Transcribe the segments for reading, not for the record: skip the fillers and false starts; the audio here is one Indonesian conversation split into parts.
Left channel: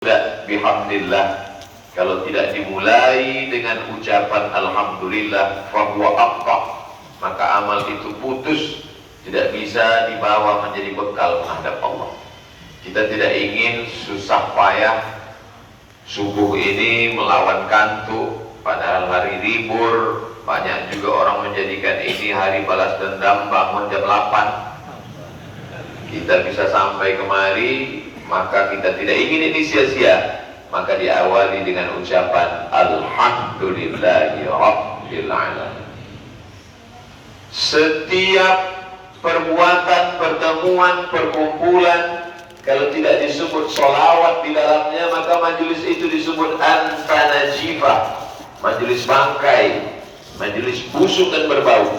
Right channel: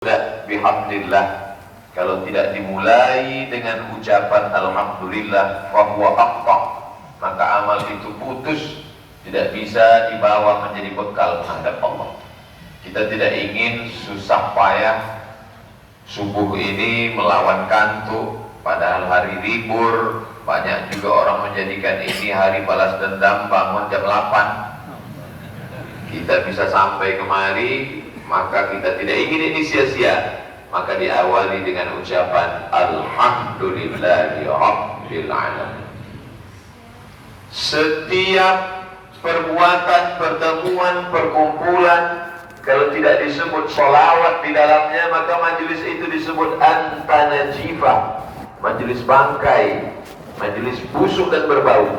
Tidak bihamdillah, kalau tidak dimulai dengan ucapan alhamdulillah fahuwa aqta', maka amal itu putus, tidak bisa dibawa menjadi bekal menghadap Allah. Kita tidak ingin susah payah subuh ini melawan kantuk, padahal hari libur. Banyak juga orang menjadikan ini hari balas dendam, bangun jam 8 kita bisa sampai kemari, maka kita tidak ingin ini sia-sia. Maka diawali dengan ucapan alhamdulillahi rabbil alamin. Setiap perbuatan, pertemuan, perkumpulan, kalau tidak disebut sholawat di dalamnya, maka majelis itu disebut antanajifah, majelis bangkai, majelis busuk dan berbau.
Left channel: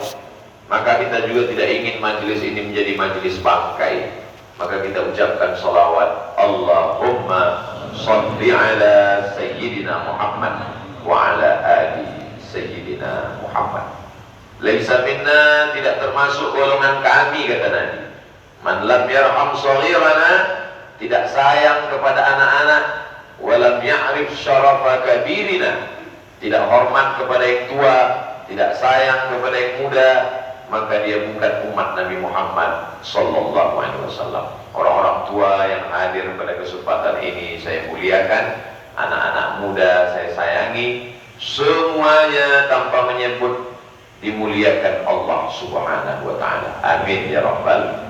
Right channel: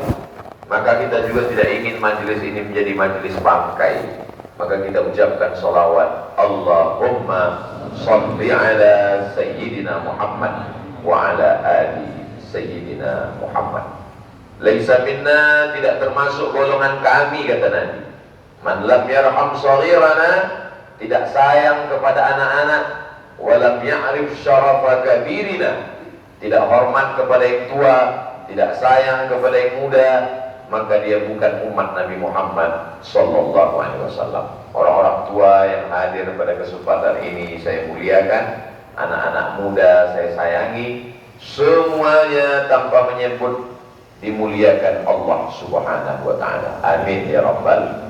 Maka kita juga tidak ingin majelis ini menjadi majelis bangkai. Maka kita ucapkan sholawat, Allahumma salli ala Sayyidina Muhammad wa ala ali Sayyidina Muhammad. Laisa minna, tidak termasuk golongan kami, kata Nabi. Man lam yarham shaghirana, tidak sayang kepada anak-anak, wa lam ya'rif syarafa kabirina, tidak hormat kepada yang tua, tidak sayang kepada yang muda, maka dia bukan umat Nabi Muhammad sallallahu alaihi wasallam. Orang-orang tua yang hadir pada kesempatan ini saya muliakan, anak-anak muda saya sayangi, semuanya tanpa menyebut dimuliakan Allah Subhanahu wa taala. Amin ya rabbal.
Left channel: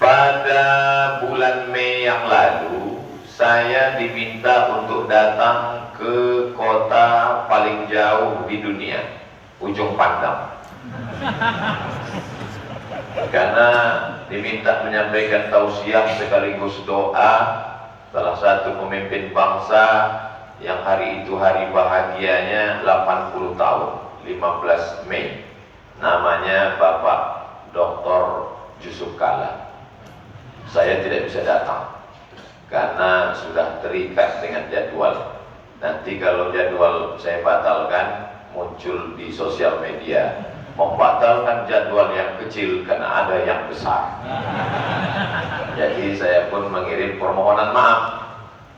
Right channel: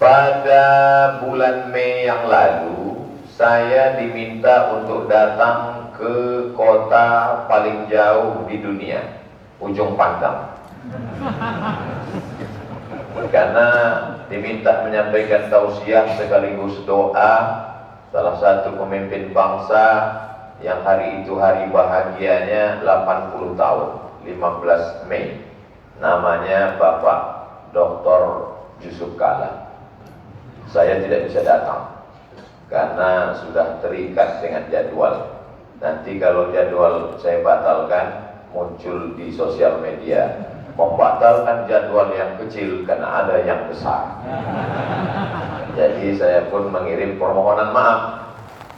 Pada bulan Mei yang lalu saya diminta untuk datang ke kota paling jauh di dunia, Ujung Pandang, karena diminta menyampaikan tausiah sekaligus doa salah satu pemimpin bangsa yang hari itu hari bahagianya 80 tahun, 15 Mei. Namanya Bapak Dr. Yusuf Kalla. Saya tidak bisa datang karena sudah terikat dengan jadwal. Nanti kalau jadwal saya batalkan, muncul di sosial media membatalkan jadwal yang kecil karena ada yang besar. Jadi saya pun mengirim permohonan maaf.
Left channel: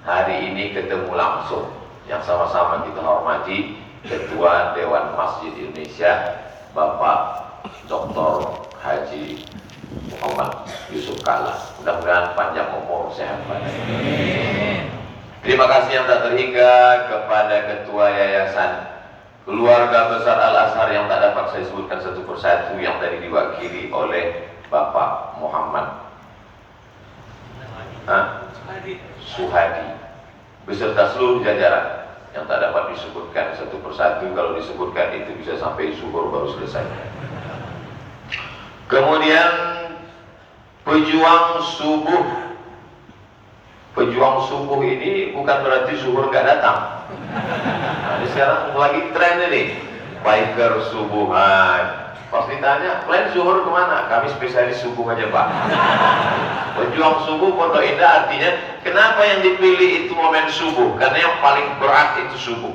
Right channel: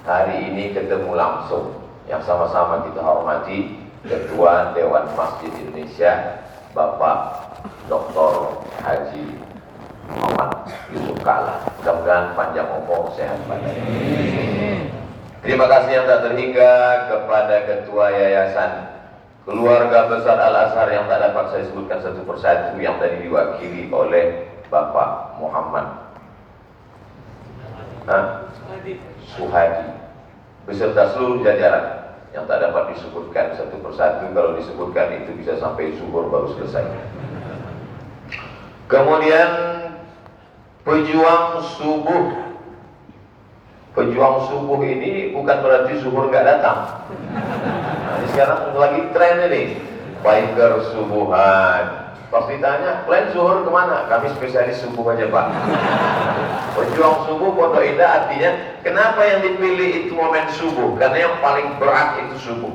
Hari ini ketemu langsung, yang sama-sama kita hormati Ketua Dewan Masjid Indonesia Bapak Dr. Haji Muhammad Yusuf Kalla. Mudah-mudahan panjang umur, sehat badan. Terima kasih yang tak terhingga kepada Ketua Yayasan Keluarga Besar Al-Azhar yang tak dapat saya sebutkan satu persatu, yang tadi diwakili oleh Bapak Muhammad Suhadi beserta seluruh jajaran yang tak dapat disebutkan satu persatu. Kalau disebutkan itu bisa sampai zuhur baru selesai. Kemudian pejuang subuh. Pejuang subuh ini bukan berarti zuhur nggak datang. Nah, ini sekarang lagi tren ini, biker subuhan. Pas ditanya, kalian zuhur kemana? Kami spesialis subuh aja Pak. Pejuang subuh Pondok Indah artinya, kenapa yang dipilih itu momen subuh? Karena yang paling berat itu subuh.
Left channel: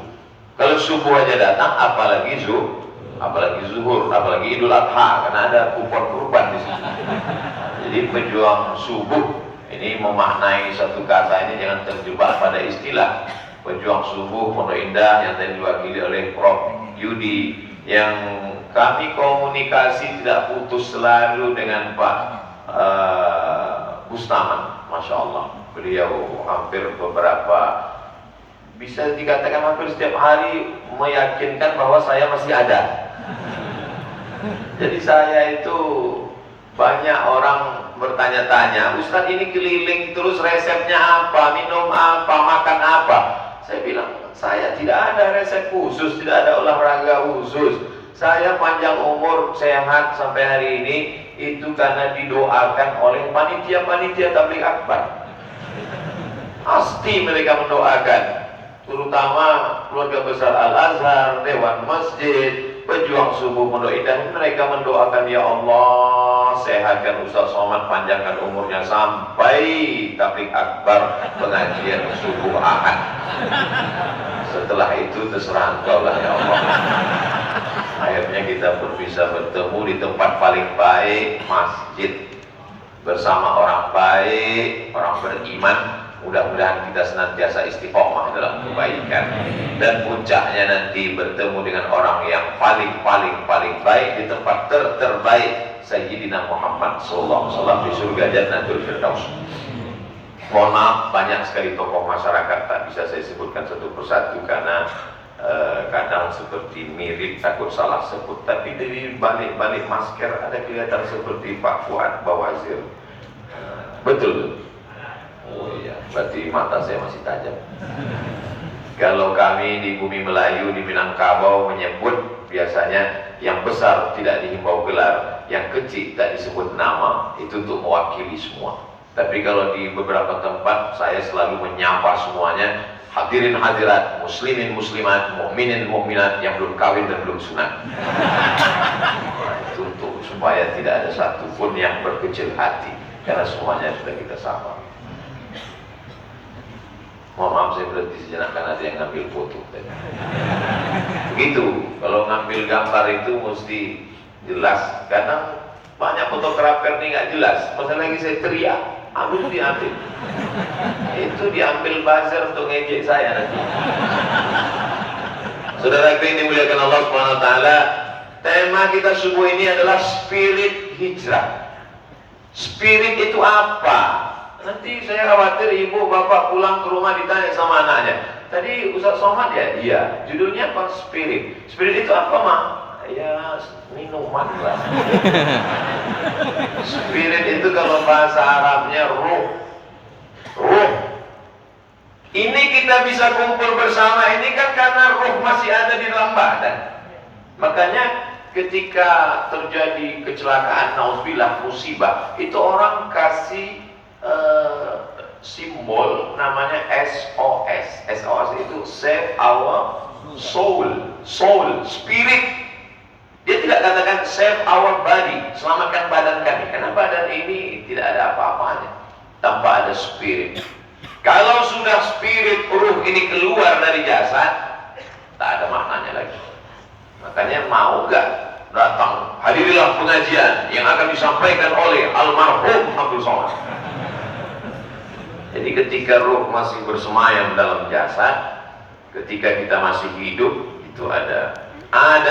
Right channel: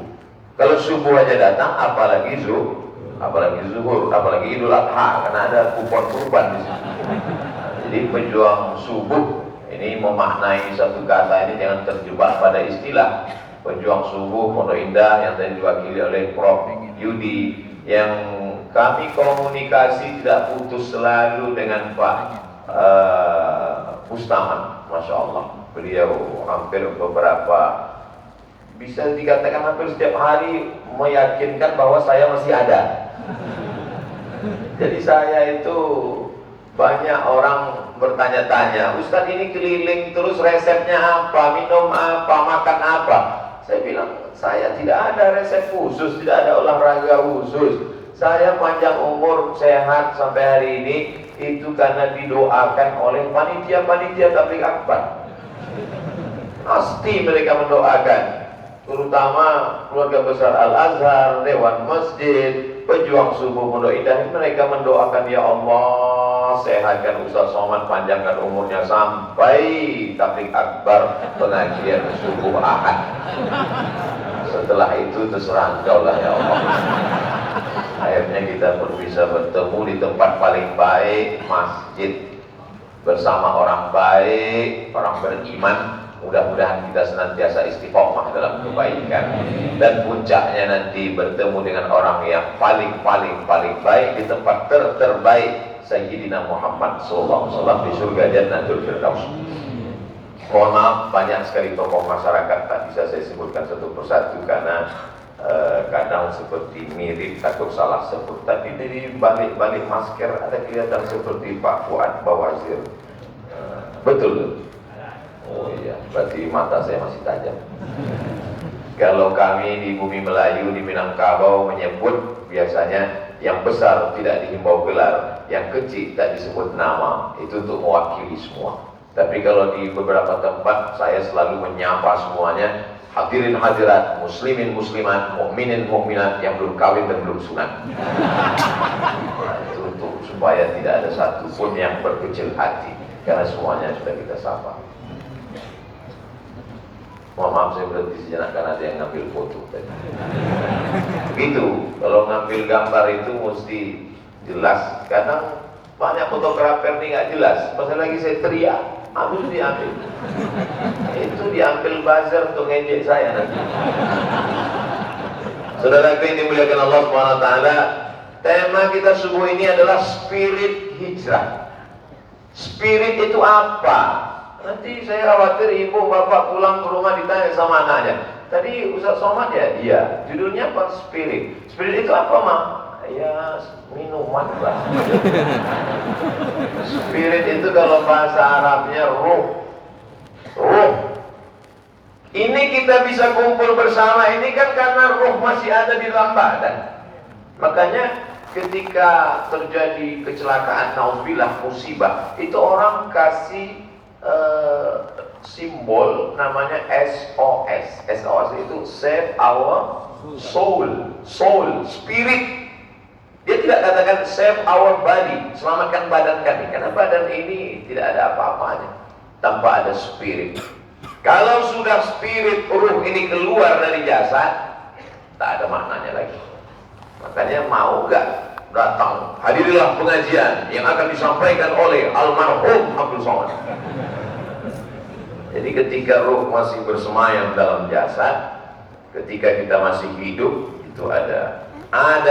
Kalau subuh aja datang, apalagi zuhur, apalagi Idul Adha, karena ada kupon kurban di sini. Jadi pejuang subuh ini memaknai satu kata ini, jangan terjebak pada istilah. Pejuang subuh Pondok Indah yang tadi diwakili oleh Prof. Yudi, yang kami komunikasi tidak putus selalu dengan Pak Bustaman. Masya Allah, beliau hampir beberapa, bisa dikatakan hampir setiap hari meyakinkan bahwa saya masih ada. Jadi saya itu, banyak orang bertanya-tanya, Ustadz ini keliling terus, resepnya apa, minum apa, makan apa? Saya bilang, saya tidak ada resep khusus, tidak ada olahraga khusus. Saya panjang umur, sehat sampai hari ini, itu karena didoakan oleh panitia-panitia tabligh akbar. Pasti mereka mendoakan, terutama keluarga besar Al-Azhar, Dewan Masjid, pejuang subuh Pondok Indah. Mereka mendoakan, ya Allah, sehatkan Ustaz Somad, panjangkan umurnya sampai tabligh akbar pengajian subuh Ahad. Setelah itu terserah engkau lah ya Allah. Akhirnya kita pun bisa bertemu di tempat paling baik, masjid, bersama orang baik, orang beriman, Mudah-mudahan kita senantiasa istiqomah dalam kebaikan, dan puncaknya nanti bertemu dengan orang yang paling baik di tempat terbaik, Sayyidina Muhammad SAW di surga Jannatul Firdaus. Mohon maaf, banyak sekali tokoh masyarakat tak bisa saya sebutkan satu persatu karena kadang seperti mirip, takut salah sebut. Tapi dari balik masker ada kelihatan seperti Pak Fuad Bawazir. Betul. Oh iya, berarti mata saya masih tajam. Kalau kami di bumi Melayu, di Minangkabau menyebut biasanya yang besar tidak dihimbau gelar, yang kecil tak disebut nama. Itu untuk mewakili semua. Tapi kalau di beberapa tempat saya selalu menyapa semuanya, hadirin hadirat, muslimin muslimat, mukminin mukminat yang belum kawin dan belum sunat. Nah, itu untuk supaya tidak ada satupun yang berkecil hati, karena semuanya sudah kita sapa. Mohon maaf saya berhenti sejenak karena ada yang ngambil foto tadi. Begitu, kalau ngambil gambar itu mesti jelas. Kadang banyak fotografer ini nggak jelas. Pas lagi saya teriak, habis diambil. Itu diambil buzzer untuk ngejek saya nanti. Saudara yang dimuliakan Allah Subhanahu Wa Taala, tema kita subuh ini adalah spirit hijrah. Spirit itu apa? Nanti saya khawatir ibu bapak pulang ke rumah ditanya sama anaknya, tadi Ustaz Somad ya? Iya. Judulnya apa? Spirit. Spirit itu apa, Ma? Ya minuman lah. Spirit itu kalau bahasa Arabnya ruh. Ruh. Ini kita bisa kumpul bersama ini kan karena ruh masih ada di dalam badan. Makanya ketika terjadi kecelakaan, nauzubillah, musibah, itu orang kasih simbol namanya SOS. SOS itu save our soul, spirit. Dia tidak katakan save our body, selamatkan badan kami, karena badan ini tidak ada apa-apanya tanpa ada spirit. Kalau sudah spirit, ruh ini keluar dari jasad, tak ada maknanya lagi. Makanya mau gak datang, hadirilah pengajian yang akan disampaikan oleh almarhum Abdul Somad. Jadi ketika ruh masih bersemayam dalam jasad, ketika kita masih hidup, itu ada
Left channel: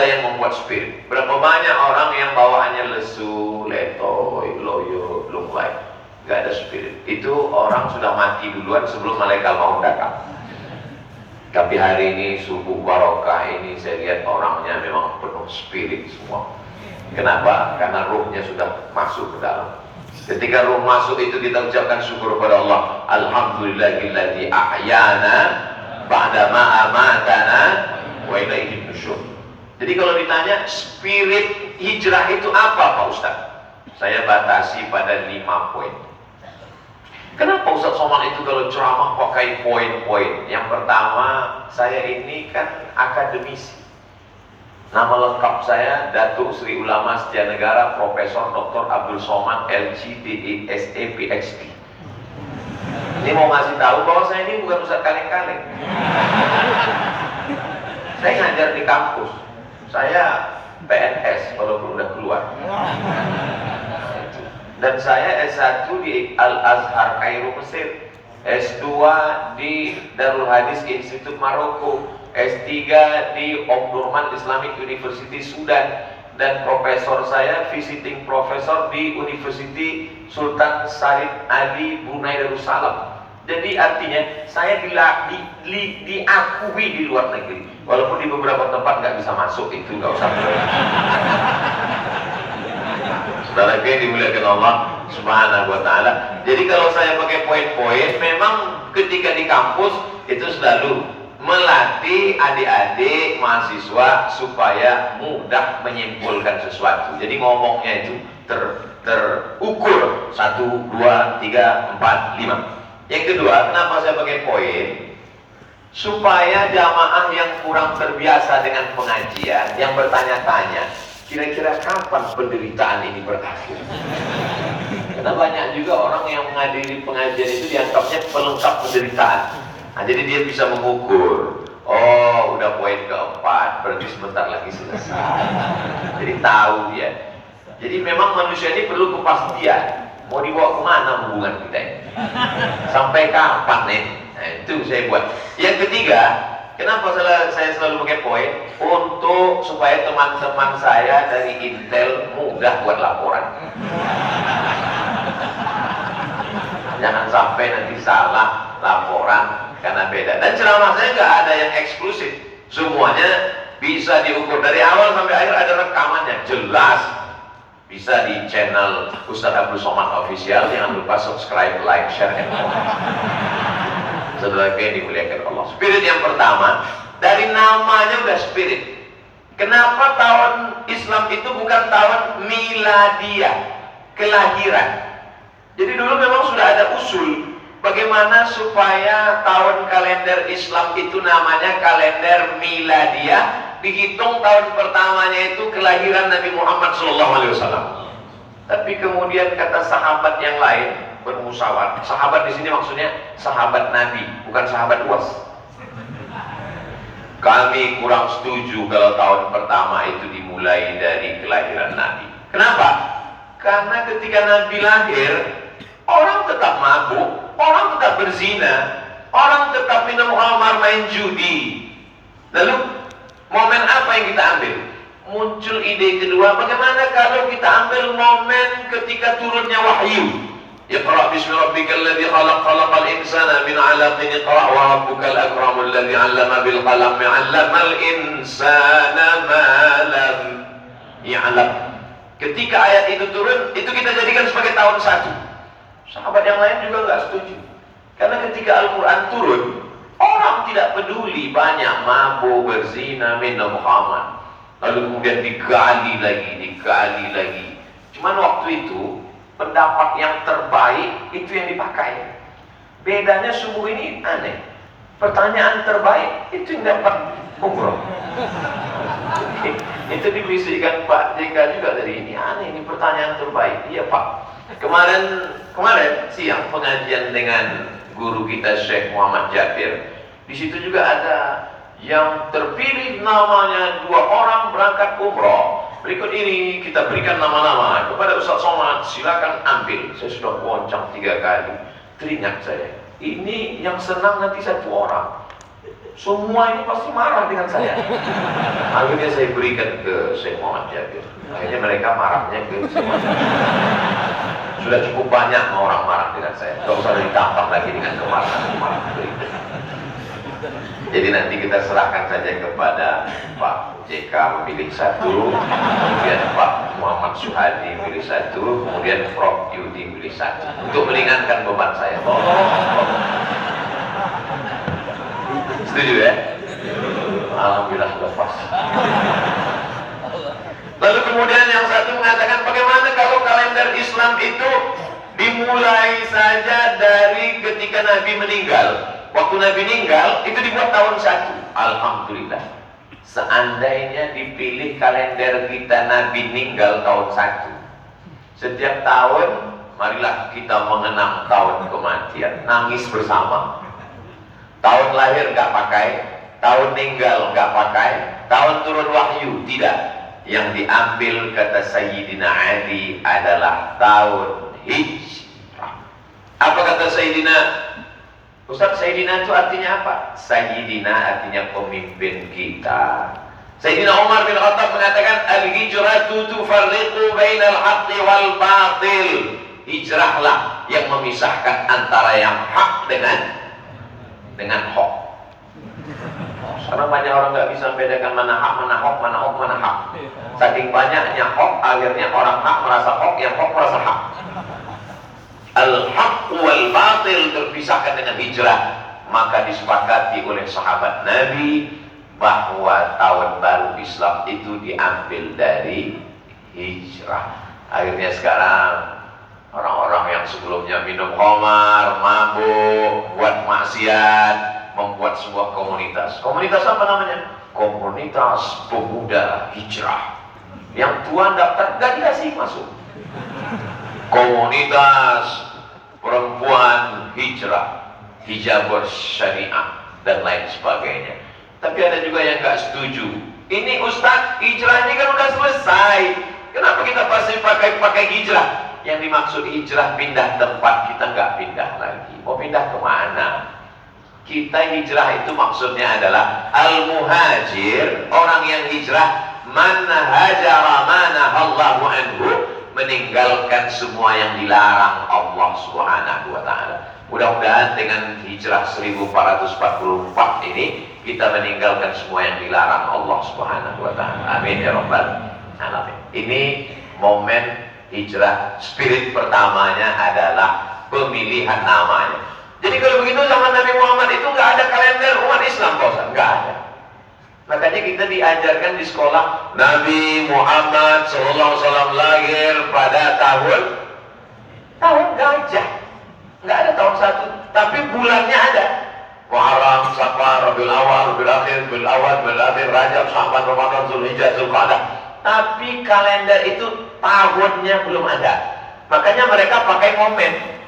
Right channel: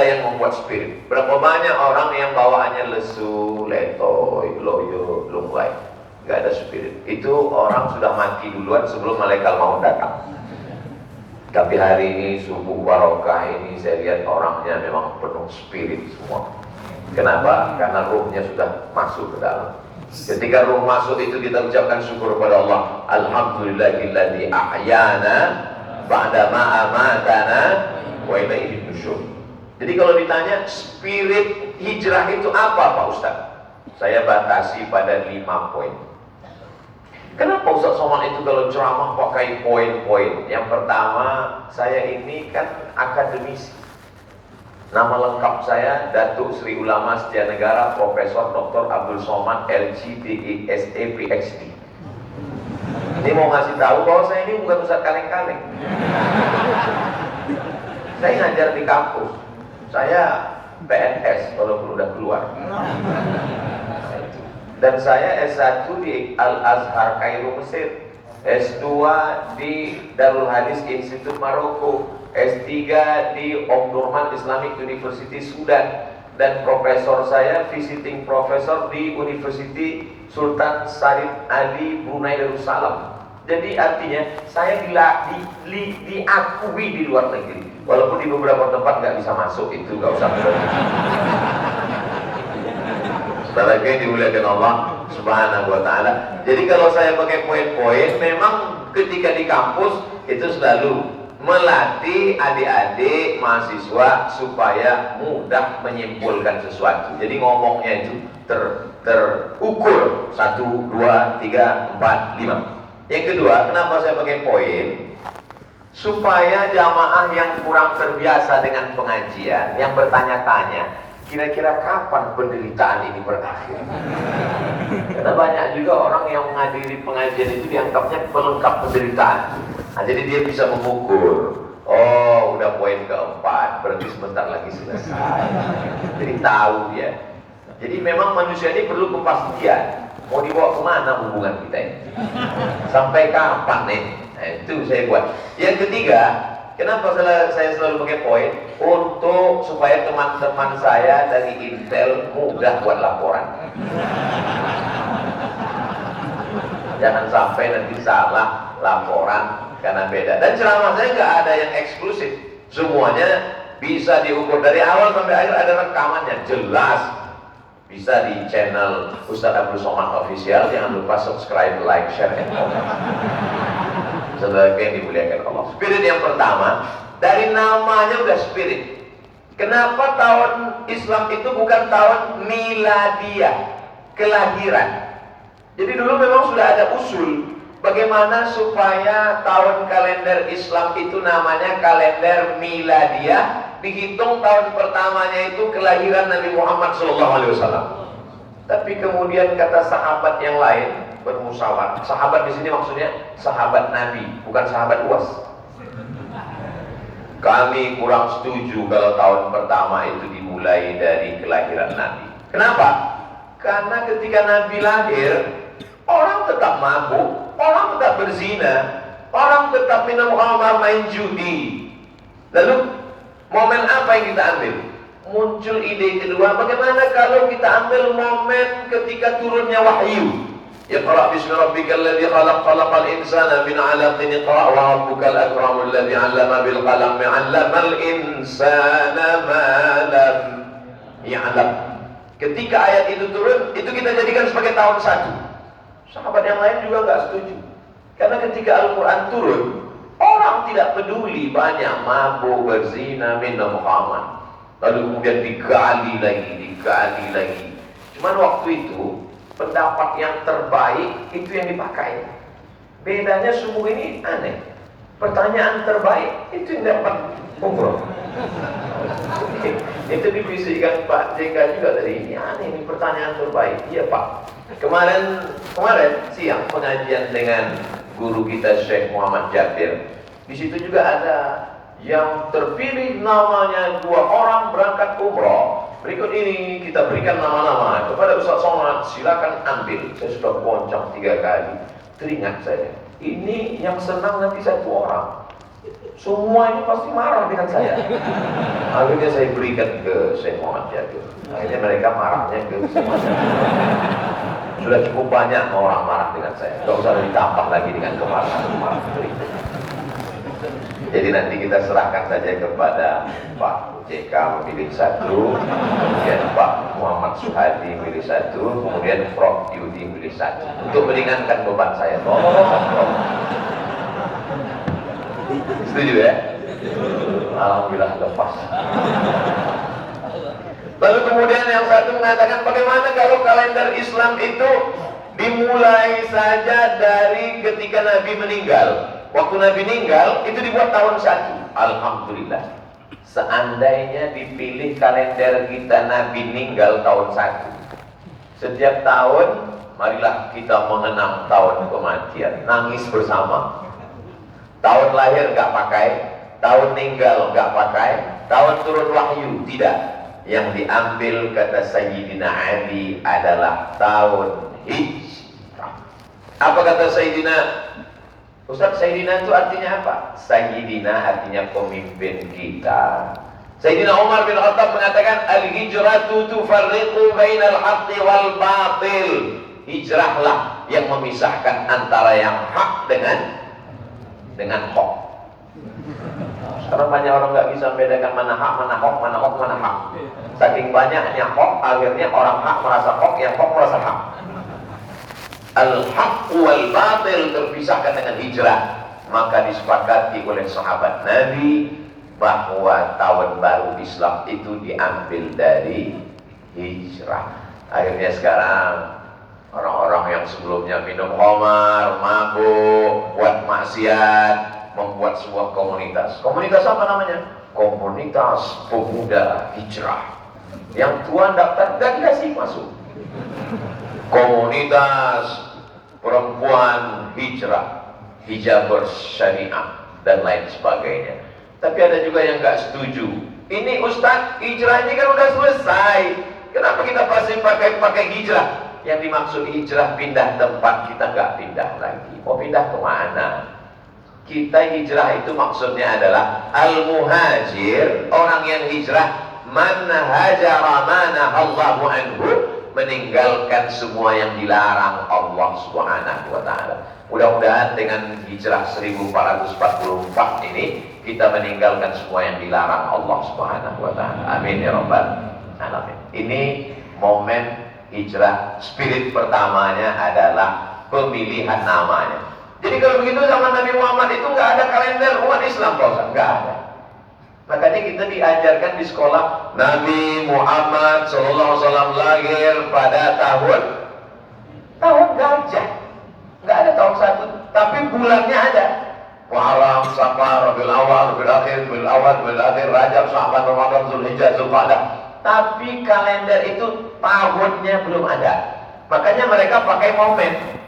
yang membuat spirit. Berapa banyak orang yang bawaannya lesu, letoy, loyo, lunglai, gak ada spirit. Itu orang sudah mati duluan sebelum malaikat maut datang. Tapi hari ini subuh barokah ini saya lihat orangnya memang penuh spirit semua. Kenapa? Karena ruhnya sudah masuk ke dalam. Ketika ruh masuk itu kita ucapkan syukur kepada Allah. Alhamdulillahilladzi ahyana ba'da ma amatana wa ilaihi nusyur. Jadi kalau ditanya spirit hijrah itu apa Pak Ustaz? Saya batasi pada 5 poin. Kenapa Ustaz Somad itu kalau ceramah pakai poin-poin? Yang pertama, saya ini kan akademisi. Nama lengkap saya Datuk Sri Ulama Setia Negara Profesor Dr. Abdul Somad LC DSE PhD. Ini mau ngasih tahu bahwa saya ini bukan ustaz kaleng-kaleng. Saya ngajar di kampus. Saya PNS walaupun udah keluar. Dan saya S1 di Al-Azhar Kairo Mesir, S2 di Darul Hadis Institute Maroko, S3 di Omdurman Islamic University Sudan, dan profesor saya visiting profesor di University Sultan Syarif Ali Brunei Darussalam. Jadi artinya saya diakui di luar negeri, walaupun di beberapa tempat nggak bisa masuk, itu nggak usah. Saudara yang dimuliakan Allah Subhanahu Wa Taala. Jadi kalau saya pakai poin-poin, memang ketika di kampus itu selalu melatih adik-adik mahasiswa supaya mudah menyimpulkan sesuatu. Jadi ngomongnya itu terukur 1, 2, 3, 4, 5. Yang kedua, kenapa saya pakai poin? Supaya jamaah yang kurang terbiasa dengan pengajian, yang bertanya-tanya, kira-kira kapan penderitaan ini berakhir? Karena banyak juga orang yang menghadiri pengajian itu dianggapnya pelengkap penderitaan. Nah, jadi dia bisa mengukur. Oh, udah poin keempat, berarti sebentar lagi selesai. Jadi tahu dia. Jadi memang manusia ini perlu kepastian. Mau dibawa kemana hubungan kita ini? Sampai kapan nih? Nah, itu saya buat. Yang ketiga, kenapa saya selalu pakai poin? Untuk supaya teman-teman saya dari Intel mudah buat laporan. Jangan sampai nanti salah laporan karena beda. Dan ceramah saya nggak ada yang eksklusif. Semuanya bisa diukur dari awal sampai akhir, ada rekamannya jelas. Bisa di channel Ustadz Abdul Somad Official. Jangan lupa subscribe, like, share, and comment. Saudara yang dimuliakan Allah. Spirit yang pertama, dari namanya udah spirit. Kenapa tahun Islam itu bukan tahun miladiah, kelahiran? Jadi dulu memang sudah ada usul bagaimana supaya tahun kalender Islam itu namanya kalender miladiah. Dihitung tahun pertamanya itu kelahiran Nabi Muhammad SAW. Tapi kemudian kata sahabat yang lain bermusyawarah. Sahabat di sini maksudnya sahabat Nabi, bukan sahabat luas. Kami kurang setuju kalau tahun pertama itu dimulai dari kelahiran Nabi. Kenapa? Karena ketika Nabi lahir, orang tetap mabuk, orang tetap berzina, orang tetap minum khamar, main judi. Lalu momen apa yang kita ambil? Muncul ide kedua, bagaimana kalau kita ambil momen ketika turunnya wahyu? Iqra bismi rabbikal ladzi khalaq, khalaqal insana min 'alaqin, iqra wa rabbukal akramul ladzi 'allama bil qalam 'allamal insana ma lam ya'lam. Ketika ayat itu turun, itu kita jadikan sebagai tahun 1. Sahabat yang lain juga nggak setuju. Karena ketika Al-Quran turun, orang tidak peduli, banyak mabuk, berzina, minum khamar. Lalu kemudian digali lagi. Cuman waktu itu pendapat yang terbaik itu yang dipakai. Bedanya subuh ini aneh. Pertanyaan terbaik itu yang dapat umroh. Itu dibisikkan Pak JK juga dari ini. Aneh, ini pertanyaan terbaik. Iya Pak. Kemarin siang pengajian dengan guru kita Syekh Muhammad Jabir. Di situ juga ada yang terpilih namanya 2 orang berangkat umroh. Berikut ini kita berikan nama-nama kepada Ustaz Somad, silakan ambil. Saya sudah goncang 3 kali. Teringat saya, ini yang senang nanti 1 orang. Semua ini pasti marah dengan saya. Akhirnya saya berikan ke Syekh Muhammad Jabir. Akhirnya mereka marahnya ke Syekh Muhammad Jabir. Sudah cukup banyak orang marah dengan saya. Tidak usah ditambah lagi dengan kemarahan berikut. Jadi nanti kita serahkan saja kepada Pak JK memilih 1, kemudian Pak Muhammad Suhadi memilih 1, kemudian Prof Yudi memilih 1, untuk meringankan beban saya. Setuju ya? Alhamdulillah lepas. Lalu kemudian yang satu mengatakan, bagaimana kalau kalender Islam itu dimulai saja dari ketika Nabi meninggal? Waktu Nabi meninggal itu dibuat tahun 1. Alhamdulillah. Seandainya dipilih kalender kita Nabi meninggal tahun 1. Setiap tahun marilah kita mengenang tahun kematian, nangis bersama. Tahun lahir nggak pakai, tahun meninggal nggak pakai, tahun turun wahyu tidak. Yang diambil kata Sayyidina Ali adalah tahun hijrah. Apa kata Sayyidina Ustaz? Sayyidina itu artinya apa? Sayyidina artinya pemimpin kita. Sayyidina Umar bin Khattab mengatakan, al-hijratu tufarriqu bainal haqqi wal batil. Hijrahlah yang memisahkan antara yang hak dengan hoax. Sekarang banyak orang nggak bisa membedakan mana hak, mana hoax, mana hoax, mana hak. Saking banyaknya hoax, akhirnya orang hak merasa hoax, yang hoax merasa hak. Al-haq wal batil terpisahkan dengan hijrah. Maka disepakati oleh sahabat Nabi bahwa tahun baru Islam itu diambil dari hijrah. Akhirnya sekarang orang-orang yang sebelumnya minum khamar, mabuk, buat maksiat, membuat sebuah komunitas. Komunitas apa namanya? Komunitas Pemuda Hijrah. Yang tua daftar gak dikasih masuk. Komunitas perempuan hijrah, hijab bersyariah dan lain sebagainya. Tapi ada juga yang nggak setuju. Ini Ustaz, hijrahnya kan udah selesai. Kenapa kita masih pakai hijrah? Yang dimaksud hijrah pindah tempat, kita nggak pindah lagi. Mau pindah kemana? Kita hijrah itu maksudnya adalah al-muhajir, orang yang hijrah, man hajara manahallahu anhu, meninggalkan semua yang dilarang Allah Subhanahu wa taala. Mudah-mudahan dengan hijrah 1444 ini kita meninggalkan semua yang dilarang Allah Subhanahu wa taala. Amin ya rabbal alamin. Ini momen hijrah. Spirit pertamanya adalah pemilihan namanya. Jadi kalau begitu zaman Nabi Muhammad itu nggak ada kalender umat Islam, Pak Ustaz, nggak ada. Makanya kita diajarkan di sekolah, Nabi Muhammad SAW lahir pada tahun gajah. Nggak ada tahun satu, tapi bulannya ada. Muharram, Safar, Rabiul Awal, Rabiul Akhir, Rabiul Awal, Rabiul Akhir, Rajab, Sya'ban, Ramadan, Zulhijjah, Zulqa'dah. Tapi kalender itu tahunnya belum ada. Makanya mereka pakai momen.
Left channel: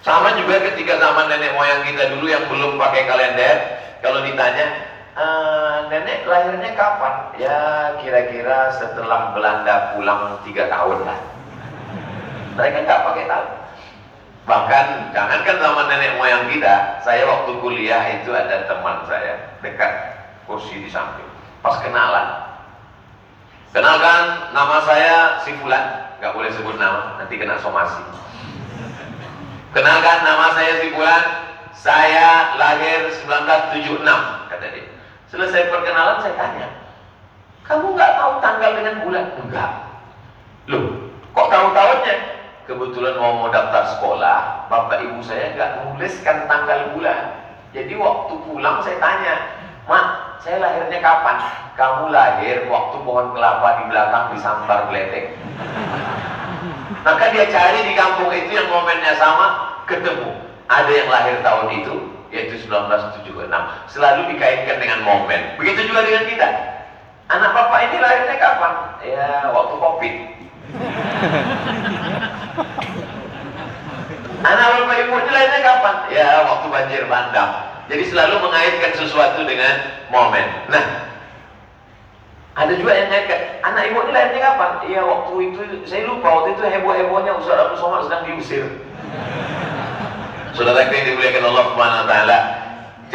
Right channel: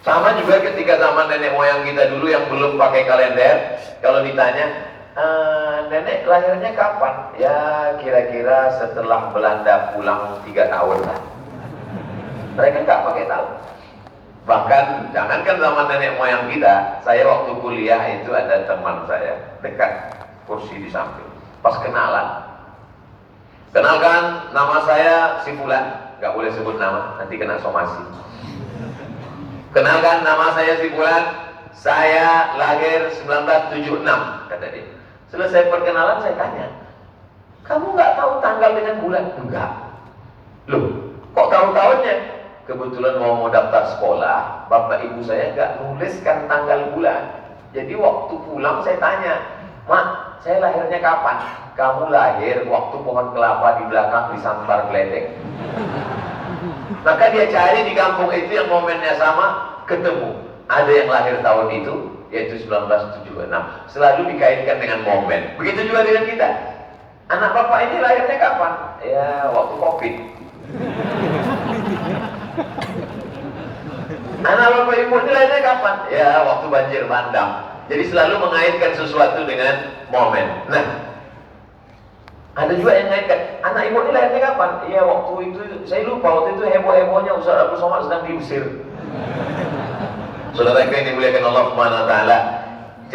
Sama juga ketika zaman nenek moyang kita dulu yang belum pakai kalender, kalau ditanya, nenek lahirnya kapan? Ya kira-kira setelah Belanda pulang 3 tahun lah. Mereka nggak pakai tahun. Bahkan jangankan zaman nenek moyang kita, saya waktu kuliah itu ada teman saya dekat kursi di samping. Pas kenalan, kenalkan nama saya si Fulan, nggak boleh sebut nama, nanti kena somasi. Kenalkan nama saya si Fulan, saya lahir 1976, kata dia. Selesai perkenalan saya tanya, kamu nggak tahu tanggal dengan bulan? Enggak. Loh, kok tahu tahunnya? Kebetulan mau daftar sekolah, bapak ibu saya nggak nuliskan tanggal bulan. Jadi waktu pulang saya tanya, Mak, saya lahirnya kapan? Kamu lahir waktu pohon kelapa di belakang disambar geledek. Maka dia cari di kampung itu yang momennya sama, ketemu. Ada yang lahir tahun itu, yaitu 1976. Selalu dikaitkan dengan momen. Begitu juga dengan kita. Anak bapak ini lahirnya kapan? Ya, waktu Covid. Anak bapak ibu ini lahirnya kapan? Ya, waktu banjir bandang. Jadi selalu mengaitkan sesuatu dengan momen. Nah, ada juga yang mengaitkan, anak ibu ini lahirnya kapan? Ya, waktu itu, saya lupa, waktu itu heboh-hebohnya Ustaz Abdul Somad sedang diusir. Saudara yang dimuliakan Allah Subhanahu wa taala.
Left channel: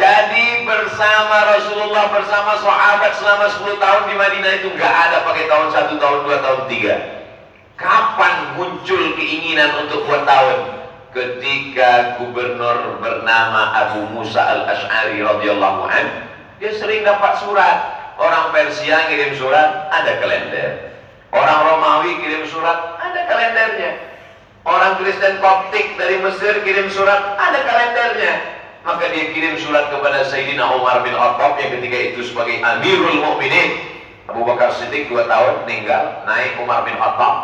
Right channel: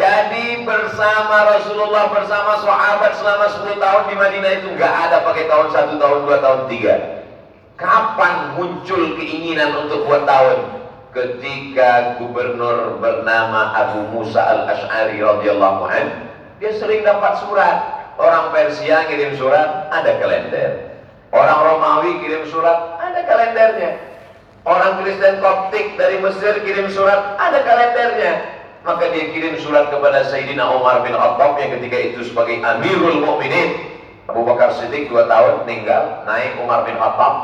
Jadi bersama Rasulullah, bersama sahabat selama 10 tahun di Madinah itu nggak ada pakai tahun 1, tahun 2, tahun 3. Kapan muncul keinginan untuk buat tahun? Ketika gubernur bernama Abu Musa al-Ash'ari radhiyallahu anhu, dia sering dapat surat. Orang Persia kirim surat, ada kalender. Orang Romawi kirim surat, ada kalendernya. Orang Kristen Koptik dari Mesir kirim surat, ada kalendernya. Maka dia kirim surat kepada Sayyidina Umar bin Khattab yang ketika itu sebagai Amirul Mukminin. Abu Bakar Siddiq 2 tahun meninggal, naik Umar bin Khattab.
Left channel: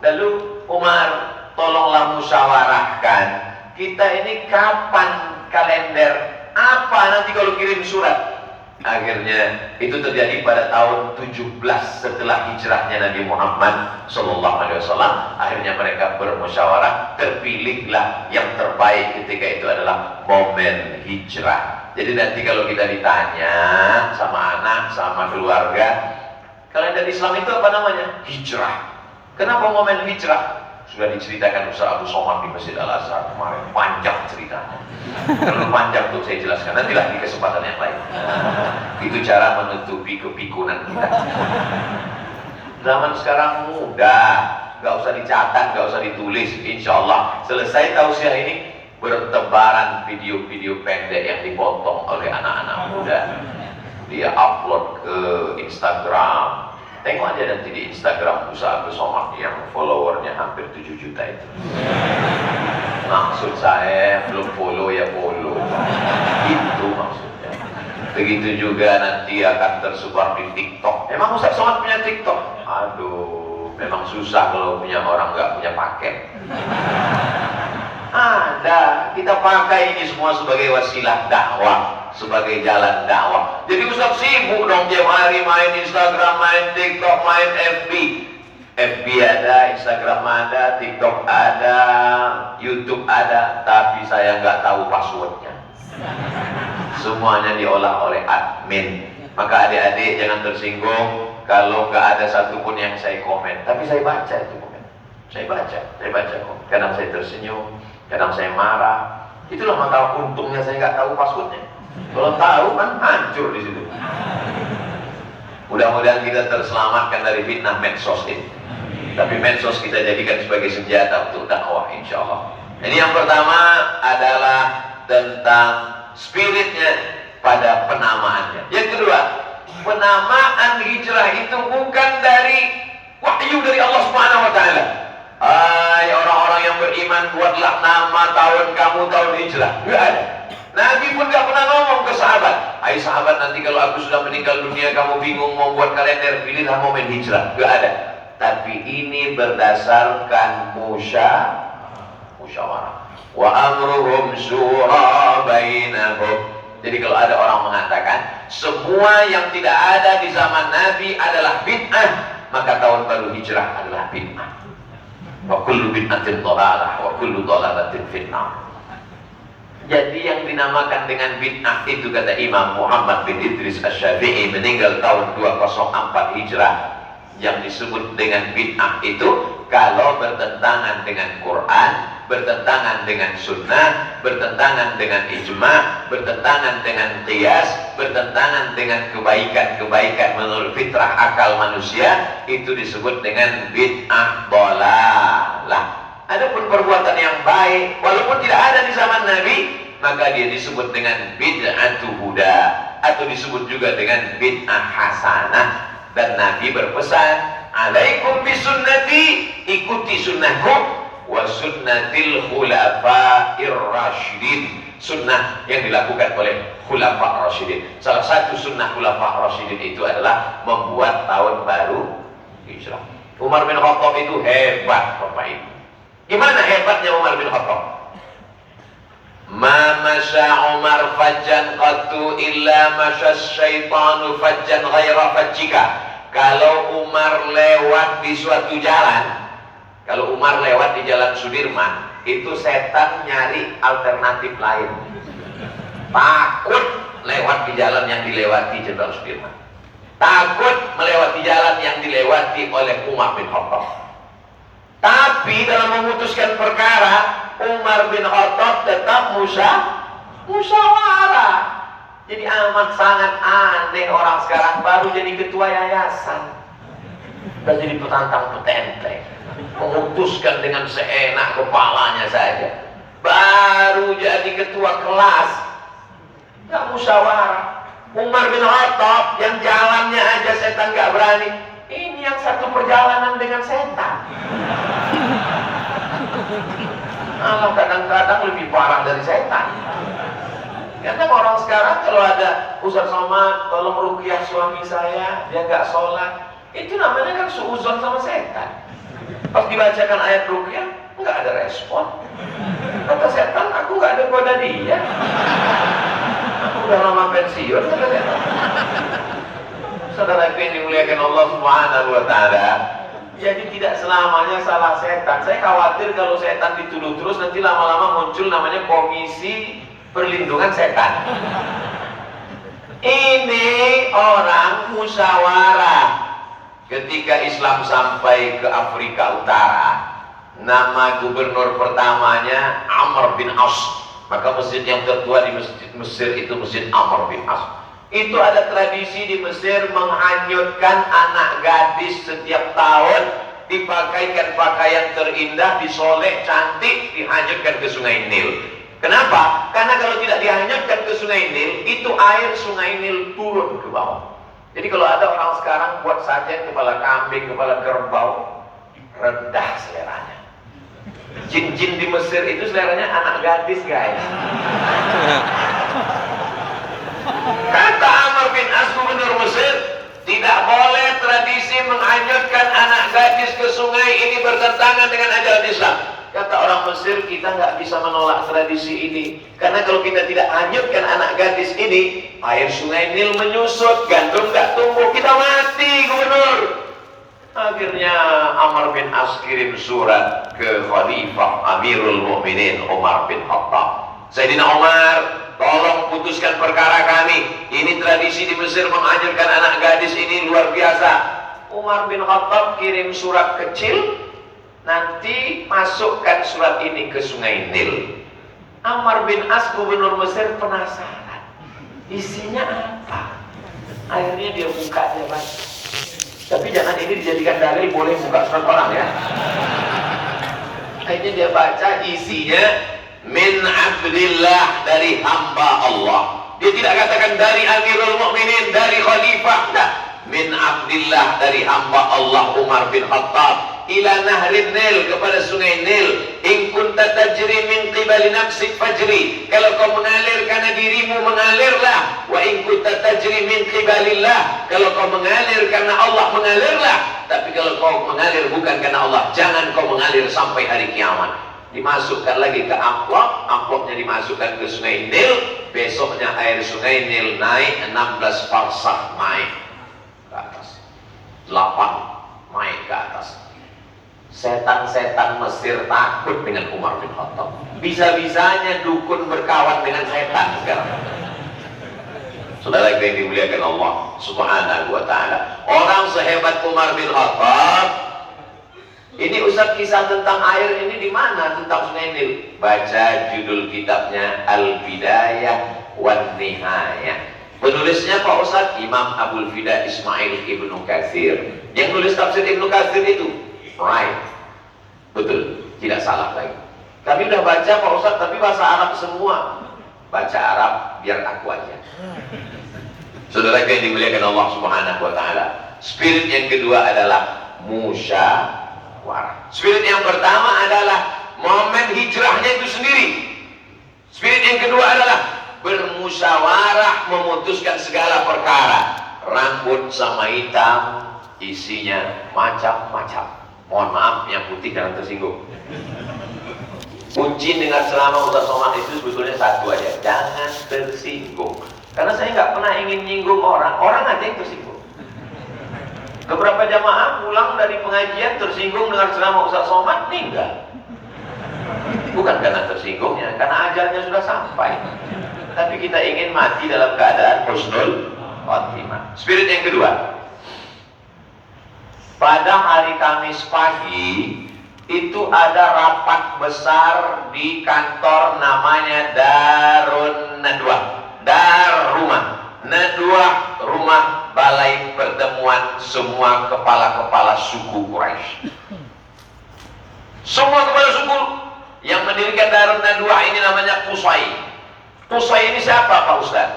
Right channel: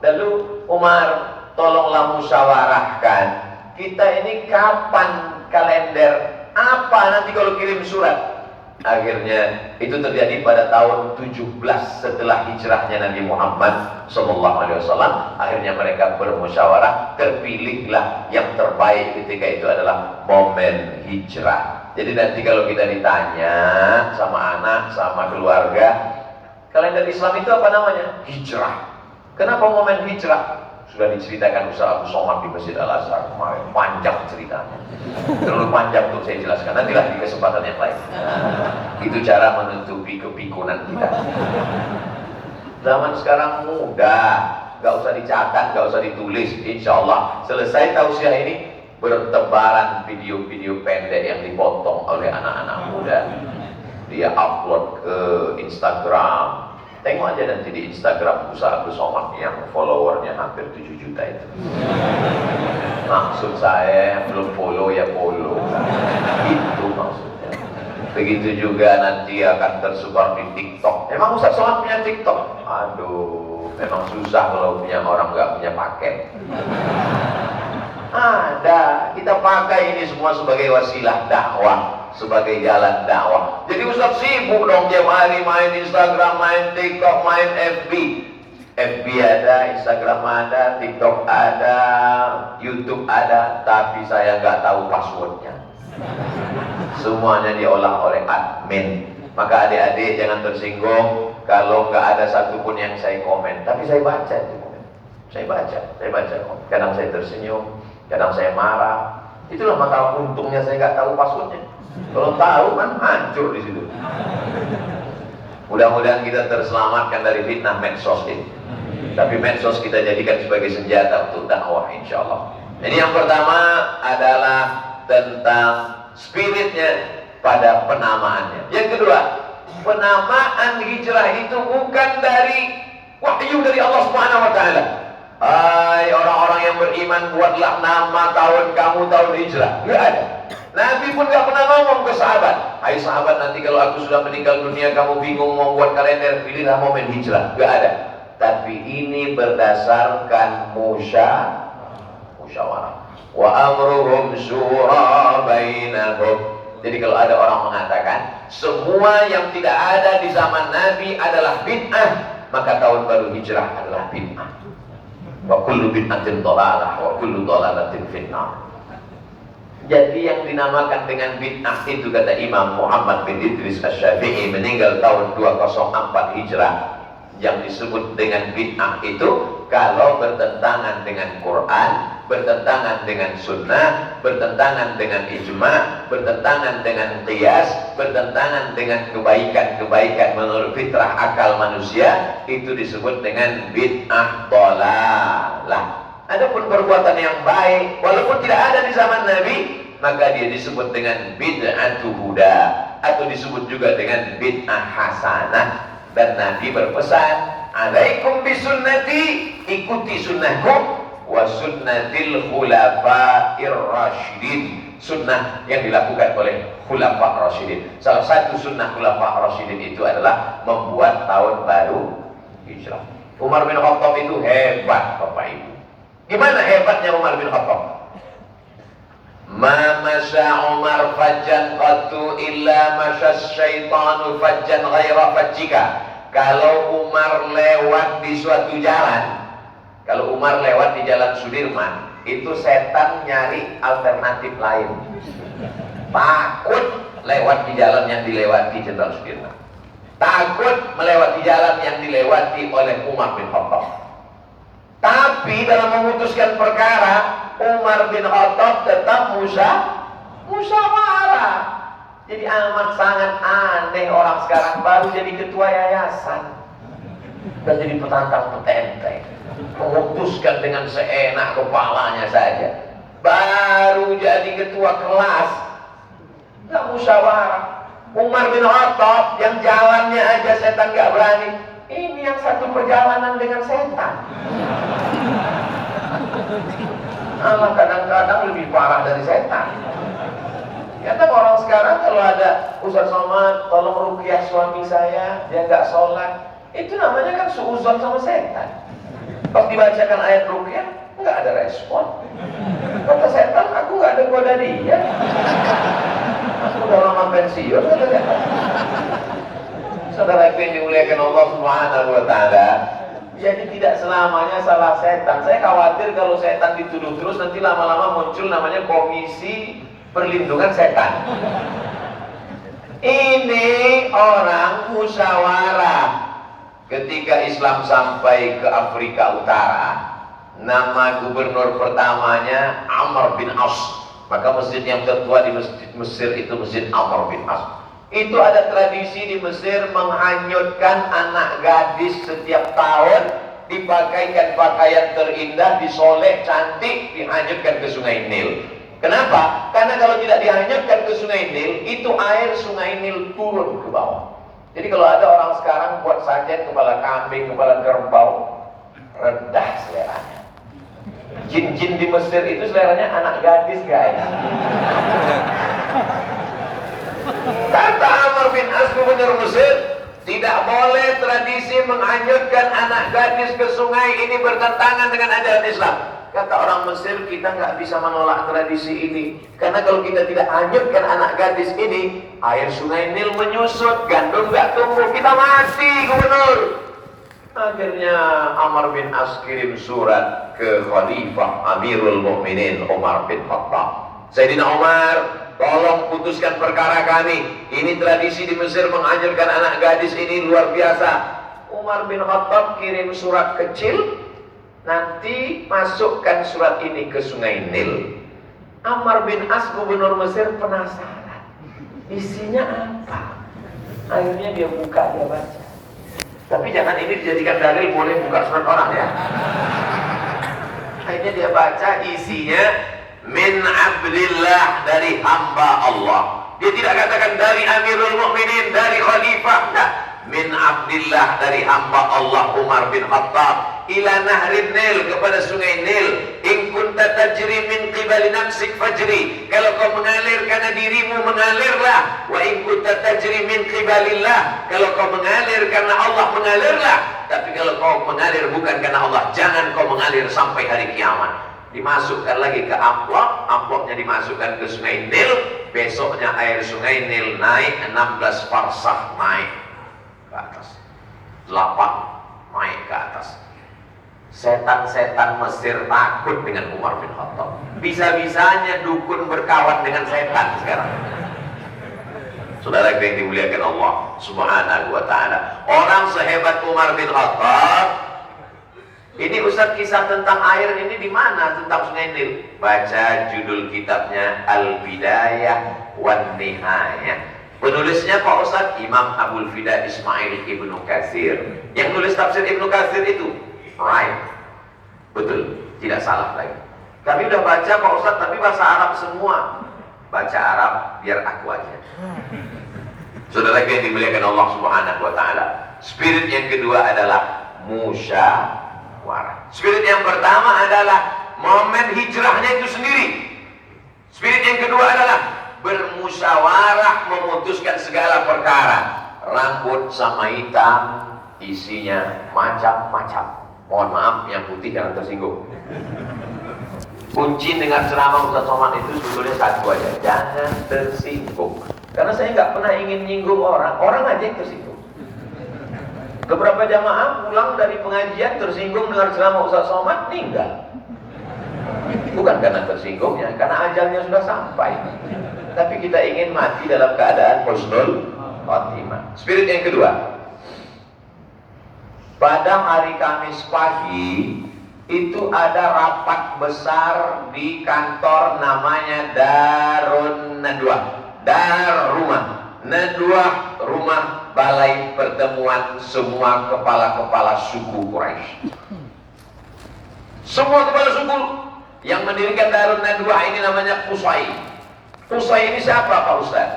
Lalu Umar, tolonglah musyawarahkan, kita ini kapan kalender? Apa nanti kalau kirim surat? Akhirnya itu terjadi pada tahun 17 setelah hijrahnya Nabi Muhammad SAW. Akhirnya mereka bermusyawarah, terpilihlah yang terbaik ketika itu adalah momen hijrah. Jadi nanti kalau kita ditanya sama anak, sama keluarga, kalender Islam itu apa namanya? Hijrah. Kenapa momen hijrah? Sudah diceritakan Ustaz Abdul Somad di Masjid Al-Azhar kemarin, panjang ceritanya. Terlalu panjang untuk saya jelaskan, nantilah di kesempatan yang lain. Itu cara menutupi kepikunan kita. Zaman sekarang mudah, gak usah dicatat, gak usah ditulis. Insya Allah selesai tausiah ini, bertebaran video-video pendek yang dipotong oleh anak-anak muda. Dia upload ke Instagram. Tengok aja nanti di Instagram Ustaz Abdul Somad yang followernya hampir 7 juta itu. Maksud saya belum follow ya follow. Itu maksudnya. Begitu juga nanti akan tersebar di TikTok. Memang Ustaz Somad punya TikTok? Aduh, memang susah kalau punya orang nggak punya paket. Ada, kita pakai ini semua sebagai wasilah dakwah, sebagai jalan dakwah. Jadi Ustaz sibuk dong tiap hari main Instagram, main TikTok, main FB. FB ada, Instagram ada, TikTok ada, YouTube ada, tapi saya nggak tahu passwordnya. Semuanya diolah oleh admin. Maka adik-adik jangan tersinggung kalau nggak ada satupun yang saya komen, tapi saya baca itu komen. Saya baca kok. Kadang saya tersenyum, kadang saya marah. Itulah maka untungnya saya nggak tahu passwordnya. Kalau tahu kan hancur di situ. Mudah-mudahan kita terselamatkan dari fitnah medsos ini. Tapi medsos kita jadikan sebagai senjata untuk dakwah, insya Allah. Jadi yang pertama adalah tentang spiritnya pada penamaannya. Yang kedua, penamaan hijrah itu bukan dari wahyu dari Allah Subhanahu wa taala. Hai orang-orang yang beriman, buatlah nama tahun kamu tahun hijrah. Enggak ada. Nabi pun gak pernah ngomong ke sahabat, hai sahabat, nanti kalau aku sudah meninggal dunia kamu bingung mau buat kalender, pilihlah momen hijrah. Gak ada. Tapi ini berdasarkan musyawarah. Wa amruhum syura bainahum. Jadi kalau ada orang mengatakan semua yang tidak ada di zaman Nabi adalah bid'ah, maka tahun baru hijrah adalah bid'ah. Wa kullu bid'atin dhalalah wa kullu dhalalatin finnar. Jadi yang dinamakan dengan bid'ah itu, kata Imam Muhammad bin Idris Asy-Syafi'i meninggal tahun 204 Hijrah, yang disebut dengan bid'ah itu kalau bertentangan dengan Quran, bertentangan dengan sunnah, bertentangan dengan ijma', bertentangan dengan qiyas, bertentangan dengan kebaikan-kebaikan menurut fitrah akal manusia, itu disebut dengan bid'ah dhalalah. Adapun perbuatan yang baik walaupun tidak ada di zaman Nabi, maka dia disebut dengan bid'atu huda atau disebut juga dengan bid'ah hasanah. Dan Nabi berpesan, alaikum bisunnati, ikuti sunnahku, wa sunnatil khulafa'ir rasyidin, sunnah yang dilakukan oleh khulafa' rasyidin. Salah satu sunnah khulafa' rasyidin itu adalah membuat tahun baru hijrah. Umar bin Khattab itu hebat, Bapak Ibu. Gimana hebatnya Umar bin Khattab? Ma masya Umar fajjan qattu illa masya syaitanu fajjan ghaira fajjika. Kalau Umar lewat di suatu jalan, kalau Umar lewat di jalan Sudirman, itu setan nyari alternatif lain. Takut lewat di jalan yang dilewati Jenderal Sudirman, takut melewati jalan yang dilewati oleh Umar bin Khattab. Tapi dalam memutuskan perkara, Umar bin Khattab tetap musyawarah. Jadi amat sangat aneh orang sekarang baru jadi ketua yayasan dan jadi petantang petenteng, memutuskan dengan seenak kepalanya saja. Baru jadi ketua kelas, nggak musyawarah. Umar bin Khattab yang jalannya aja setan nggak berani, ini yang satu perjalanan dengan setan. Allah kadang-kadang lebih parah dari setan. Karena orang sekarang kalau ada Ustaz Somad, tolong ruqyah suami saya, dia nggak sholat, itu namanya kan suuzon sama setan. Pas dibacakan ayat ruqyah, nggak ada respon. Kata setan, aku nggak ada goda dia. Aku udah lama pensiun, kata setan. Saudara yang dimuliakan Allah Subhanahu wa taala, jadi tidak selamanya salah setan. Saya khawatir kalau setan dituduh terus nanti lama-lama muncul namanya Komisi Perlindungan Setan. Ini orang musyawarah. Ketika Islam sampai ke Afrika Utara, nama gubernur pertamanya Amr bin As. Maka masjid yang tertua di Mesir itu Masjid Amr bin As. Itu ada tradisi di Mesir menghanyutkan anak gadis setiap tahun, dipakaikan pakaian terindah, disolek cantik, dihanyutkan ke Sungai Nil. Kenapa? Karena kalau tidak dihanyutkan ke Sungai Nil, itu air Sungai Nil turun ke bawah. Jadi kalau ada orang sekarang buat sajian kepala kambing, kepala kerbau, rendah seleranya. Jin-jin di Mesir itu seleranya anak gadis, guys. Kata Amr bin As, gubernur Mesir, tidak boleh tradisi menghanyutkan anak gadis ke sungai, ini bertentangan dengan ajaran Islam. Kata orang Mesir, kita nggak bisa menolak tradisi ini, karena kalau kita tidak hanyutkan anak gadis ini, air Sungai Nil menyusut, gandum nggak tumbuh, kita mati, gubernur. Akhirnya Amr bin As kirim surat ke Khalifah Amirul Mukminin Umar bin Khattab. Sayyidina Umar, tolong putuskan perkara kami. Ini tradisi di Mesir menghanyutkan anak gadis ini luar biasa. Umar bin Khattab kirim surat kecil, nanti masukkan surat ini ke Sungai Nil. Amr bin As, gubernur Mesir, penasaran isinya apa. Akhirnya dia buka, dia baca. Tapi jangan ini dijadikan dalil boleh buka surat orang ya. Akhirnya dia baca, isinya min abdillah, dari hamba Allah. Dia tidak katakan dari Amirul Mukminin, dari Khalifah, enggak. Min abdillah, dari hamba Allah Umar bin Khattab. Ila nahrin Nil, kepada sungai Nil. In kunta tajri min qibali nafsik fajri, kalau kau mengalir karena dirimu, mengalirlah. Wa in kunta tajri min qibalillah, kalau kau mengalir karena Allah, mengalirlah. Tapi kalau kau mengalir bukan karena Allah, jangan kau mengalir sampai hari kiamat. Dimasukkan lagi ke amplop, amplopnya dimasukkan ke sungai Nil. Besoknya air sungai Nil naik 16 farsakh, naik ke atas, 8 naik ke atas. Setan-setan Mesir takut dengan Umar bin Khattab. Bisa-bisanya dukun berkawan dengan setan sekarang. Saudara yang dimuliakan Allah Subhanahu wa ta'ala, orang sehebat Umar bin Khattab ini. Ustaz, kisah tentang air ini di mana? Tentang Sungai Nil. Baca judul kitabnya Al-Bidayah wan Nihayah. Penulisnya Pak Ustaz, Imam Abul Fida Ismail Ibnu Katsir. Yang tulis tafsir Ibnu Katsir itu right, betul, tidak salah lagi. Kami udah baca Pak Ustaz, tapi bahasa Arab semua. Baca Arab biar aku aja. Saudara yang dimuliakan Allah Subhanahu wa ta'ala, spirit yang kedua adalah musyawarah. Spirit yang pertama adalah momen hijrahnya itu sendiri. Spirit yang kedua adalah bermusyawarah, memutuskan segala perkara. Rambut sama hitam, isinya macam-macam. Mohon maaf yang putih jangan tersinggung. Kunci dengan ceramah Ustaz Somad itu sebetulnya satu aja, jangan tersinggung. Karena saya nggak pernah ingin nyinggung orang, orang aja yang tersinggung. Beberapa jamaah pulang dari pengajian tersinggung dengan ceramah Ustaz Somad, meninggal. Bukan karena tersinggungnya, karena ajalnya sudah sampai. Tapi kita ingin mati dalam keadaan husnul khotimah. Spirit yang kedua, pada hari Kamis pagi itu ada rapat besar di kantor namanya Darun Nadwah. Dar rumah, Nadwah rumah balai pertemuan semua kepala-kepala suku Quraisy. Semua kepala suku yang mendirikan Darun Nadwah ini namanya Qusay. Qusay ini siapa Pak Ustaz?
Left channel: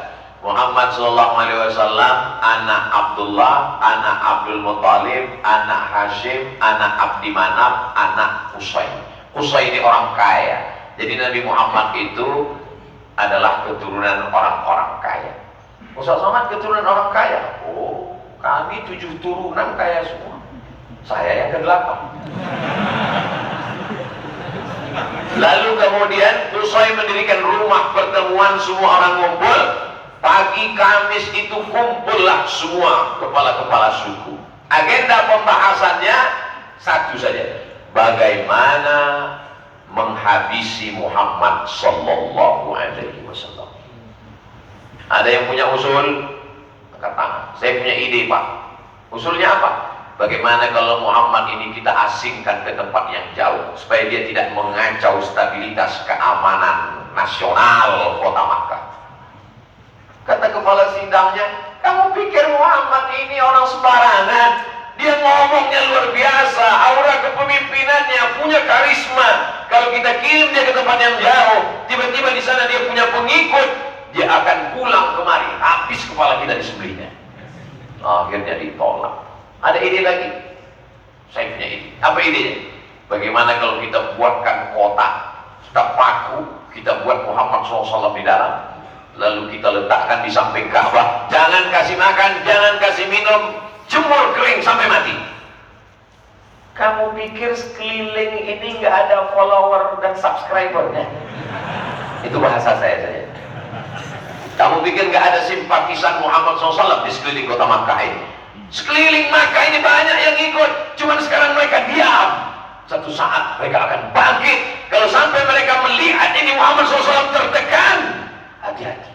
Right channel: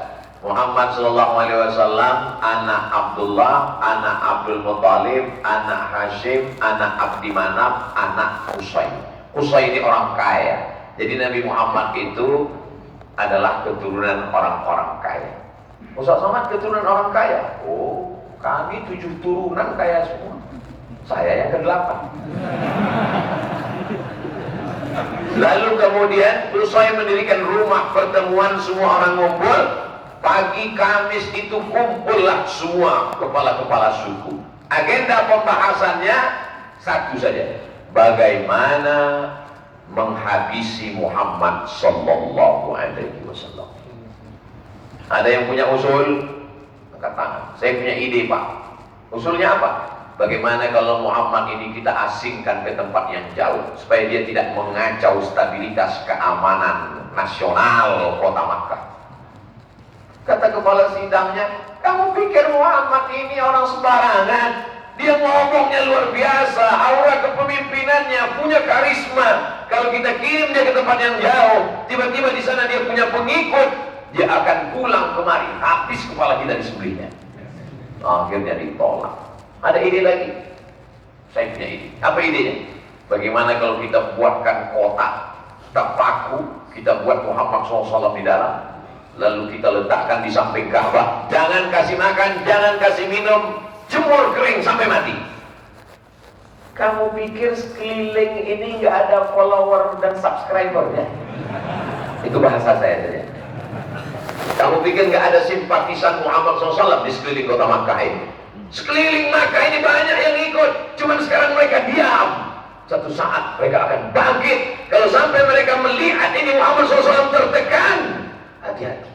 Muhammad sallallahu alaihi wasallam, anak Abdullah, anak Abdul Muttalib, anak Hashim, anak Abdi Manaf, anak Qusay. Qusay ini orang kaya. Jadi Nabi Muhammad itu adalah keturunan orang-orang kaya. Ustaz Somad keturunan orang kaya? Oh, kami 7 turunan kaya semua. Saya yang ke-8. Lalu kemudian Qusay mendirikan rumah pertemuan, semua orang ngumpul. Pagi Kamis itu kumpullah semua kepala-kepala suku. Agenda pembahasannya satu saja, bagaimana menghabisi Muhammad sallallahu alaihi wasallam. Ada yang punya usul? Angkat tangan. Saya punya ide Pak. Usulnya apa? Bagaimana kalau Muhammad ini kita asingkan ke tempat yang jauh, supaya dia tidak mengacau stabilitas keamanan nasional kota Makkah. Kata kepala sidangnya, kamu pikir Muhammad ini orang sembarangan? Dia ngomongnya luar biasa, aura kepemimpinannya, punya karisma. Kalau kita kirim dia ke tempat yang jauh, tiba-tiba di sana dia punya pengikut, dia akan pulang kemari, habis kepala kita disembelihnya. Akhirnya ditolak. Ada ide lagi? Saya punya ide. Apa idenya? Bagaimana kalau kita buatkan kotak, sudah paku, kita buat Muhammad SAW di dalam, lalu kita letakkan di samping Ka'bah. Jangan kasih makan, jangan kasih minum, jemur kering sampai mati. Kamu pikir sekeliling ini nggak ada follower dan subscribernya? Itu bahasa saya saja. Kamu pikir nggak ada simpatisan Muhammad SAW di sekeliling kota Makkah ini? Sekeliling Makkah ini banyak yang ikut, cuman sekarang mereka diam. Satu saat mereka akan bangkit. Kalau sampai mereka melihat ini Muhammad SAW tertekan, hati-hati.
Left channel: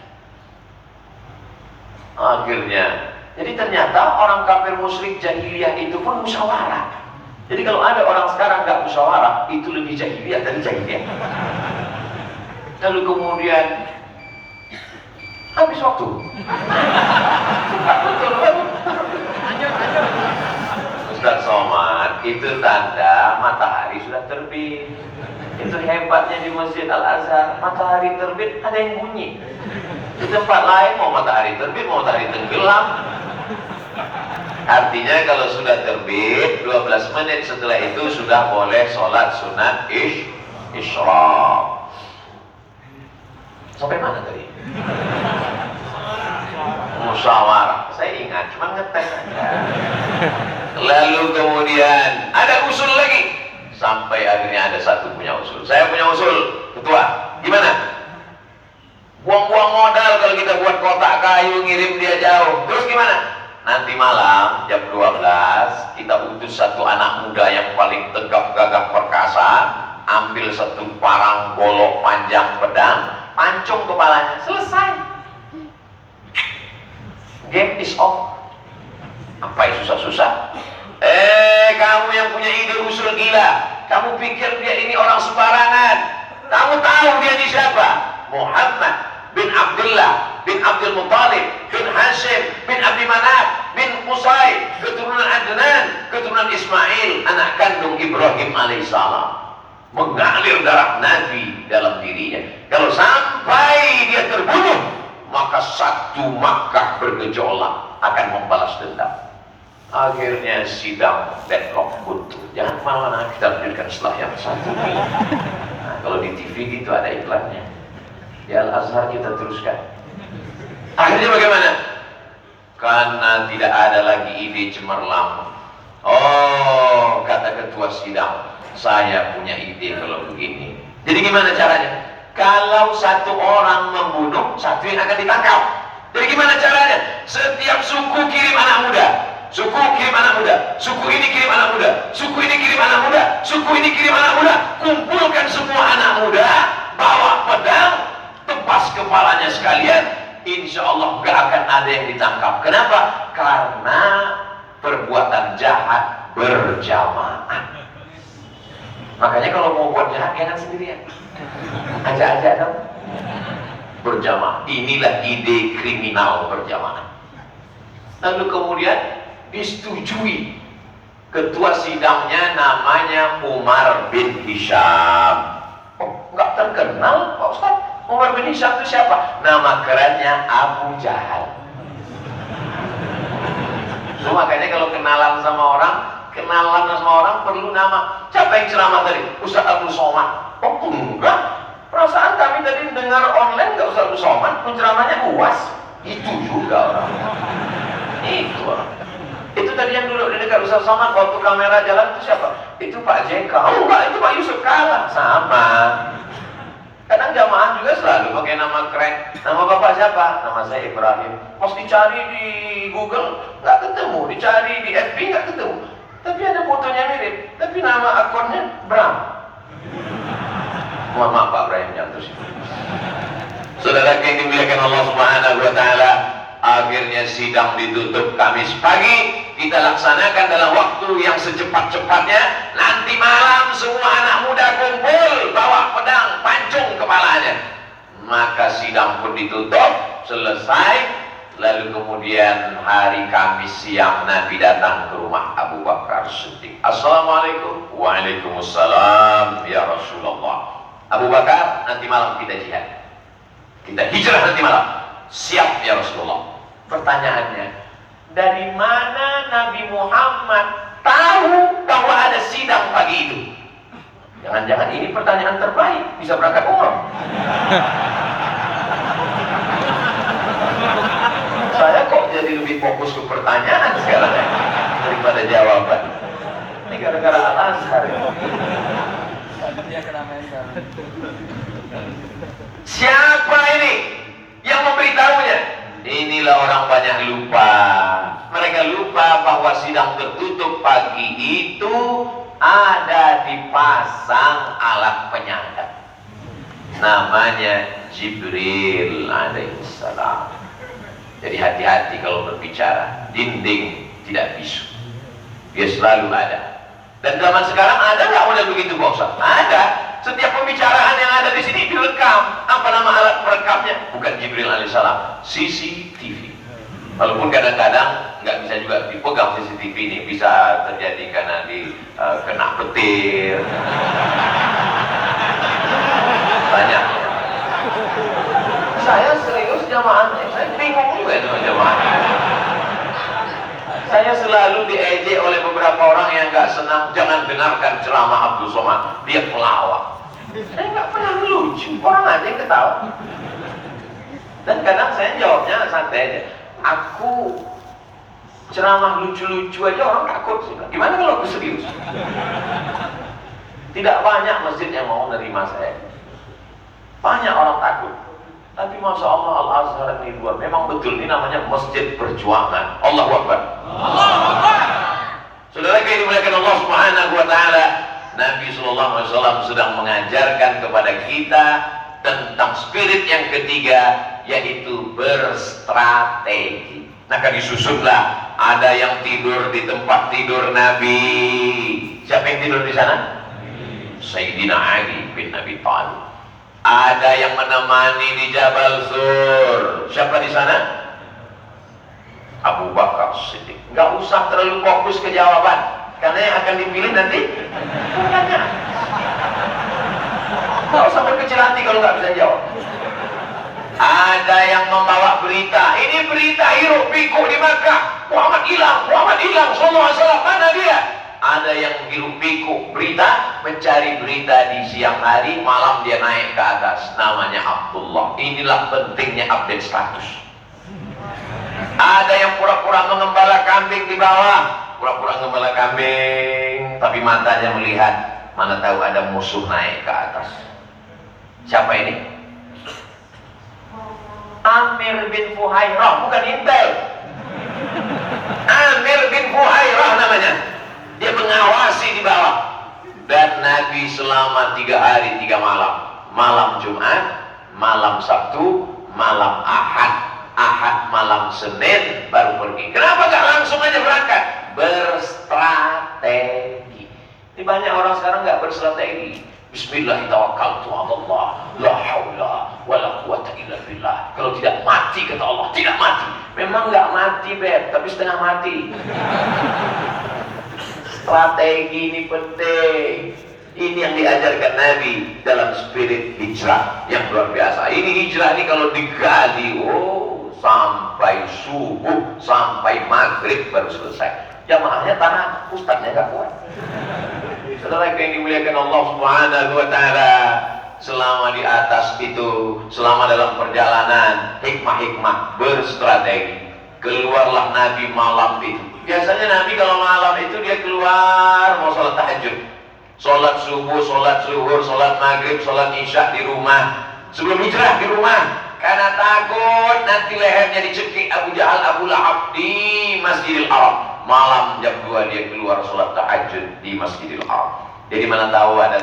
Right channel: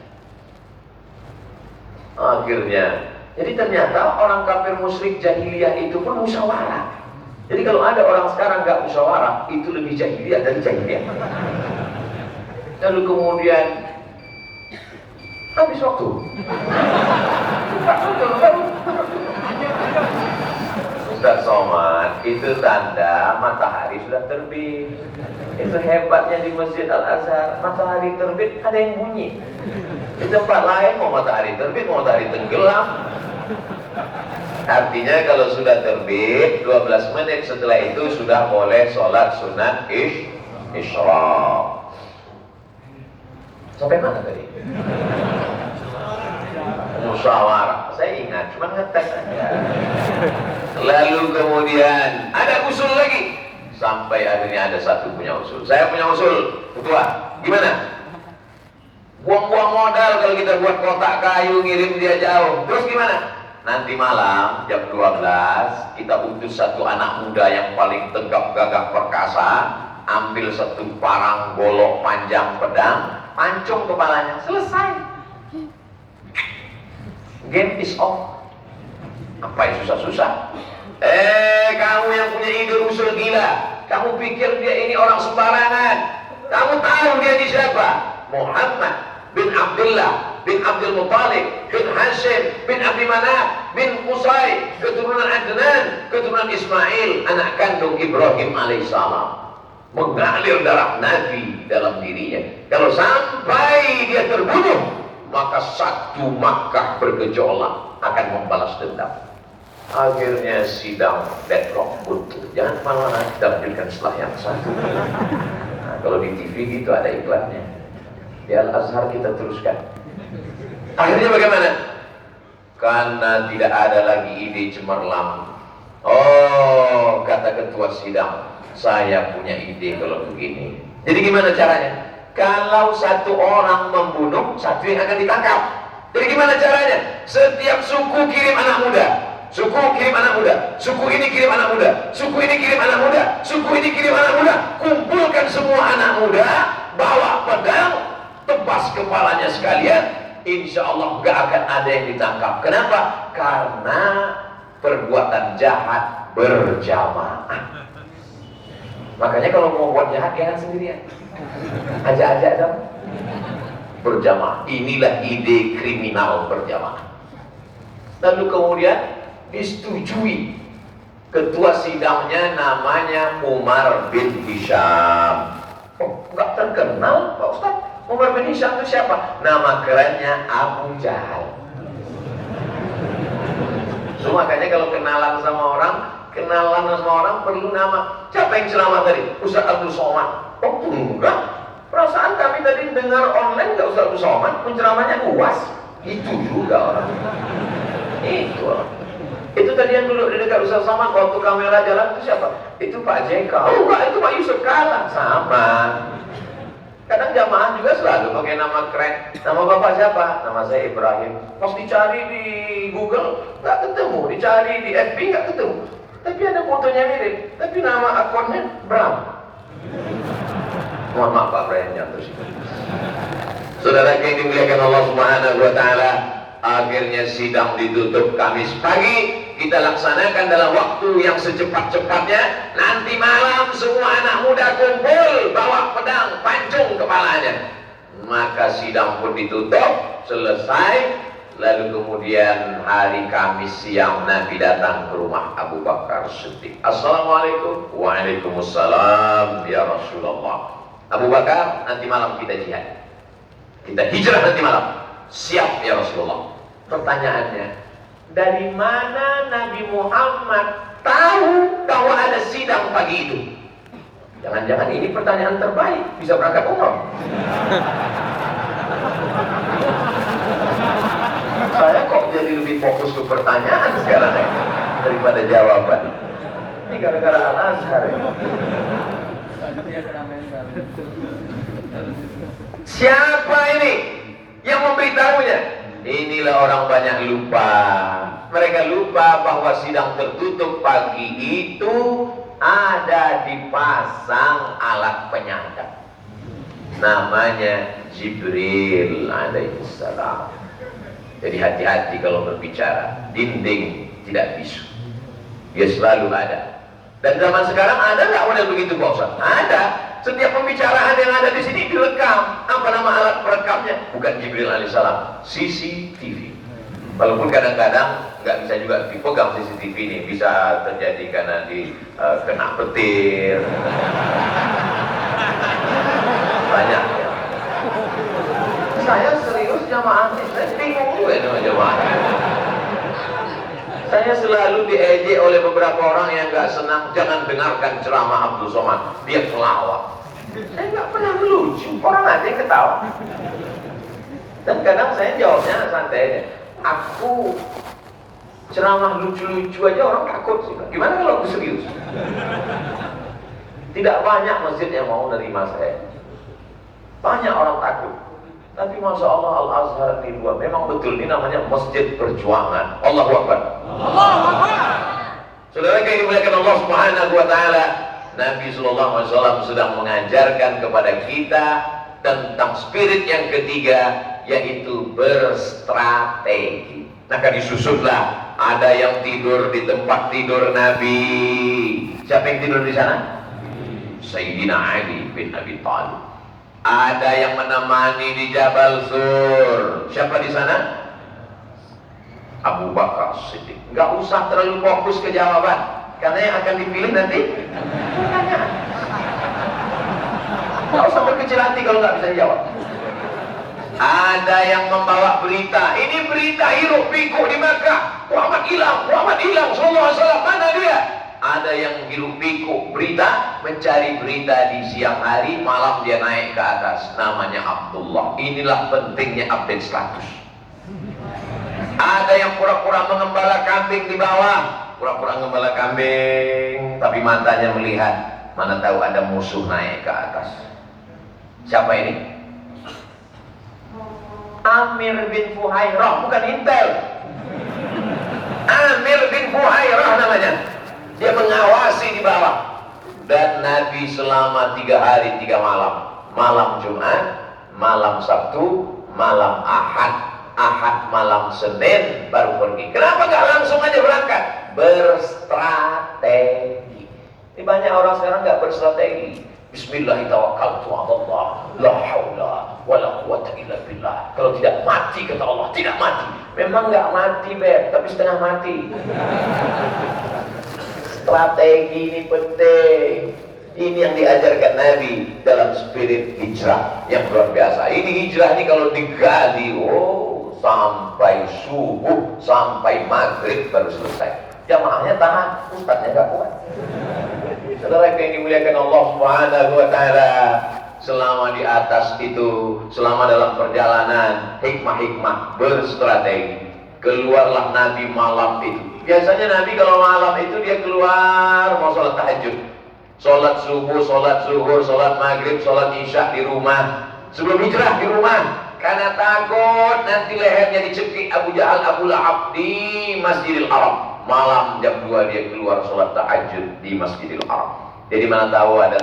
Akhirnya, jadi ternyata orang kafir musyrik jahiliyah itu pun musyawarah. Jadi kalau ada orang sekarang nggak musyawarah, itu lebih jahiliyah dari jahiliyah. Lalu kemudian habis waktu. Ustaz Somad, itu tanda matahari sudah terbit. Itu hebatnya di Masjid Al-Azhar, matahari terbit ada yang bunyi. Di tempat lain mau matahari terbit, mau matahari tenggelam. Artinya kalau sudah terbit 12 menit setelah itu sudah boleh sholat sunat isyraq. Sampai mana tadi? Musyawarah. Saya ingat, cuma ngetes aja. Lalu kemudian ada usul lagi. Sampai akhirnya ada satu punya usul. Saya punya usul, ketua. Gimana? Buang-buang modal kalau kita buat kotak kayu ngirim dia jauh. Terus gimana? Nanti malam jam 12 kita utus satu anak muda yang paling tegap gagah perkasa, ambil satu parang golok panjang pedang, pancung kepalanya, selesai. Game is off. Apa yang susah-susah? Kamu yang punya ide usul gila, kamu pikir dia ini orang sembarangan? Kamu tahu dia ini siapa? Muhammad bin Abdullah bin Abdul Muttalib bin Hashim bin Abdi Manaf bin Qusay, keturunan Adnan, keturunan Ismail, anak kandung Ibrahim alaihissalam. Mengalir darah Nabi dalam dirinya. Kalau sampai dia terbunuh, maka satu Makkah bergejolak akan membalas dendam. Akhirnya sidang deadlock buntu. Jangan malah kita lanjutkan setelah yang satu. Nah, kalau di TV gitu ada iklannya. Di Al-Azhar kita teruskan. Akhirnya bagaimana? Karena tidak ada lagi ide cemerlang. Oh, kata ketua sidang, saya punya ide kalau begini. Jadi gimana caranya? Kalau satu orang membunuh, satu yang akan ditangkap. Jadi gimana caranya? Setiap suku kirim anak muda. Suku kirim anak muda. Suku ini kirim anak muda. Suku ini kirim anak muda. Suku ini kirim anak muda. Kumpulkan semua anak muda, bawa pedang, tebas kepalanya sekalian. Insya Allah gak akan ada yang ditangkap. Kenapa? Karena perbuatan jahat berjamaah. Makanya kalau mau buat jahat jangan sendirian. Ajak-ajak dong. Berjamaah. Inilah ide kriminal berjamaah. Lalu kemudian disetujui. Ketua sidangnya namanya Umar bin Hisham. Oh, nggak terkenal Pak Ustaz. Umar bin Hisham itu siapa? Nama kerennya Abu Jahal. So, makanya kalau kenalan sama orang perlu nama. Siapa yang ceramah tadi? Ustaz Abdul Somad. Oh enggak. Perasaan kami tadi dengar online nggak Ustaz Abdul Somad, penceramahnya UAS. Itu juga orang. Itu orang. Itu tadi yang duduk di dekat Ustaz Somad waktu kamera jalan itu siapa? Itu Pak JK. Oh enggak, itu Pak Yusuf Kala. Sama. Kadang jamaah juga selalu pakai nama keren. Nama bapak siapa? Nama saya Ibrahim. Pas dicari di Google nggak ketemu, dicari di FB nggak ketemu. Tapi ada fotonya mirip. Tapi nama akunnya Bram. Mohon maaf Pak Ibrahim jatuh sih. Saudara yang dimuliakan Allah Subhanahu Wa Taala, akhirnya sidang ditutup Kamis pagi. Kita laksanakan dalam waktu yang secepat-cepatnya. Nanti malam semua anak muda kumpul, bawa pedang, pancung kepalanya. Maka sidang pun ditutup, selesai. Lalu kemudian hari Kamis siang Nabi datang ke rumah Abu Bakar Siddiq. Assalamualaikum. Waalaikumsalam ya Rasulullah. Abu Bakar, nanti malam kita jihad. Kita hijrah nanti malam. Siap ya Rasulullah. Pertanyaannya, dari mana Nabi Muhammad tahu bahwa ada sidang pagi itu? Jangan-jangan ini pertanyaan terbaik, bisa berangkat umroh. Saya kok jadi lebih fokus ke pertanyaan sekarang ya, daripada jawaban. Ini gara-gara Al-Azhar ya. Siapa ini yang memberitahunya? Inilah orang banyak lupa. Mereka lupa bahwa sidang tertutup pagi itu ada dipasang alat penyangga. Namanya Jibril alaihissalam. Jadi hati-hati kalau berbicara. Dinding tidak bisu. Dia selalu ada. Dan zaman sekarang ada nggak model begitu Pak Ustaz? Ada. Setiap pembicaraan yang ada di sini direkam. Apa nama alat perekamnya? Bukan Jibril alaihissalam, CCTV. Walaupun kadang-kadang nggak bisa juga dipegang CCTV ini, bisa terjadi karena kena petir. Banyak ya. Saya serius jamaahnya, saya bingung juga dengan jamaahnya. Saya selalu diejek oleh beberapa orang yang nggak senang, jangan dengarkan ceramah Abdul Somad, dia pelawak. Saya nggak pernah melucu, orang aja yang ketawa. Dan kadang saya jawabnya santai aja. Aku ceramah lucu-lucu aja orang takut sih. Gimana kalau aku serius? Tidak banyak masjid yang mau nerima saya. Banyak orang takut. Tapi Masya Allah Al-Azhar ini luar. Memang betul, ini namanya Masjid Perjuangan. Allahu Akbar. Allahu Akbar. Saudara yang dimuliakan Allah Subhanahu wa Ta'ala, Nabi Sallallahu Alaihi Wasallam sedang mengajarkan kepada kita tentang spirit yang ketiga, yaitu berstrategi. Maka disusunlah, ada yang tidur di tempat tidur Nabi. Siapa yang tidur di sana? Sayyidina Ali bin Abi Thalib. Ada yang menemani di Jabal Sur. Siapa di sana? Abu Bakar Siddiq. Nggak usah terlalu fokus ke jawaban, karena yang akan dipilih nanti pertanyaan. Nggak usah berkecil hati kalau nggak bisa jawab. Ada yang membawa berita. Ini berita hiruk pikuk di Makkah. Muhammad hilang, sallallahu alaihi wasallam. Mana dia? Ada yang hiruk pikuk berita, mencari berita di siang hari, malam dia naik ke atas. Namanya Abdullah. Inilah pentingnya update status. Ada yang pura-pura mengembala kambing di bawah, pura-pura mengembala kambing, tapi matanya melihat. Mana tahu ada musuh naik ke atas. Siapa ini? Amir bin Fuhairah, bukan Intel. Amir bin Fuhairah namanya. Dia mengawasi di bawah. Dan Nabi selama 3 hari 3 malam. Malam Jumat, malam Sabtu, malam Ahad. Ahad malam Senin baru pergi. Kenapa gak langsung aja berangkat? Berstrategi. Ini banyak orang sekarang gak berstrategi. Bismillahirrahmanirrahim. La haula wala quwata illa billah. Kalau tidak mati, kata Allah, tidak mati. Memang nggak mati, Beb, tapi setengah mati. Strategi ini penting. Ini yang diajarkan Nabi dalam spirit hijrah yang luar biasa. Ini hijrah ini kalau digali, sampai subuh, sampai maghrib baru selesai. Jamaahnya tahan, ustadznya nggak kuat. Saudara yang dimuliakan Allah Subhanahu wa Ta'ala, selama di atas itu, selama dalam perjalanan, hikmah-hikmah berstrategi. Keluarlah Nabi malam itu. Biasanya Nabi kalau malam itu dia keluar mau sholat tahajud, sholat subuh, sholat zuhur, sholat maghrib, sholat isya di rumah. Sebelum hijrah di rumah, karena takut nanti lehernya dicekik Abu Jahal, Abu Lahab di Masjidil Haram. Malam jam 2 dia keluar sholat tahajud di Masjidil Haram. Jadi mana tahu ada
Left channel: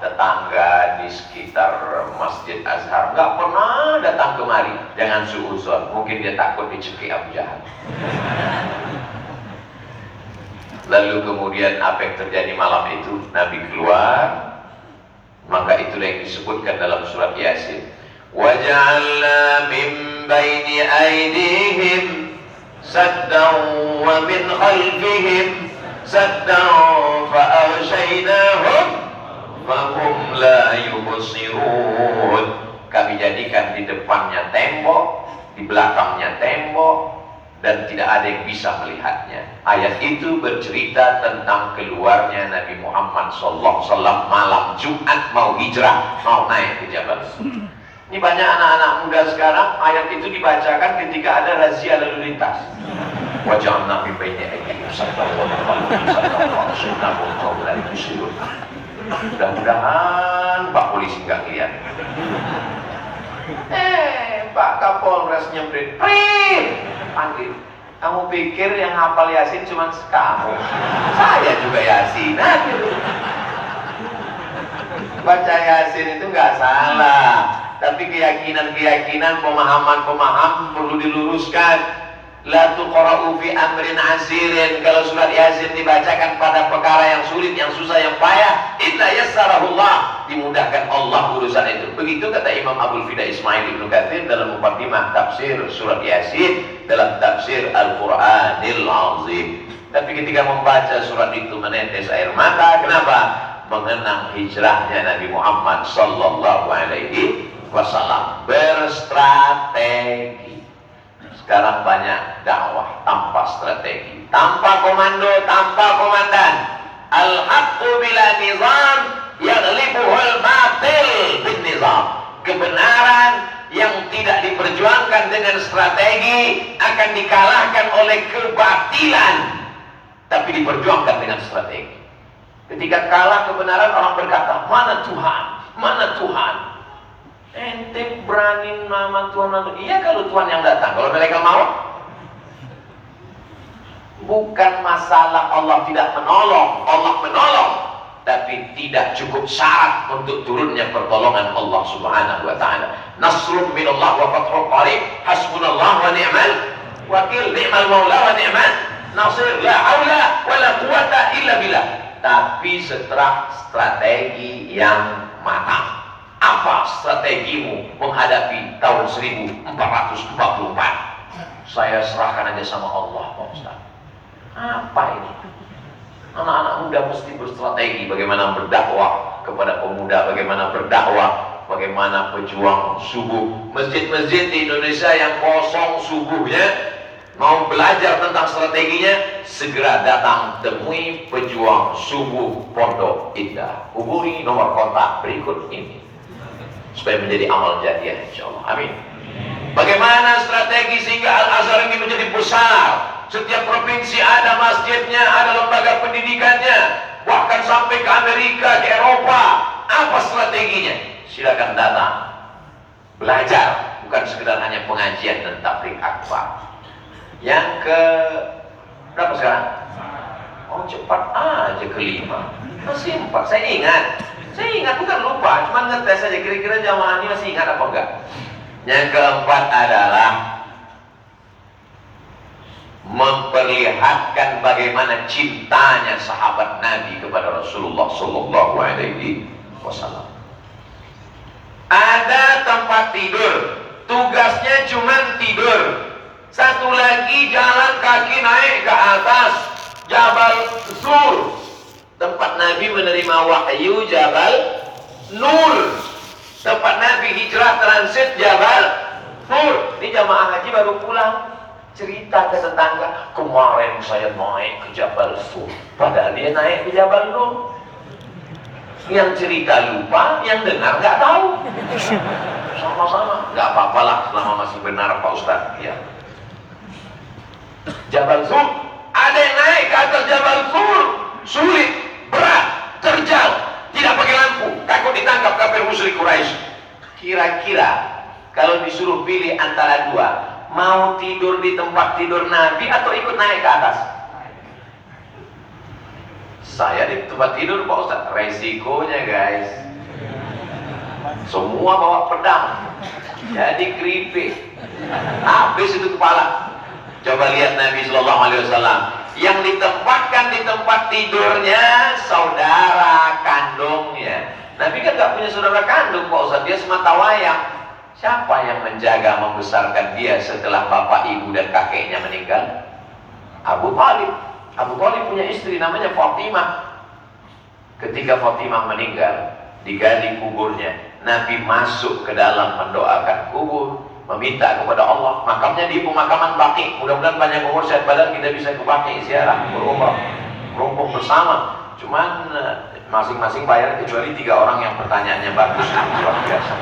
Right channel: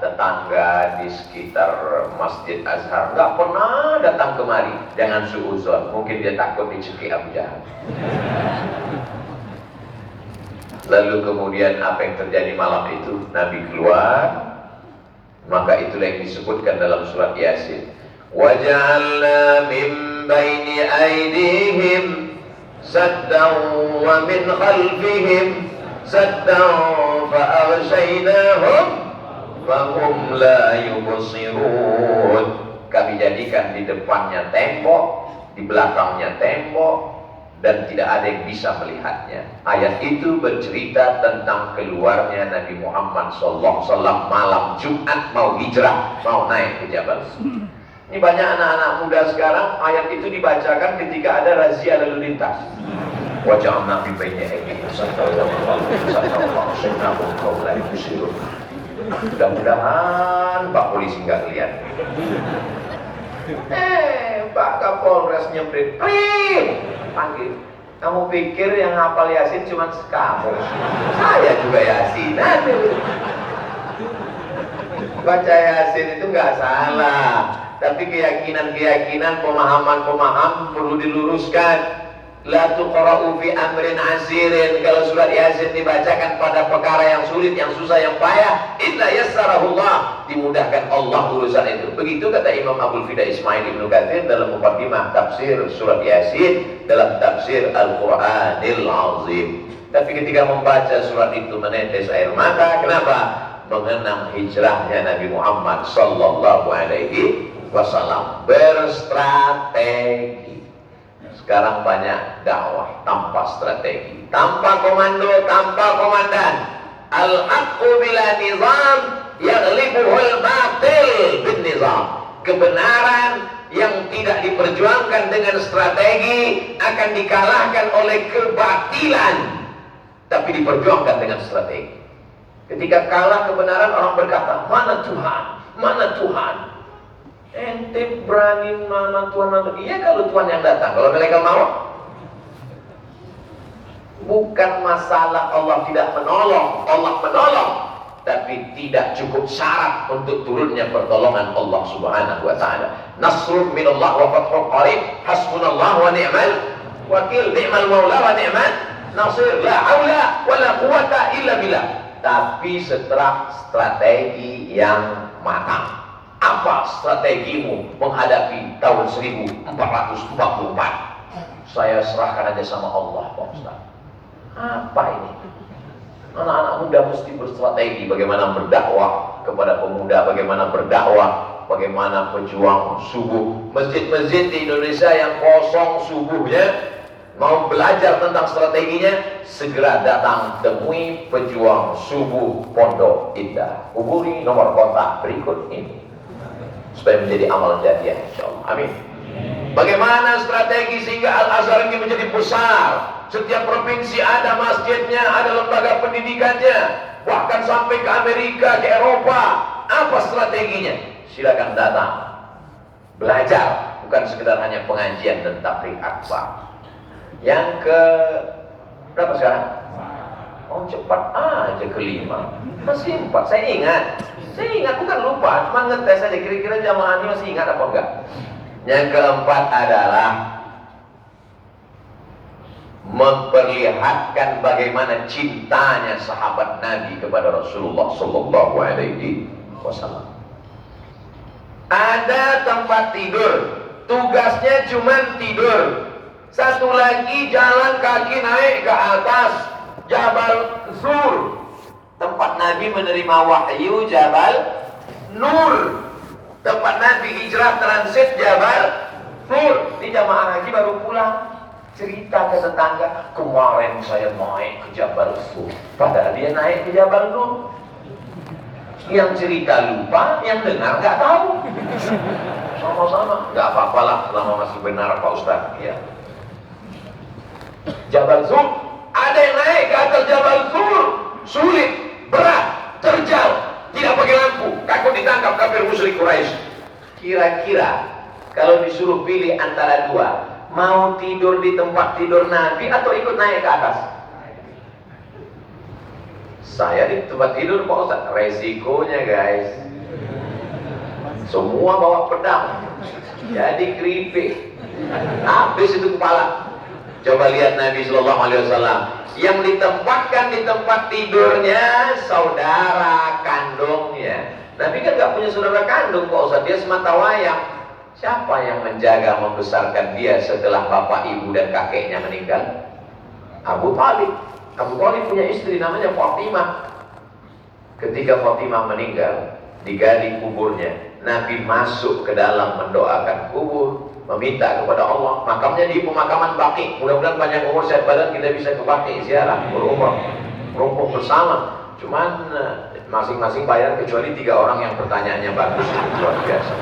tetangga di sekitar Masjid Azhar nggak pernah datang kemari. Jangan suuzon, mungkin dia takut dicekik Abu Jahal. Lalu kemudian apa yang terjadi malam itu? Nabi keluar, maka itulah yang disebutkan dalam surat Yasin. وَجَعَلْنَا مِنْ بَيْنِ أَيْدِيهِمْ سَدًّا وَمِنْ خَلْفِهِمْ سَدًّا فَأَغْشَيْنَاهُمْ فَهُمْ لَا يُبْصِرُونَ. Kami jadikan di depannya tembok, di belakangnya tembok, dan tidak ada yang bisa melihatnya. Ayat itu bercerita tentang keluarnya Nabi Muhammad SAW malam Jumat mau hijrah, mau naik ke Jabal. Ini banyak anak-anak muda sekarang ayat itu dibacakan ketika ada razia lalu lintas. Wajah Nabi baiknya ini mudah-mudahan Pak Polisi nggak lihat. Pak Kapolres nyemprit, panggil. Kamu pikir yang hafal Yasin cuma kamu? Saya juga Yasin. Baca Yasin itu nggak salah, tapi keyakinan-keyakinan, pemahaman-pemahaman perlu diluruskan. La tuqra'u fi amrin asirin. Kalau surat Yasin dibacakan pada perkara yang sulit, yang susah, yang payah, illa yassarahullah, dimudahkan Allah urusan itu. Begitu kata Imam Abdul Fida Ismail Ibnu Katsir dalam muqaddimah tafsir surat Yasin dalam tafsir Al-Qur'anil Azim. Tapi ketika membaca surat itu menetes air mata. Kenapa? Mengenang hijrahnya Nabi Muhammad sallallahu alaihi wasallam. Berstrategi. Sekarang banyak dakwah tanpa strategi, tanpa komando, tanpa komandan. Al-haqqu bila nizam yaghlibuhul batil bin nizam. Kebenaran yang tidak diperjuangkan dengan strategi akan dikalahkan oleh kebatilan, tapi diperjuangkan dengan strategi. Ketika kalah kebenaran, orang berkata, mana Tuhan? Mana Tuhan? Ente berani nama Tuhan? Iya kalau Tuhan yang datang. Kalau mereka mau, bukan masalah Allah tidak menolong. Allah menolong, tapi tidak cukup syarat untuk turunnya pertolongan Allah Subhanahu wa ta'ala. Nasrun minallah wa fathul qarib, hasbunallah wa ni'mal wakil, ni'mal maula wa ni'mal nasir, la haula wa la quwata illa billah. Tapi setelah strategi yang matang. Apa strategimu menghadapi tahun 1444? Saya serahkan aja sama Allah, Pak Ustaz. Apa ini? Anak-anak muda mesti berstrategi bagaimana berdakwah kepada pemuda, bagaimana berdakwah, bagaimana pejuang subuh. Masjid-masjid di Indonesia yang kosong subuhnya, mau belajar tentang strateginya, segera datang temui pejuang subuh Pondok Indah. Hubungi nomor kontak berikut ini supaya menjadi amal jariah, insyaallah. Amin. Bagaimana strategi sehingga Al-Azhar ini menjadi besar? Setiap provinsi ada masjidnya, ada lembaga pendidikannya, bahkan sampai ke Amerika, ke Eropa. Apa strateginya? Silakan datang, belajar, bukan sekedar hanya pengajian dan tabligh akbar. Yang ke berapa sekarang? Oh cepat aja, kelima. Masih 4, saya ingat, bukan lupa, cuma ngetes saja kira-kira jamaah ini masih ingat apa enggak. Yang keempat adalah memperlihatkan bagaimana cintanya sahabat Nabi kepada Rasulullah sallallahu alaihi wasallam. Ada tempat tidur, tugasnya cuma tidur. Satu lagi jalan kaki naik ke atas Jabal Zur, tempat Nabi menerima wahyu, Jabal Nur. Tempat Nabi hijrah transit, Jabal Nur. Ini jamaah haji baru pulang, cerita ke tetangga, kemarin saya naik ke Jabal Nur. Padahal dia naik ke Jabal Nur. Yang cerita lupa, yang dengar nggak tahu. Sama-sama, nggak apa-apalah selama masih benar Pak Ustaz. Ya. Jabal Zur, ada yang naik ke atas Jabal Zur, sulit, berat, terjal, tidak pakai lampu, takut ditangkap kafir musyrik Quraisy. Kira-kira kalau disuruh pilih antara dua, mau tidur di tempat tidur Nabi atau ikut naik ke atas? Saya di tempat tidur Pak Ustaz. Resikonya guys, semua bawa pedang, jadi keripik, habis itu kepala. Coba lihat Nabi Sallallahu Alaihi Wasallam yang ditempatkan di tempat tidurnya saudara kandungnya. Nabi kan gak punya saudara kandung Pak Ustaz, dia semata wayang. Siapa yang menjaga membesarkan dia setelah bapak, ibu dan kakeknya meninggal? Abu Thalib. Abu Thalib punya istri namanya Fatimah. Ketika Fatimah meninggal, digali kuburnya, Nabi masuk ke dalam mendoakan kubur, meminta kepada Allah. Makamnya di pemakaman Baqi. Mudah-mudahan banyak umur sehat badan kita bisa ke Baqi ziarah, berumrah, merumpuk bersama. Cuman masing-masing bayar kecuali 3 orang yang pertanyaannya bagus, luar biasa.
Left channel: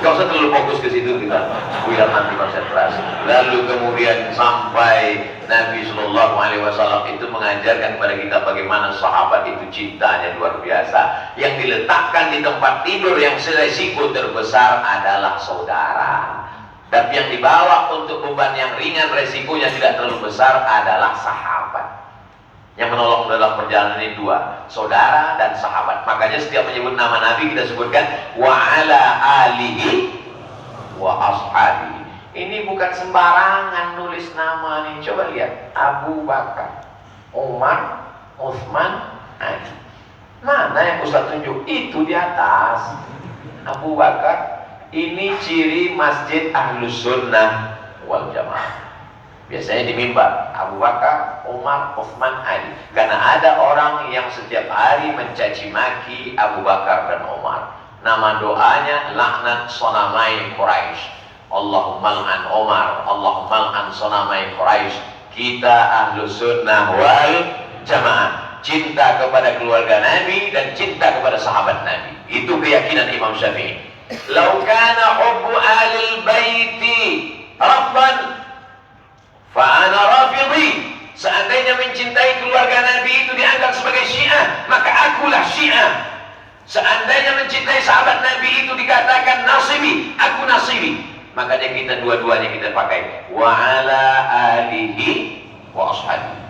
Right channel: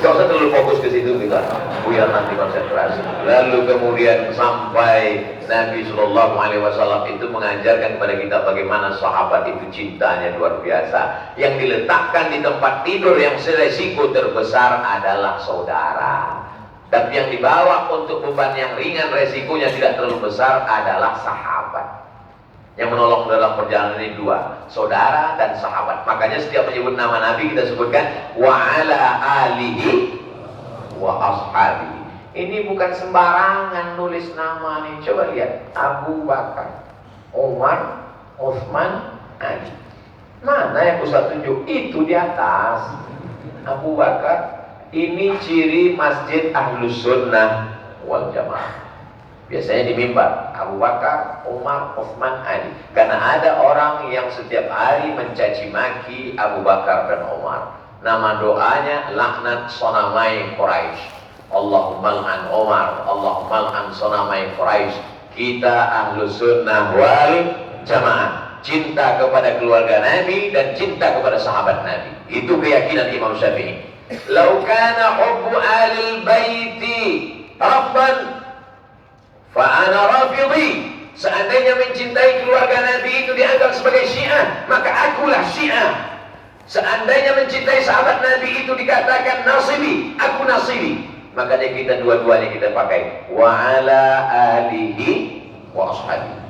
Gak usah terlalu fokus ke situ, kita buyar nanti konsentrasi. Lalu kemudian sampai Nabi Sallallahu Alaihi Wasallam itu mengajarkan kepada kita bagaimana sahabat itu cintanya luar biasa. Yang diletakkan di tempat tidur yang resiko terbesar adalah saudara. Dan yang dibawa untuk beban yang ringan, resikonya tidak terlalu besar adalah sahabat. Yang menolong dalam perjalanan ini 2, saudara dan sahabat. Makanya setiap menyebut nama Nabi kita sebutkan wa ala alihi wa ashabi. Ini bukan sembarangan nulis nama nih. Coba lihat, Abu Bakar, Umar, Utsman, Ali. Mana yang Ustaz tunjuk? Itu di atas. Abu Bakar. Ini ciri masjid Ahlus Sunnah wal Jamaah. Biasanya di mimbar Abu Bakar, Umar, Utsman, Ali. Karena ada orang yang setiap hari mencaci maki Abu Bakar dan Umar. Nama doanya laknat sonamai Quraisy. Allahumma al'an Umar, Allahumma al'an sonamai Quraisy. Kita Ahlus Sunnah wal Jamaah, cinta kepada keluarga Nabi dan cinta kepada sahabat Nabi. Itu keyakinan Imam Syafi'i. Lau kana hubbu alil baiti rafdan fa ana rafidhi. Seandainya mencintai keluarga Nabi itu dianggap sebagai Syiah, maka akulah Syiah. Seandainya mencintai sahabat Nabi itu dikatakan nasibi, aku nasibi. Makanya kita dua-duanya kita pakai wa ala alihi wa ashabihi.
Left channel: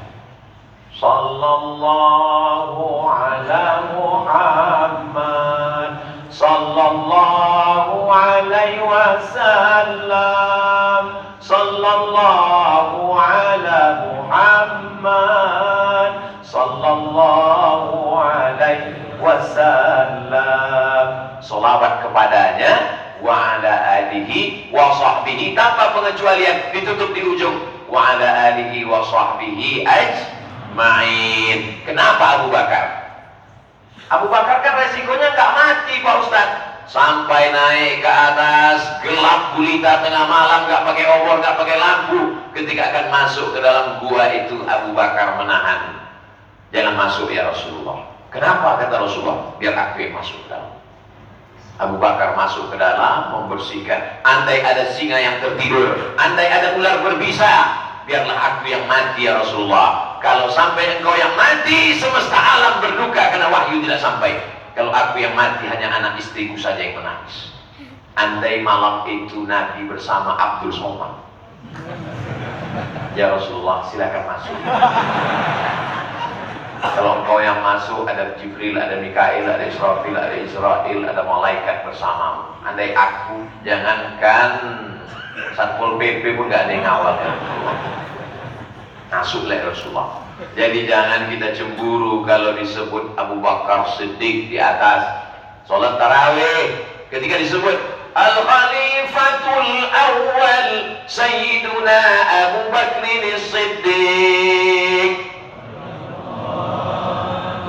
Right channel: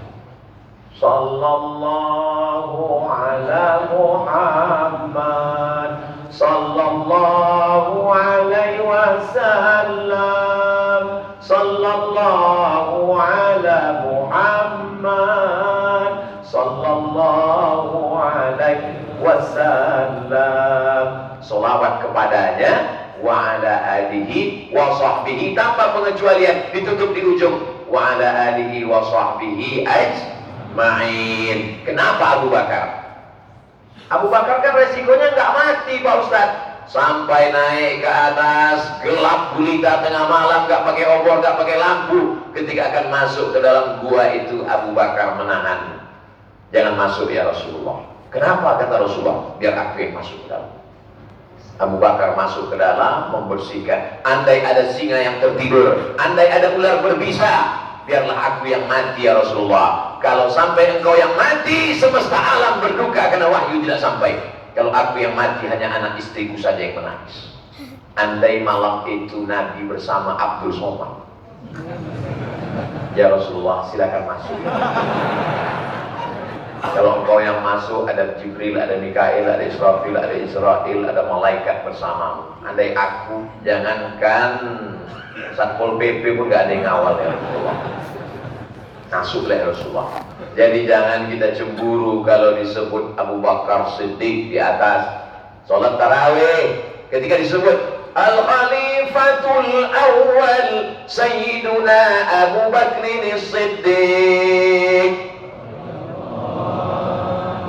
Sallallahu ala Muhammad, sallallahu alaihi wasallam, sallallahu ala Muhammad, sallallahu alaihi wasallam. Salawat kepadanya wa ala alihi wa sahbihi, tanpa pengecualian, ditutup di ujung wa ala alihi wa sahbihi ajma'in. Kenapa Abu Bakar? Abu Bakar kan resikonya nggak mati Pak Ustadz. Sampai naik ke atas, gelap gulita tengah malam, nggak pakai obor, nggak pakai lampu. Ketika akan masuk ke dalam gua itu, Abu Bakar menahan. Jangan masuk ya Rasulullah. Kenapa kata Rasulullah? Biar aku yang masuk ke dalam. Abu Bakar masuk ke dalam, membersihkan. Andai ada singa yang tertidur, andai ada ular berbisa, biarlah aku yang mati ya Rasulullah. Kalau sampai engkau yang mati, semesta alam berduka karena wahyu tidak sampai. Kalau aku yang mati, hanya anak istriku saja yang menangis. Andai malam itu Nabi bersama Abdul Somad, ya Rasulullah silakan masuk. Kalau engkau yang masuk, ada Jibril, ada Mikail, ada Israfil, ada Israel, ada malaikat bersamamu. Andai aku, jangankan Satpol PP pun gak ada yang ngawal ya Rasulullah. Masuklah Rasulullah. Jadi jangan kita cemburu kalau disebut Abu Bakar Siddiq di atas sholat tarawih. Ketika disebut Al-Khalifatul Awwal Sayyiduna Abu Bakrin Siddiq,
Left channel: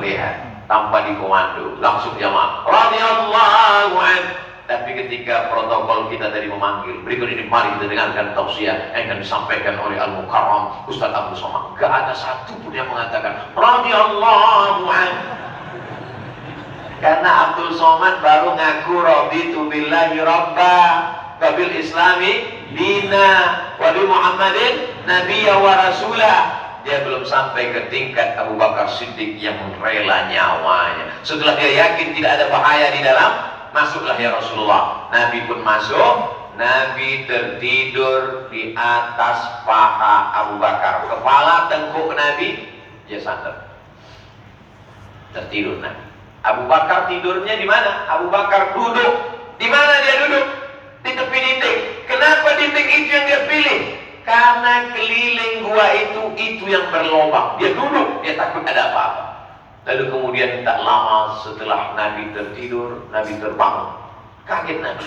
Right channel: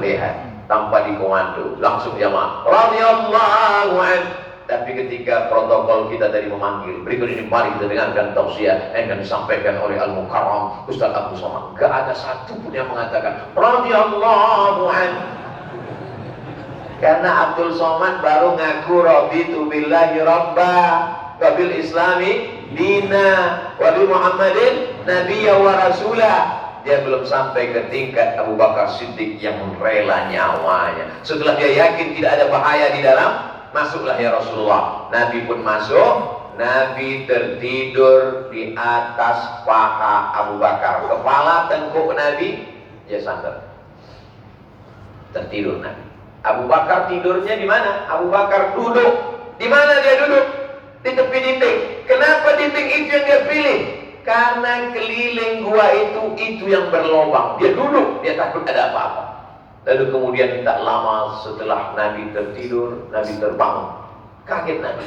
lihat, tanpa dikomando, langsung jamaah radhiyallahu anhu. Tapi ketika protokol kita tadi memanggil, berikut ini mari kita dengarkan tausiah yang akan disampaikan oleh Al-Mukarram Ustaz Abdul Somad. Gak ada satu pun yang mengatakan radhiyallahu anhu. Karena Abdul Somad baru ngaku raditu billahi rabba wa bil islami dina wa bi Muhammadin nabiyya wa rasulah. Dia belum sampai ke tingkat Abu Bakar Siddiq yang rela nyawanya. Setelah dia yakin tidak ada bahaya di dalam, masuklah ya Rasulullah. Nabi pun masuk. Nabi tertidur di atas paha Abu Bakar. Kepala tengkuk Nabi, dia sandar. Tertidur Nabi. Abu Bakar tidurnya di mana? Abu Bakar duduk. Di mana dia duduk? Di tepi dinding. Kenapa dinding itu yang dia pilih? Karena keliling gua itu yang berlobang. Dia duduk, dia takut ada apa-apa. Lalu kemudian tak lama setelah Nabi tertidur, Nabi terbangun. Kaget Nabi.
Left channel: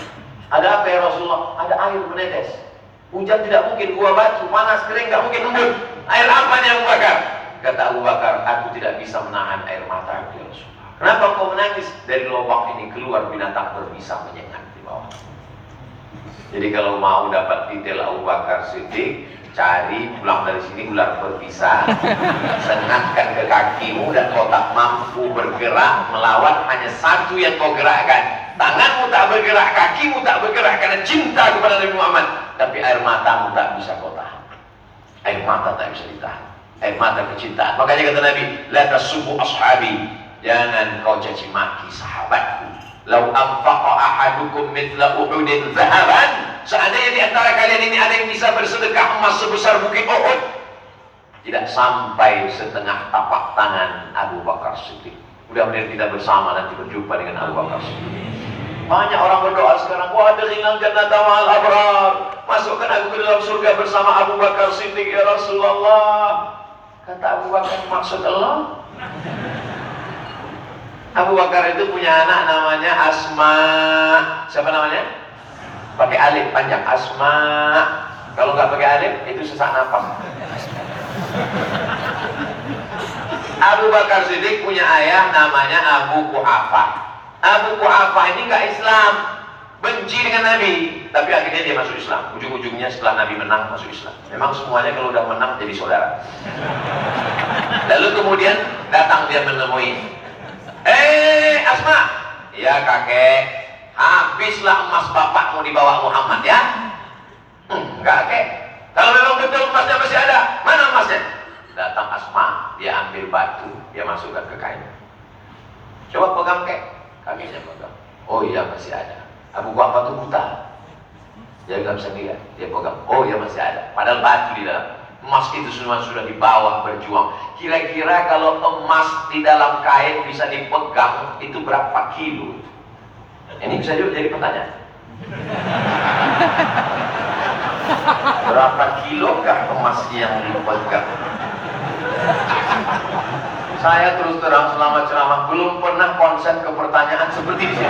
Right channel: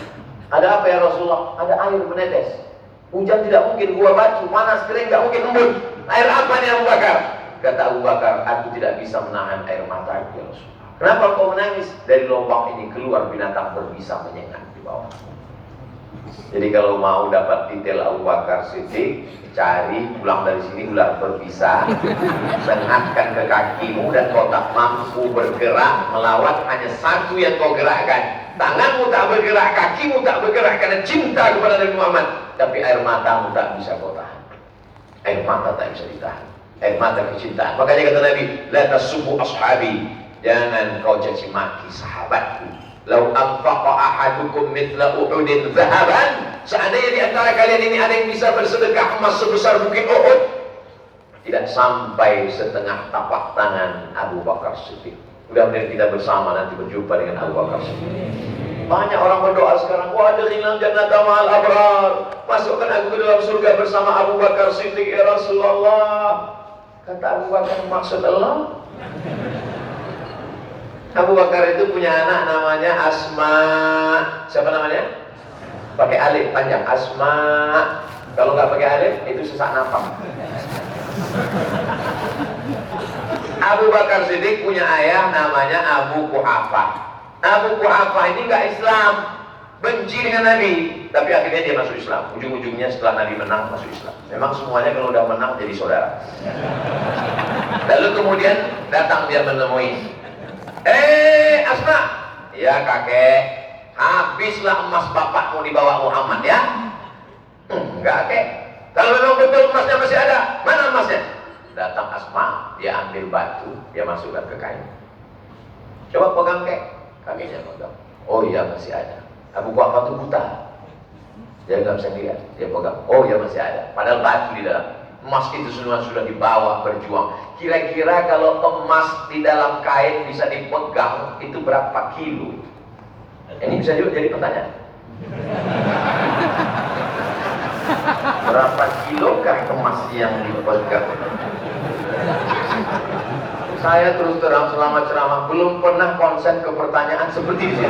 Ada apa ya Rasulullah? Ada air menetes. Hujan tidak mungkin, gua batu, panas kering gak mungkin embun. Air apa nih Abu Bakar? Kata Abu Bakar, aku tidak bisa menahan air mata ya Rasulullah. Kenapa kau menangis? Dari lubang ini keluar binatang berbisa menyengat di bawah. Jadi kalau mau dapat detail Abu Bakar Siddiq, cari pulang dari sini ular berbisa, sengatkan ke kakimu dan kau tak mampu bergerak melawan hanya satu yang kau gerakkan. Tanganmu tak bergerak, kakimu tak bergerak karena cinta kepada Nabi Muhammad. Tapi air matamu tak bisa kau tahan. Air mata tak bisa ditahan. Air mata kecintaan. Makanya kata Nabi, la tasubbu ashabi, jangan kau caci maki sahabatku. Lau anfaqa ahadukum mithla Uhudin zahaban, seandainya di antara kalian ini ada yang bisa bersedekah emas sebesar bukit Uhud, tidak sampai setengah tapak tangan Abu Bakar Siddiq. Mudah-mudahan kita bersama nanti berjumpa dengan Abu Bakar Siddiq. Banyak orang berdoa sekarang, wah adkhilnal jannata ma'al abrar. Masukkan aku ke dalam surga bersama Abu Bakar Siddiq ya Rasulullah. Kata Abu Bakar, maksud Allah? Abu Bakar itu punya anak namanya Asma. Siapa namanya? Pakai alif panjang, Asma. Kalau nggak pakai alif, itu sesak napas. Abu Bakar Siddiq punya ayah namanya Abu Quhafah. Abu Quhafah ini nggak Islam, benci dengan Nabi, tapi akhirnya dia masuk Islam. Ujung-ujungnya setelah Nabi menang masuk Islam. Memang semuanya kalau udah menang jadi saudara. Lalu kemudian datang dia menemui, Asma, ya kakek, habislah emas bapak mau dibawa Muhammad ya? Enggak kek. Kalau memang betul emasnya masih ada, mana emasnya? Datang Asma, dia ambil batu, dia masukkan ke kain. Coba pegang kek. Kakeknya pegang. Oh iya masih ada. Abu Quhafah itu buta. Dia nggak bisa lihat. Dia pegang. Oh iya masih ada. Padahal batu di dalam. Emas itu semua sudah dibawa berjuang. Kira-kira kalau emas di dalam kain bisa dipegang itu berapa kilo? Ini bisa juga jadi pertanyaan. Berapa kilo kah emas yang dipegang? Saya terus terang selama ceramah belum pernah konsen ke pertanyaan seperti ini.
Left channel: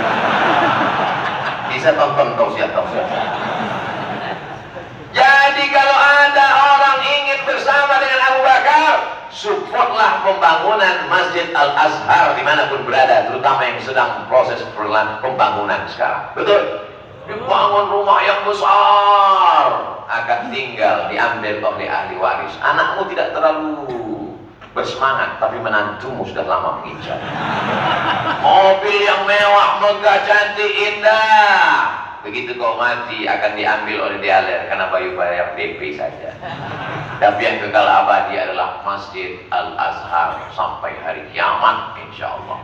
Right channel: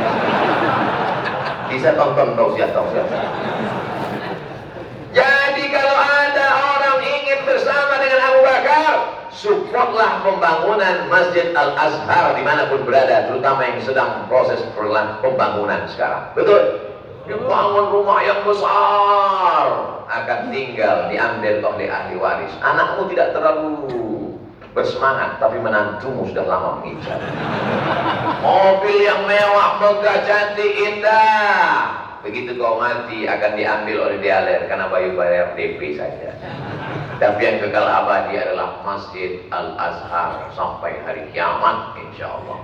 Bisa tonton tausiah. Jadi kalau ada orang ingin bersama dengan Abu Bakar, supportlah pembangunan Masjid Al-Azhar dimanapun berada, terutama yang sedang proses pembangunan sekarang. Betul? Dibangun rumah yang besar, akan tinggal diambil oleh ahli waris. Anakmu tidak terlalu bersemangat, tapi menantumu sudah lama mengincar. Mobil yang mewah, megah, cantik, indah. Begitu kau mati akan diambil oleh dialer karena bayar DP saja. Tapi yang kekal abadi adalah Masjid Al-Azhar sampai hari kiamat, insya Allah.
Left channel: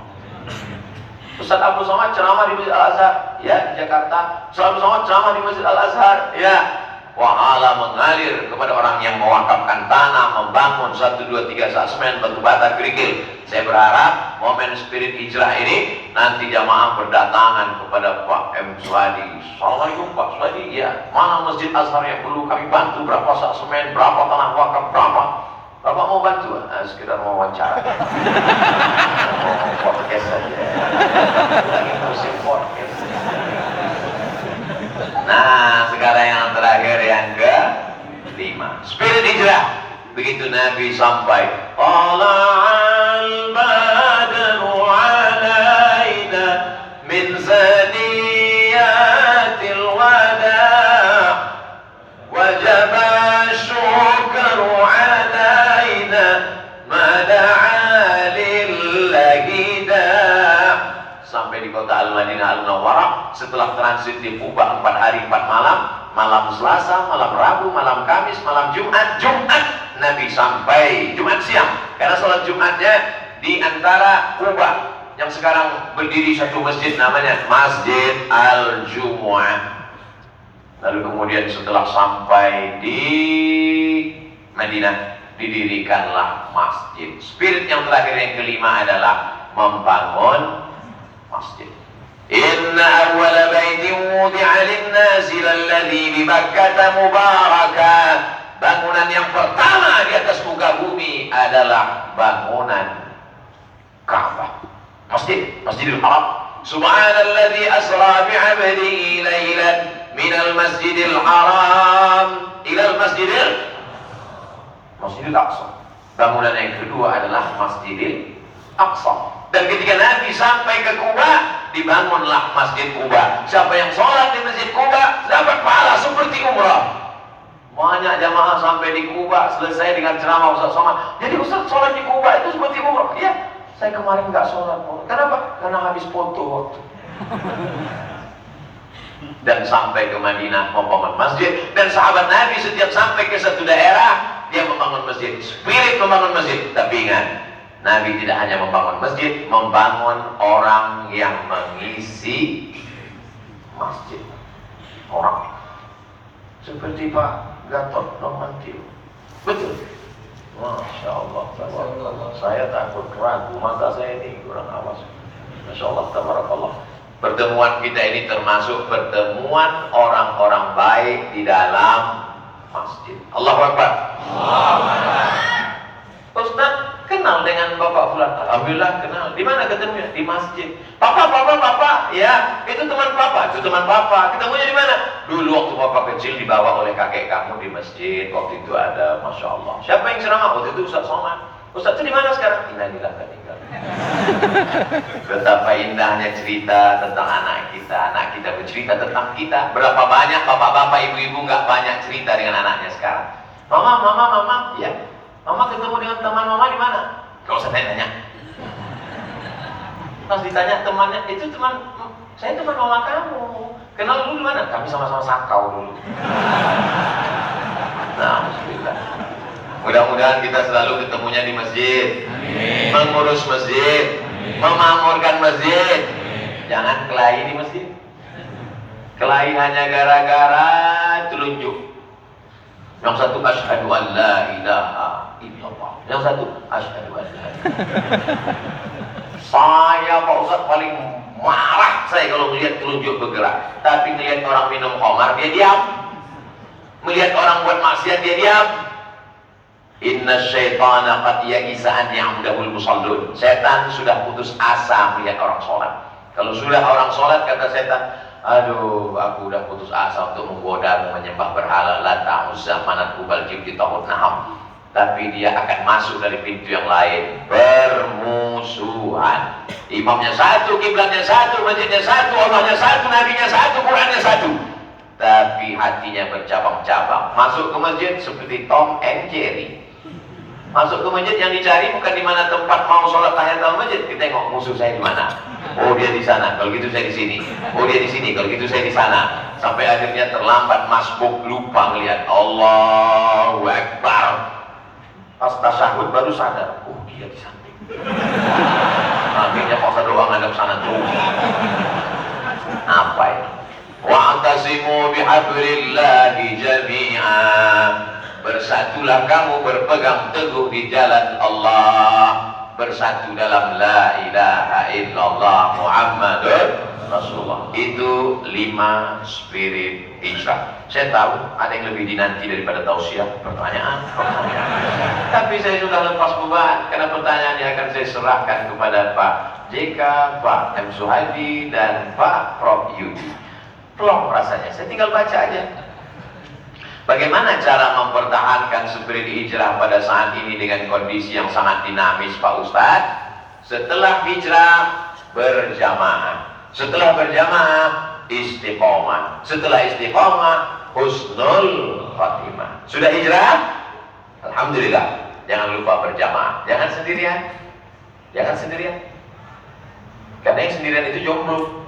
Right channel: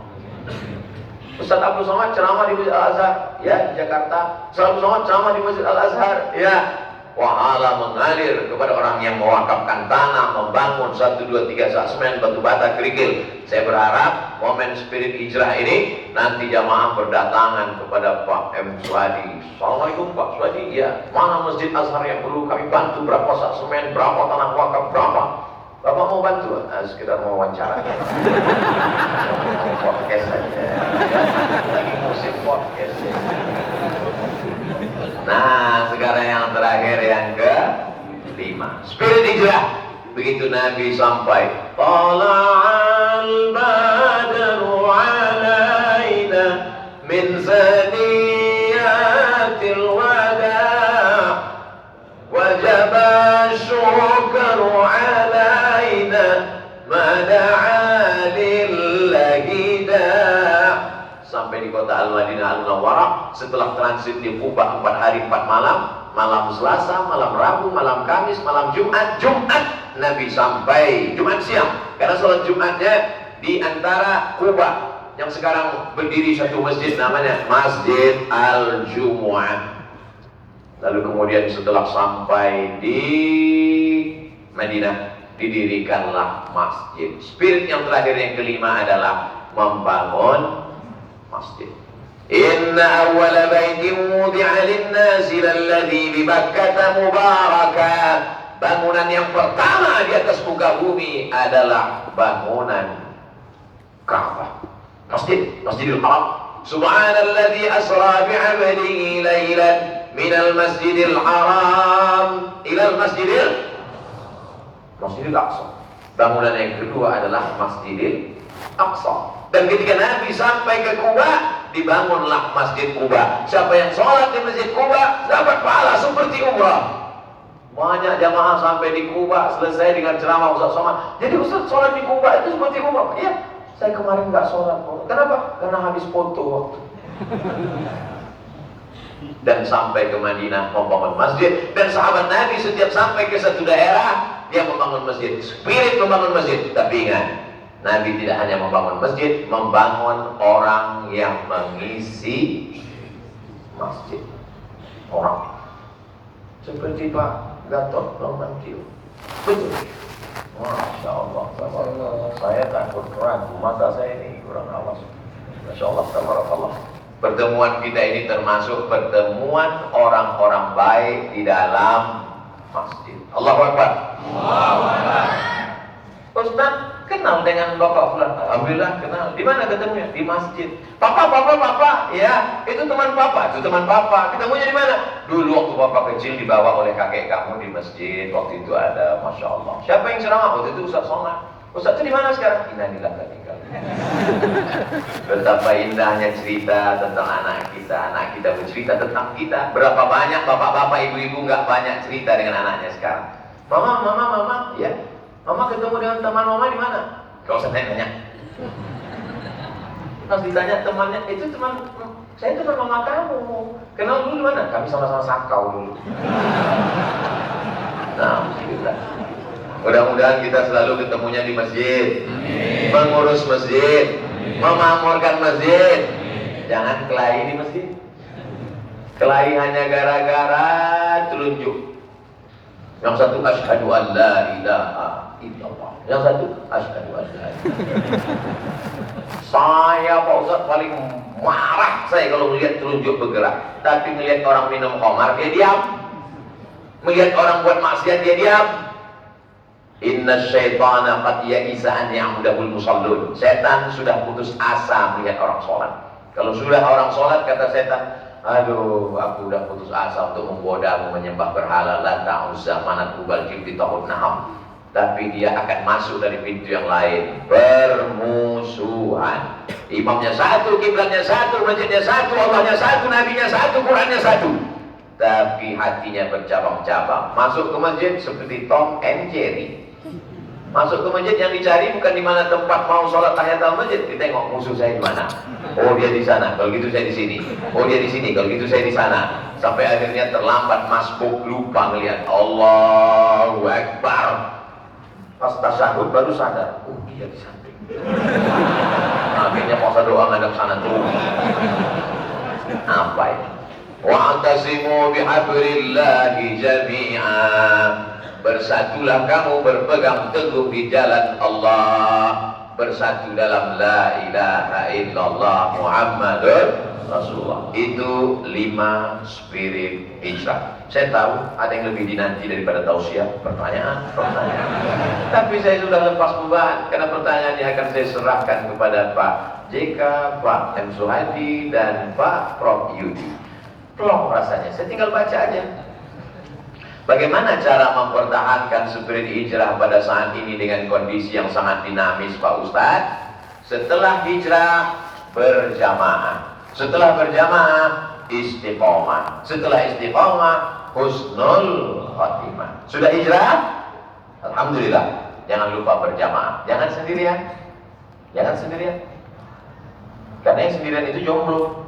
Ustaz Abu Somad ceramah di Masjid Al-Azhar, ya di Jakarta. Ustaz Abu Somad ceramah di Masjid Al-Azhar, ya. Wahala mengalir kepada orang yang mewakafkan tanah, membangun 1, 2, 3 semen, batu bata, kerikil. Saya berharap momen spirit hijrah ini nanti jamaah berdatangan kepada Pak M. Swadi. Assalamualaikum Pak Swadi, ya mana Masjid Azhar yang perlu kami bantu, berapa sak semen, berapa tanah wakaf, berapa? Bapak mau bantu? Sekedar mau wawancara. Podcast saja. Lagi musim podcast. Nah, sekarang yang terakhir yang ke-5, spirit hijrah. Begitu Nabi sampai, Tala'al badru alaina min zaniyatil wada' wajaba syukru alaina mada'a lillahi da'. Sampai di kota Al-Madinah Al-Munawwarah, setelah transit di Kuba 4 hari 4 malam, malam Selasa, malam Rabu, malam Kamis, malam Jumat, Nabi sampai Jumat siang, karena sholat Jumatnya di antara Kuba yang sekarang berdiri satu masjid namanya Masjid Al-Jumu'ah. Lalu kemudian setelah sampai di Madinah, didirikanlah masjid. Spirit yang terakhir yang kelima adalah membangun masjid. Inna awwala baitin wudi'a lin-nasi lalladzi bi Bakkah mubarakan. Bangunan yang pertama di atas muka bumi adalah bangunan Ka'bah. Masjidil Haram. Subhanalladzi asra bi'abdihi lailan minal masjidil haram ilal masjidil Aqsa. Bangunan yang kedua adalah Masjidil Aqsa. Dan ketika Nabi sampai ke Kuba, dibangunlah Masjid Kuba. Siapa yang sholat di Masjid Kuba dapat pahala seperti umrah. Banyak jamaah sampai di Kuba selesai dengan ceramah Ustaz Somad. Jadi Ustaz sholat di Kuba itu seperti umrah. Iya, saya kemarin nggak sholat. Kenapa? Karena habis foto waktu. Dan sampai ke Madinah membangun masjid. Dan sahabat Nabi setiap sampai ke satu daerah, dia membangun masjid. Spirit membangun masjid. Tapi ingat, Nabi tidak hanya membangun masjid, membangun orang yang mengisi masjid. Orang seperti Pak Gatot Nurmantio. Betul. Masya Allah, saya takut ragu, mata saya ini kurang awas. Masya Allah, tabarakallah. Pertemuan kita ini termasuk pertemuan orang-orang baik di dalam masjid. Allahu Akbar. Ustaz kenal dengan Bapak Fulan. Alhamdulillah kenal. Di mana ketemunya? Di masjid. Papa. Ya, itu teman Papa. Itu teman Papa. Ketemunya di mana? Dulu waktu Papa kecil dibawa oleh kakek kamu di masjid. Waktu itu ada, Masya Allah. Siapa yang ceramah? Waktu itu Ustaz Somad. Ustaz itu di mana sekarang? Innalillah wa inna ilaihi raji'un. Betapa indahnya cerita tentang anak kita bercerita tentang kita. Berapa banyak bapak-bapak, ibu-ibu nggak banyak cerita dengan anaknya sekarang. Mama, ya. Mama ketemu dengan teman mama di mana? Gak usah tanya. Pas ditanya temannya, itu saya teman mama kamu. Kenal dulu di mana? Kami sama-sama sakau dulu. Nah, alhamdulillah. Mudah-mudahan kita selalu ketemunya di masjid. Amin. Mengurus masjid. Amin. Memakmurkan masjid. Amin. Jangan kelahi di masjid. Kelahi hanya gara-gara telunjuk. Yang satu asyhadu an la ilaha illallah. Yang satu asyhadu an la ilaha illallah. Saya Pak Ustaz paling marah saya kalau melihat telunjuk bergerak. Tapi melihat orang minum khamar dia diam. Melihat orang buat maksiat dia diam. Inna syaitana qad ya'isa an ya'mudahul musallun. Setan sudah putus asa melihat orang sholat. Kalau sudah orang sholat, kata setan, aduh, aku udah putus asa untuk menggodamu menyembah berhala Lata, Uzza, Manat, Hubal, Jibti, Tahut, Naham. Tapi dia akan masuk dari pintu yang lain. Permusuhan. Imamnya satu, kiblatnya satu, masjidnya satu, Allahnya satu, nabinya satu, Qurannya satu. Tapi hatinya bercabang-cabang. Masuk ke masjid seperti Tom and Jerry. Masuk ke masjid yang dicari bukan di mana tempat mau sholat tahiyatul masjid. Kita tengok musuh saya di mana. Oh dia di sana. Kalau gitu saya di sini. Oh dia di sini. Kalau gitu saya di sana. Sampai akhirnya terlambat masbuk, lupa ngelihat Allahu Akbar. Pas tasyahud baru sadar. Oh dia di samping. Akhirnya masa doa ngadap sana terus. Apa ini? Wa'tasimu bihablillahi jami'a. Bersatulah kamu berpegang teguh di jalan Allah. Bersatu dalam la ilaha illallah Muhammadur Rasulullah. Itu 5 spirit hijrah. Saya tahu ada yang lebih dinanti daripada tausiah. Pertanyaan. Tapi saya sudah lepas beban. Karena pertanyaannya akan saya serahkan kepada Pak JK, Pak M. Suhadi, dan Pak Prof. Yudi. Plong rasanya, saya tinggal baca aja. Bagaimana cara mempertahankan spirit hijrah pada saat ini dengan kondisi yang sangat dinamis, Pak Ustadz? Setelah hijrah, berjamaah. Setelah berjamaah, istiqomah. Setelah istiqomah, husnul khotimah. Sudah hijrah? Alhamdulillah. Jangan lupa berjamaah. Jangan sendirian. Jangan sendirian. Karena yang sendirian itu jomblo.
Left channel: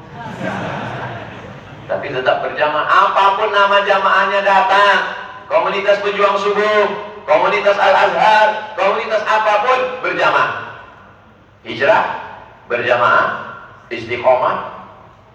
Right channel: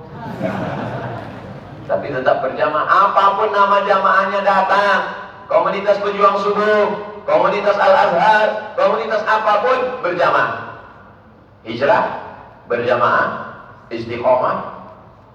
Tapi tetap berjamaah. Apapun nama jamaahnya datang. Komunitas pejuang subuh, komunitas Al-Azhar, komunitas apapun, berjamaah. Hijrah, berjamaah, istiqomah,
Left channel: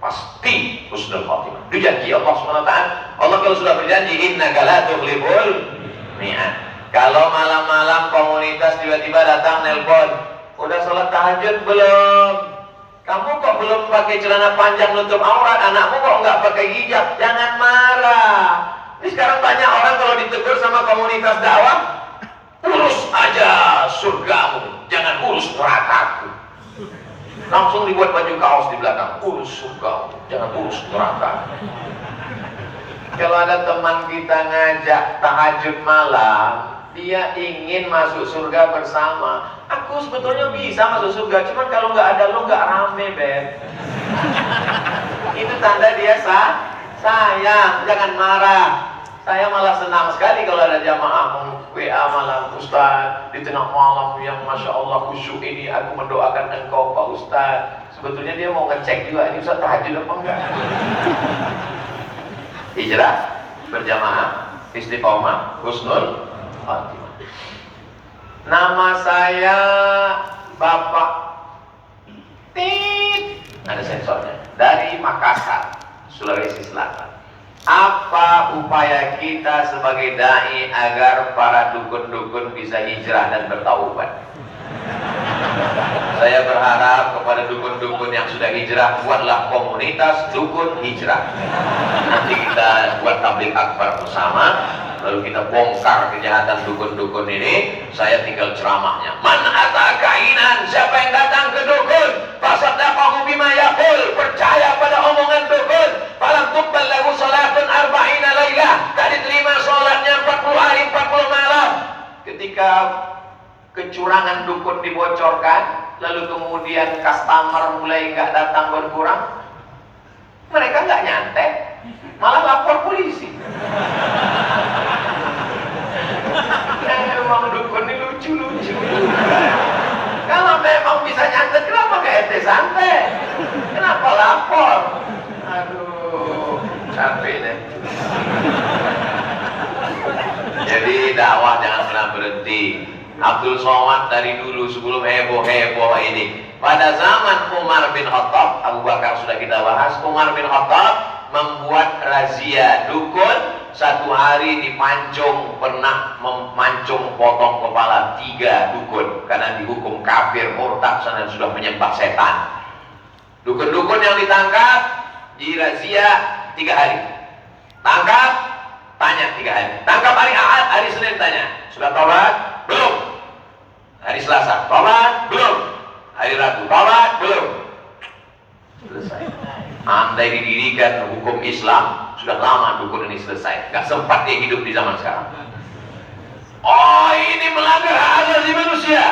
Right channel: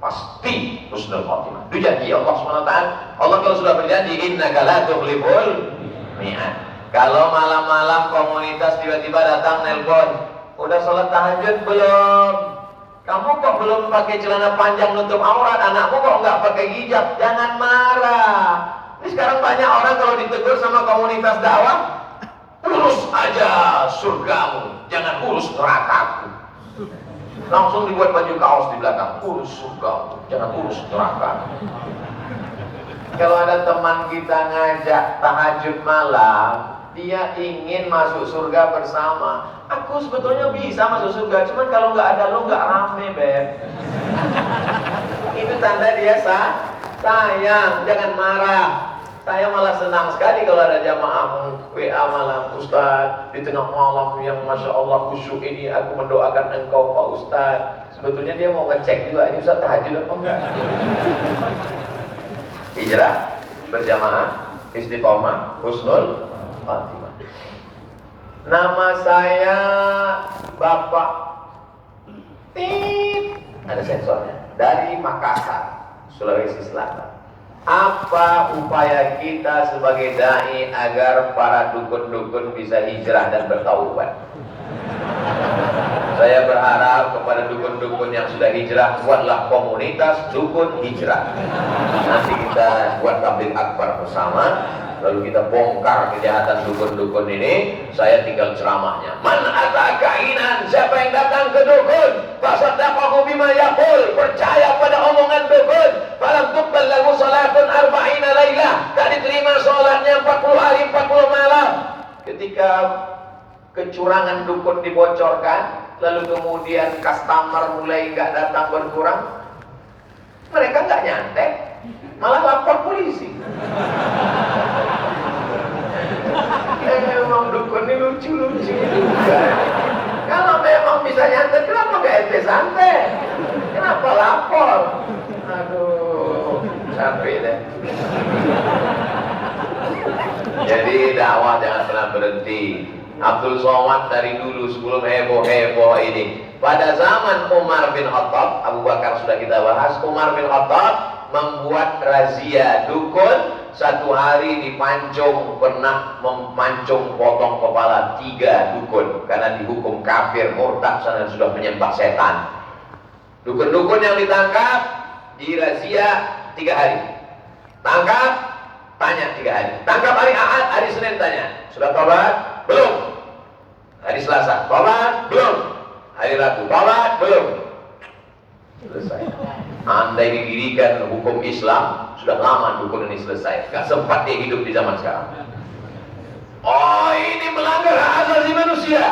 pasti husnul khotimah. Itu janji Allah SWT. Allah kalau sudah berjanji, innaka la tukhliful mi'ad. Kalau malam-malam komunitas tiba-tiba datang nelpon, udah sholat tahajud belum? Kamu kok belum pakai celana panjang nutup aurat, anakmu kok nggak pakai hijab? Jangan marah. Ini sekarang banyak orang kalau ditegur sama komunitas dakwah, urus aja surgamu, jangan urus nerakaku. Langsung dibuat baju kaos di belakang, urus surgamu, jangan urus neraka. Kalau ada teman kita ngajak tahajud malam, dia ingin masuk surga bersama. Aku sebetulnya bisa masuk surga, cuman kalau nggak ada lu nggak rame, Beb. Itu tanda dia sayang, jangan marah. Saya malah senang sekali kalau ada jamaah WA malam, Ustaz, di tengah malam yang Masya Allah khusyuk ini, aku mendoakan engkau Pak Ustaz. Sebetulnya dia mau ngecek juga, ini Ustaz tahajud apa enggak? Hijrah, berjamaah, istiqomah, husnul khotimah. Nama saya Bapak Tit, ada sensornya, dari Makassar, Sulawesi Selatan. Apa upaya kita sebagai dai agar para dukun-dukun bisa hijrah dan bertaubat? Saya berharap kepada dukun-dukun yang sudah hijrah, buatlah komunitas dukun hijrah. Nanti kita buat tabligh akbar bersama, lalu kita bongkar kejahatan dukun-dukun ini. Saya tinggal ceramahnya. Man ata kainan, siapa yang datang ke dukun, fasaddaqahu bima yaqul, percaya pada omongan dukun, falam tuqbal lahu salatun arba'ina lailah, tak diterima salatnya 40 hari 40 malam. Ketika kecurangan dukun dibocorkan, lalu kemudian customer mulai nggak datang berkurang, mereka nggak nyantet, malah lapor polisi. Emang dukun ini lucu-lucu. Kalau memang bisa nyantet, kenapa nggak ente santet? Kenapa lapor? Aduh, capek deh. Jadi dakwah jangan pernah berhenti. Abdul Somad dari dulu sebelum heboh-heboh ini, pada zaman Umar bin Khattab, Abu Bakar sudah kita bahas, Umar bin Khattab membuat razia dukun. Satu hari dipancung, pernah memancung potong kepala 3 dukun karena dihukum kafir murtad karena sudah menyembah setan. Dukun-dukun yang ditangkap dirazia 3 hari. Tangkap, tanya 3 hari. Tangkap hari Ahad, hari Senin tanya, sudah tobat? Belum. Hari Selasa, tobat? Belum. Hari Rabu, tobat? Belum. Selesai. Andai didirikan hukum Islam, sudah lama dukun ini selesai. Gak sempat dia hidup di zaman sekarang. Oh, ini melanggar hak asasi manusia.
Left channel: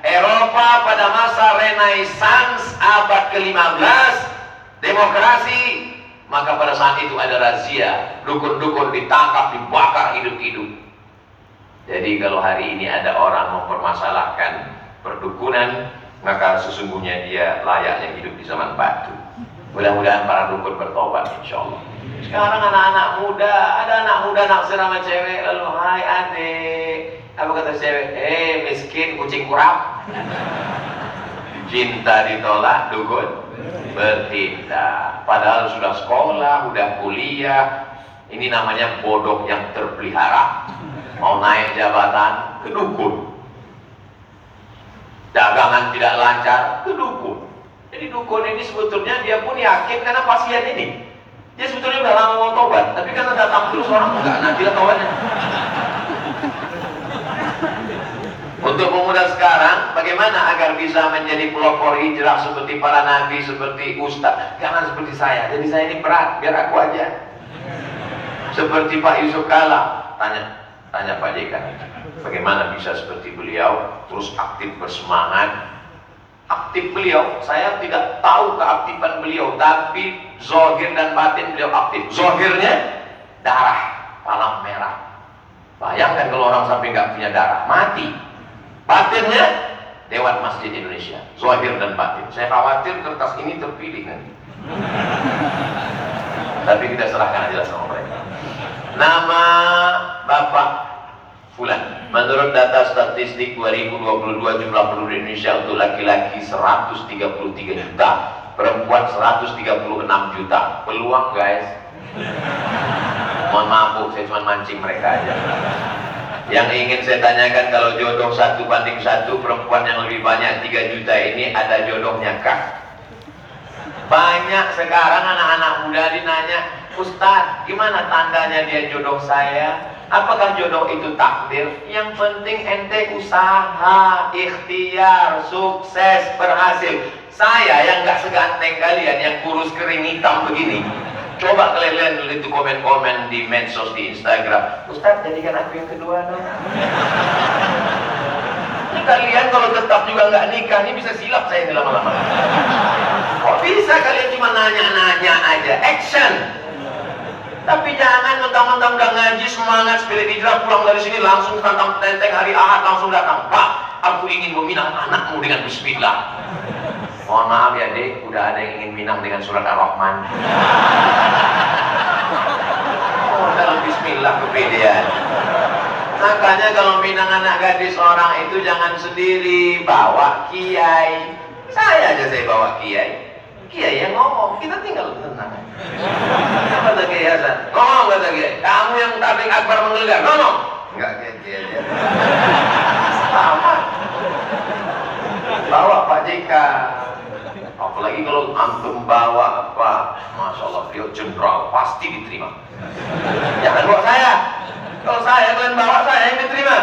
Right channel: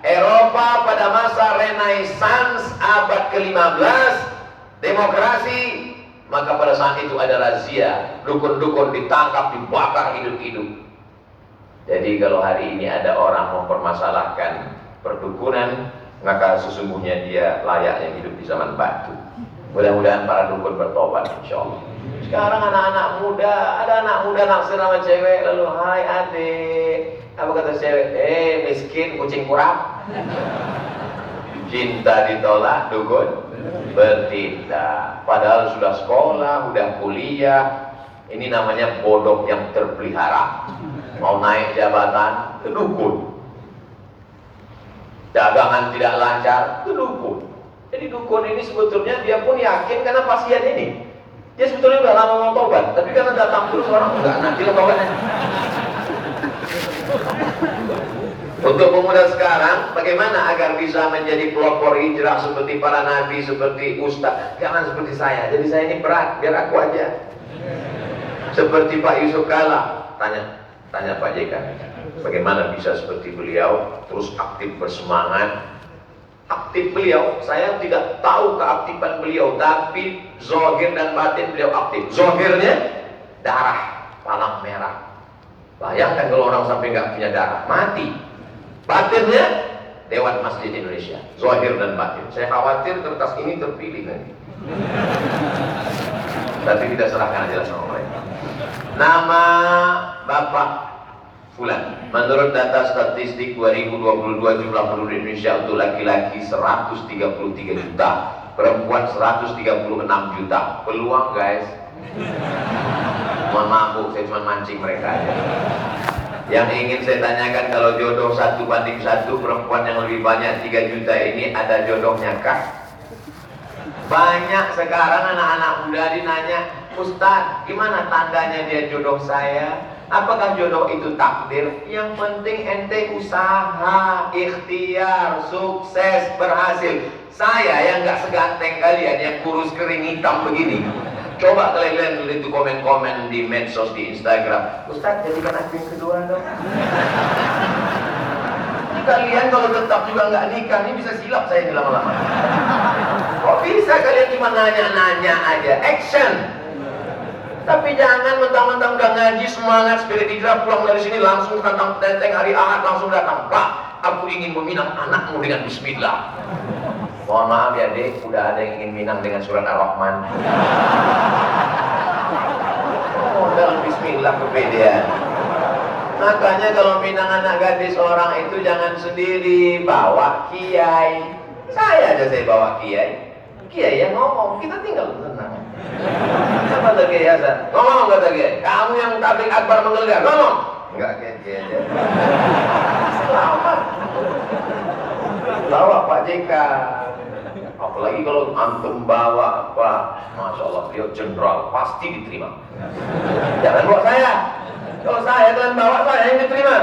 Eropa pada masa Renaissance abad ke-15, demokrasi, maka pada saat itu ada razia, dukun-dukun ditangkap, dibakar hidup-hidup. Jadi kalau hari ini ada orang mempermasalahkan perdukunan, maka sesungguhnya dia layaknya hidup di zaman batu. Mudah-mudahan para dukun bertobat, insya Allah. Sekarang anak-anak muda, ada anak muda naksir sama cewek, lalu hai adik, apa kata cewek? Miskin kucing kurap. Cinta ditolak, dukun bertindak. Padahal sudah sekolah, udah kuliah. Ini namanya bodoh yang terpelihara. Mau naik jabatan, ke dukun. Dagangan tidak lancar, ke dukun. Jadi dukun ini sebetulnya dia pun yakin karena pasien ini. Dia sebetulnya udah lama mau tobat, tapi karena datang terus orang enggak, nanti lah tobatnya. Untuk pemuda sekarang, bagaimana agar bisa menjadi pelopor hijrah seperti para nabi, seperti ustaz? Jangan seperti saya. Jadi saya ini berat, biar aku aja. Seperti Pak Yusuf Kala, tanya Pak JK, bagaimana bisa seperti beliau terus aktif bersemangat. Aktif beliau, saya tidak tahu keaktifan beliau, tapi zahir dan batin beliau aktif. Zahirnya darah, palang merah. Bayangkan kalau orang sampai nggak punya darah, mati. Batinnya Dewan Masjid Indonesia, zahir dan batin. Saya khawatir kertas ini terpilih nanti. Tapi kita serahkan aja sama mereka. Nama Bapak Fulan. Menurut data statistik 2022 jumlah penduduk Indonesia untuk laki-laki 133 juta, perempuan 136 juta. Peluang guys. Mohon maaf Bu, saya cuma mancing mereka aja. Yang ingin saya tanyakan, kalau jodoh 1:1, perempuan yang lebih banyak 3 juta ini ada jodohnya kah? Banyak sekarang anak-anak muda dinanya, Ustadz, gimana tandanya dia jodoh saya? Apakah jodoh itu takdir? Yang penting ente usaha, ikhtiar, sukses, berhasil. Saya yang gak seganteng kalian, yang kurus kering hitam begini, coba kalian lihat itu komen-komen di medsos, di Instagram, Ustadz jadikan aku yang kedua dong. Ini kalian kalau tetap juga nggak nikah, ini bisa silap saya di lama-lama. Kok bisa kalian cuma nanya-nanya aja, action. Tapi jangan mentang-mentang udah ngaji semangat spirit hijrah, pulang dari sini langsung tantang tenteng hari Ahad langsung datang, Pak, aku ingin meminang anakmu dengan bismillah. Mohon maaf ya dek, udah ada yang ingin minang dengan surat Ar-Rahman. Oh, dalam bismillah kepedean. Makanya kalau minang anak gadis orang itu jangan sendiri, bawa kiai. Saya aja saya bawa kiai. Kiai yang ngomong, kita tinggal tenang. Apa kata kiai Hasan? Ngomong kata kiai, kamu yang tabligh akbar menggelegar, ngomong. Enggak kiai aja. Bawa Pak JK. Apalagi kalau antum bawa apa, Masya Allah, beliau jenderal, pasti diterima. Jangan bawa saya. Kalau saya kalian bawa saya yang diterima.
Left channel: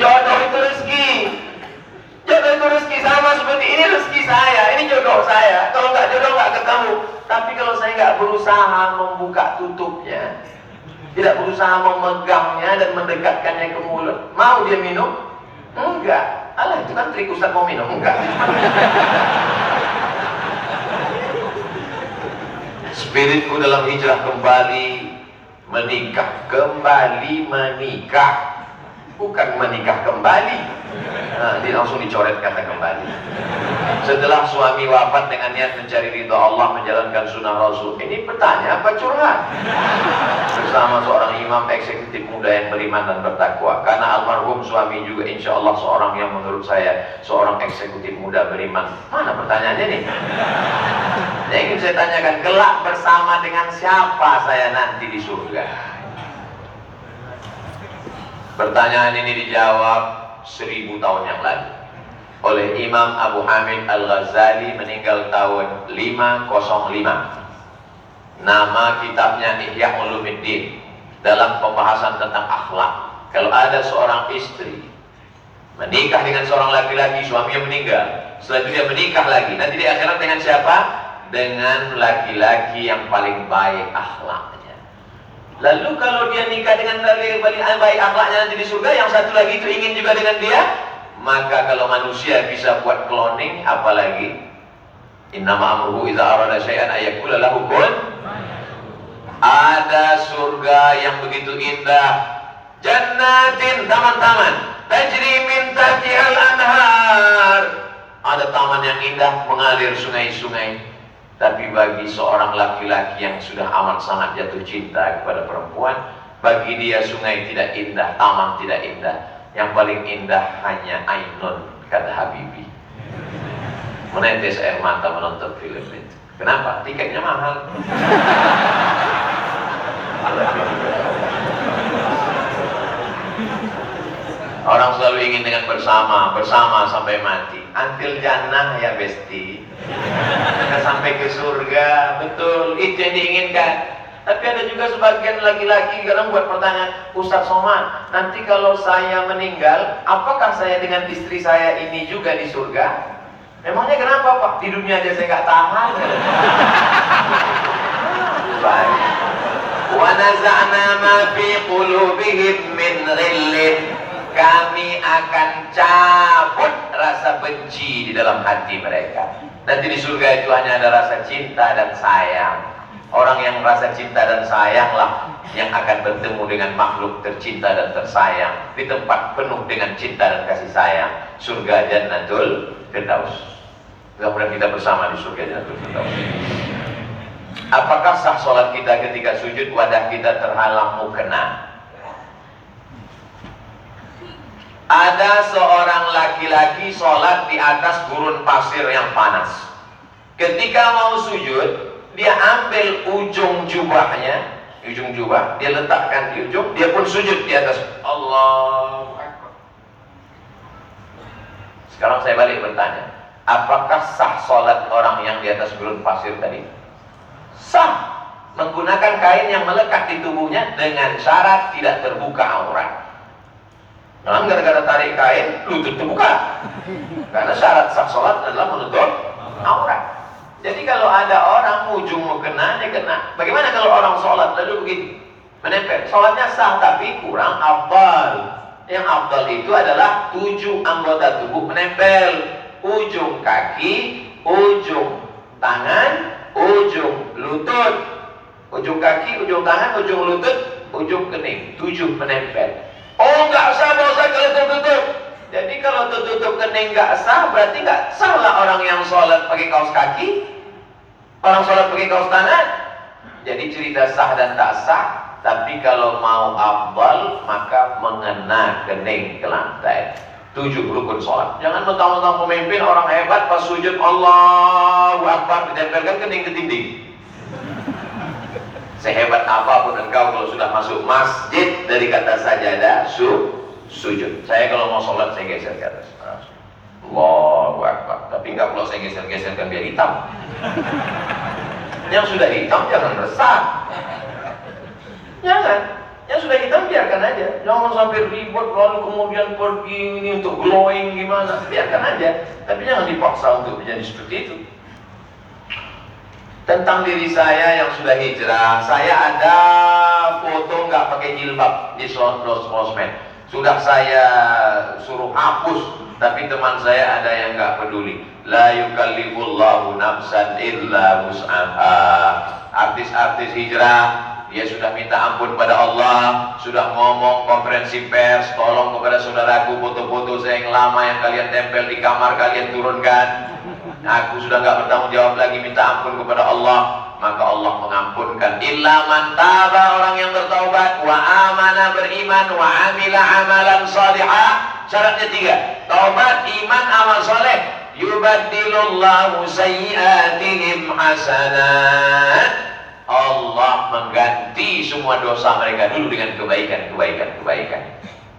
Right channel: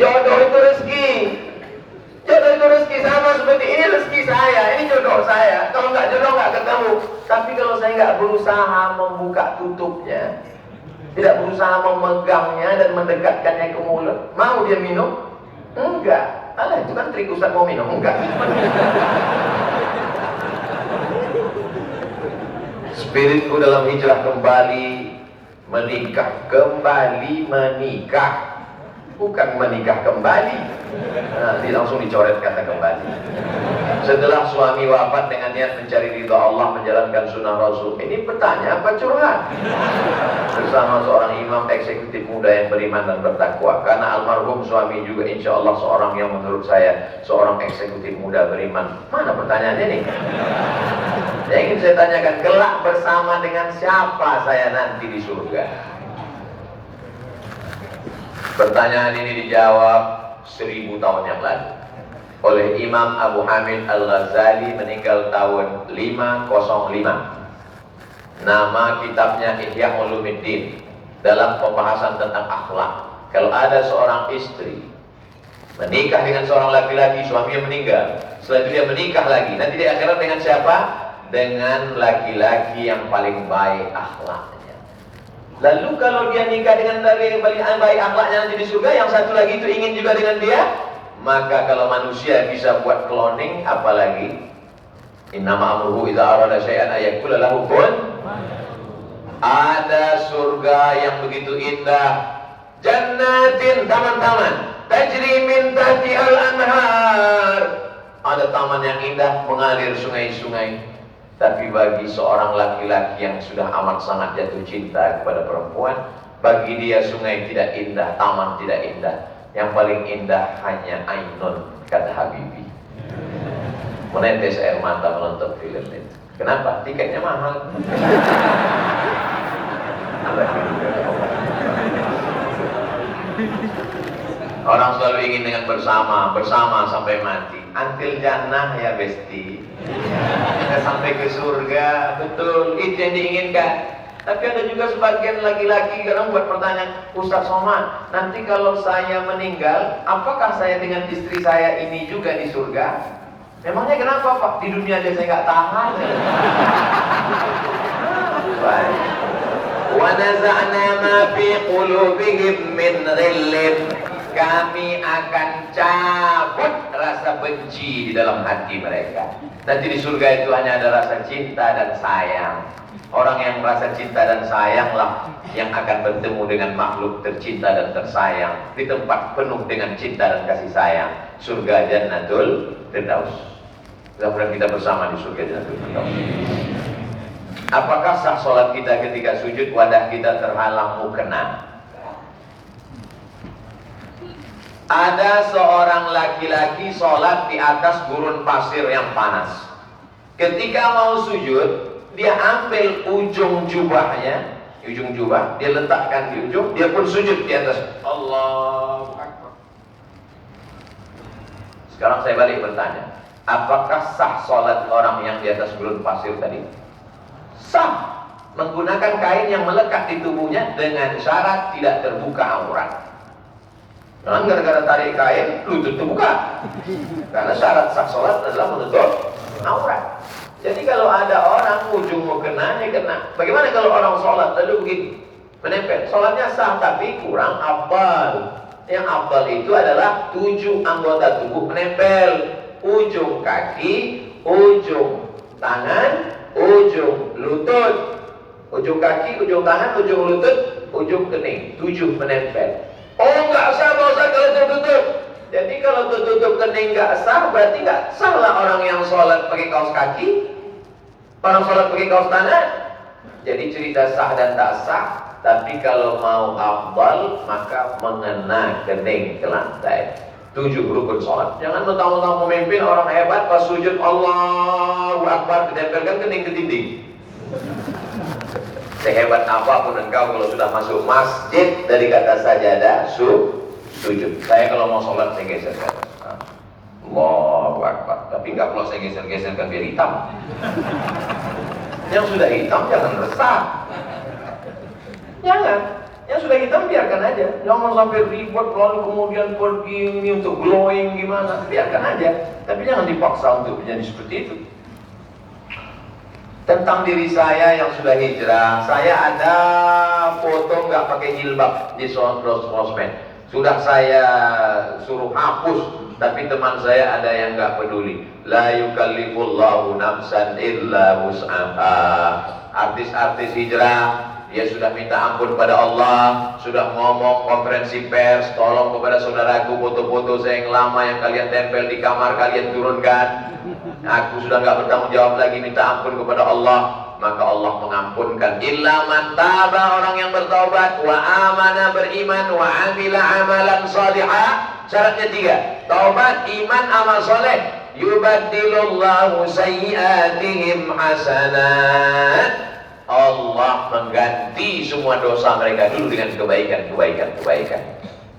Jodoh itu rezeki. Jodoh itu rezeki, sama seperti ini rezeki saya, ini jodoh saya. Kalau nggak jodoh nggak ketemu. Tapi kalau saya nggak berusaha membuka tutupnya, tidak berusaha memegangnya dan mendekatkannya ke mulut, mau dia minum? Enggak. Alah, itu kan trik Ustaz mau minum, enggak. Spiritku dalam hijrah kembali menikah, bukan menikah kembali. Nah, dia langsung dicoret kata kembali. Setelah suami wafat dengan niat mencari ridha Allah, menjalankan sunnah Rasul. Ini bertanya apa curhat? Bersama seorang imam eksekutif muda yang beriman dan bertakwa. Karena almarhum suami juga insya Allah seorang yang menurut saya seorang eksekutif muda beriman. Mana pertanyaannya nih? Yang ingin saya tanyakan, kelak bersama dengan siapa saya nanti di surga? Pertanyaan ini dijawab 1000 tahun yang lalu oleh Imam Abu Hamid Al-Ghazali, meninggal tahun 505. Nama kitabnya Ihya Ulumuddin. Dalam pembahasan tentang akhlak, kalau ada seorang istri menikah dengan seorang laki-laki, suaminya meninggal, setelah itu dia menikah lagi, nanti di akhirat dengan siapa? Dengan laki-laki yang paling baik akhlaknya. Lalu kalau dia nikah dengan laki-laki paling baik akhlaknya nanti di surga, yang satu lagi itu ingin juga dengan dia, maka kalau manusia bisa buat cloning, apalagi innama amruhu idza arada syai'an ayaqula lahu kun. Ada surga yang begitu indah, jannatin, taman-taman, tajri min tahtihal anhar. Ada taman yang indah, mengalir sungai-sungai. Tapi bagi seorang laki-laki yang sudah amat sangat jatuh cinta kepada perempuan, bagi dia sungai tidak indah, taman tidak indah. Yang paling indah hanya ainun, kata Habibie. Menetes air mata menonton film itu. Kenapa? Tiketnya mahal. Orang selalu ingin dengan bersama sampai mati. Until jannah ya besti. Kita sampai ke surga, betul. Itu yang diinginkan. Tapi ada juga sebagian laki-laki kadang buat pertanyaan, Ustaz Somad, nanti kalau saya meninggal, apakah saya dengan istri saya ini juga di surga? Memangnya kenapa Pak? Di dunia aja saya nggak tahan. Wa naza'na ma fi qulubihim min ghillin. Kami akan cabut rasa benci di dalam hati mereka. Nanti di surga itu hanya ada rasa cinta dan sayang. Orang yang merasa cinta dan sayanglah yang akan bertemu dengan makhluk tercinta dan tersayang di tempat penuh dengan cinta dan kasih sayang. Surga Jannatul Firdaus. Mudah-mudahan kita bersama di surga Jannatul Firdaus. Apakah sah sholat kita ketika sujud wadah kita terhalang mukena? Ada seorang laki-laki sholat di atas gurun pasir yang panas. Ketika mau sujud, dia ambil ujung jubahnya, dia letakkan di ujung, dia pun sujud di atas. Allahu Akbar. Sekarang saya balik bertanya, apakah sah sholat orang yang di atas gurun pasir tadi? Sah, menggunakan kain yang melekat di tubuhnya dengan syarat tidak terbuka aurat. Memang gara-gara tarik kain, lutut terbuka. Karena syarat sah sholat adalah menutup aurat. Jadi kalau ada orang ujung mau kena, dia kena. Bagaimana kalau orang sholat lalu begini, menempel? Sholatnya sah tapi kurang afdal. Yang afdal itu adalah 7 anggota tubuh menempel. Ujung kaki, ujung tangan, ujung lutut. Ujung kaki, ujung tangan, ujung lutut, ujung kening. 7 menempel. Oh nggak sah Pak Ustaz kalau tertutup. Jadi kalau tertutup kening nggak sah, berarti nggak sah lah orang yang sholat pakai kaos kaki, orang sholat pakai kaos tangan. Jadi cerita sah dan tak sah. Tapi kalau mau afdal maka mengena kening ke lantai. 7 rukun sholat. Jangan mentang-mentang pemimpin orang hebat pas sujud Allahu Akbar ditempelkan kening ke dinding. Sehebat apapun engkau kalau sudah masuk masjid dari kata sajadah sujud. Saya kalau mau sholat saya geser ke atas. Allahu Akbar. Tapi enggak pula saya geser-geserkan biar hitam. Yang sudah hitam jangan resah. Jangan. Yang sudah hitam biarkan aja. Jangan sampai ribet lalu kemudian pergi ini untuk glowing gimana. Biarkan aja. Tapi jangan dipaksa untuk menjadi seperti itu. Tentang diri saya yang sudah hijrah, saya ada foto nggak pakai jilbab di sosmed. Sudah saya suruh hapus, tapi teman saya ada yang nggak peduli. La yukallifullahu nafsan illa wus'aha. Artis-artis hijrah, dia sudah minta ampun pada Allah, sudah ngomong konferensi pers, tolong kepada saudaraku foto-foto saya yang lama yang kalian tempel di kamar kalian turunkan. Aku sudah nggak bertanggung jawab lagi, minta ampun kepada Allah. Maka Allah mengampunkan. Illa man taba, orang yang bertaubat, wa amana, beriman, wa amila amalan salihah. Syaratnya 3, taubat, iman, amal soleh. Yubaddilullahu sayyi'atihim hasanat. Allah mengganti semua dosa mereka dulu dengan kebaikan.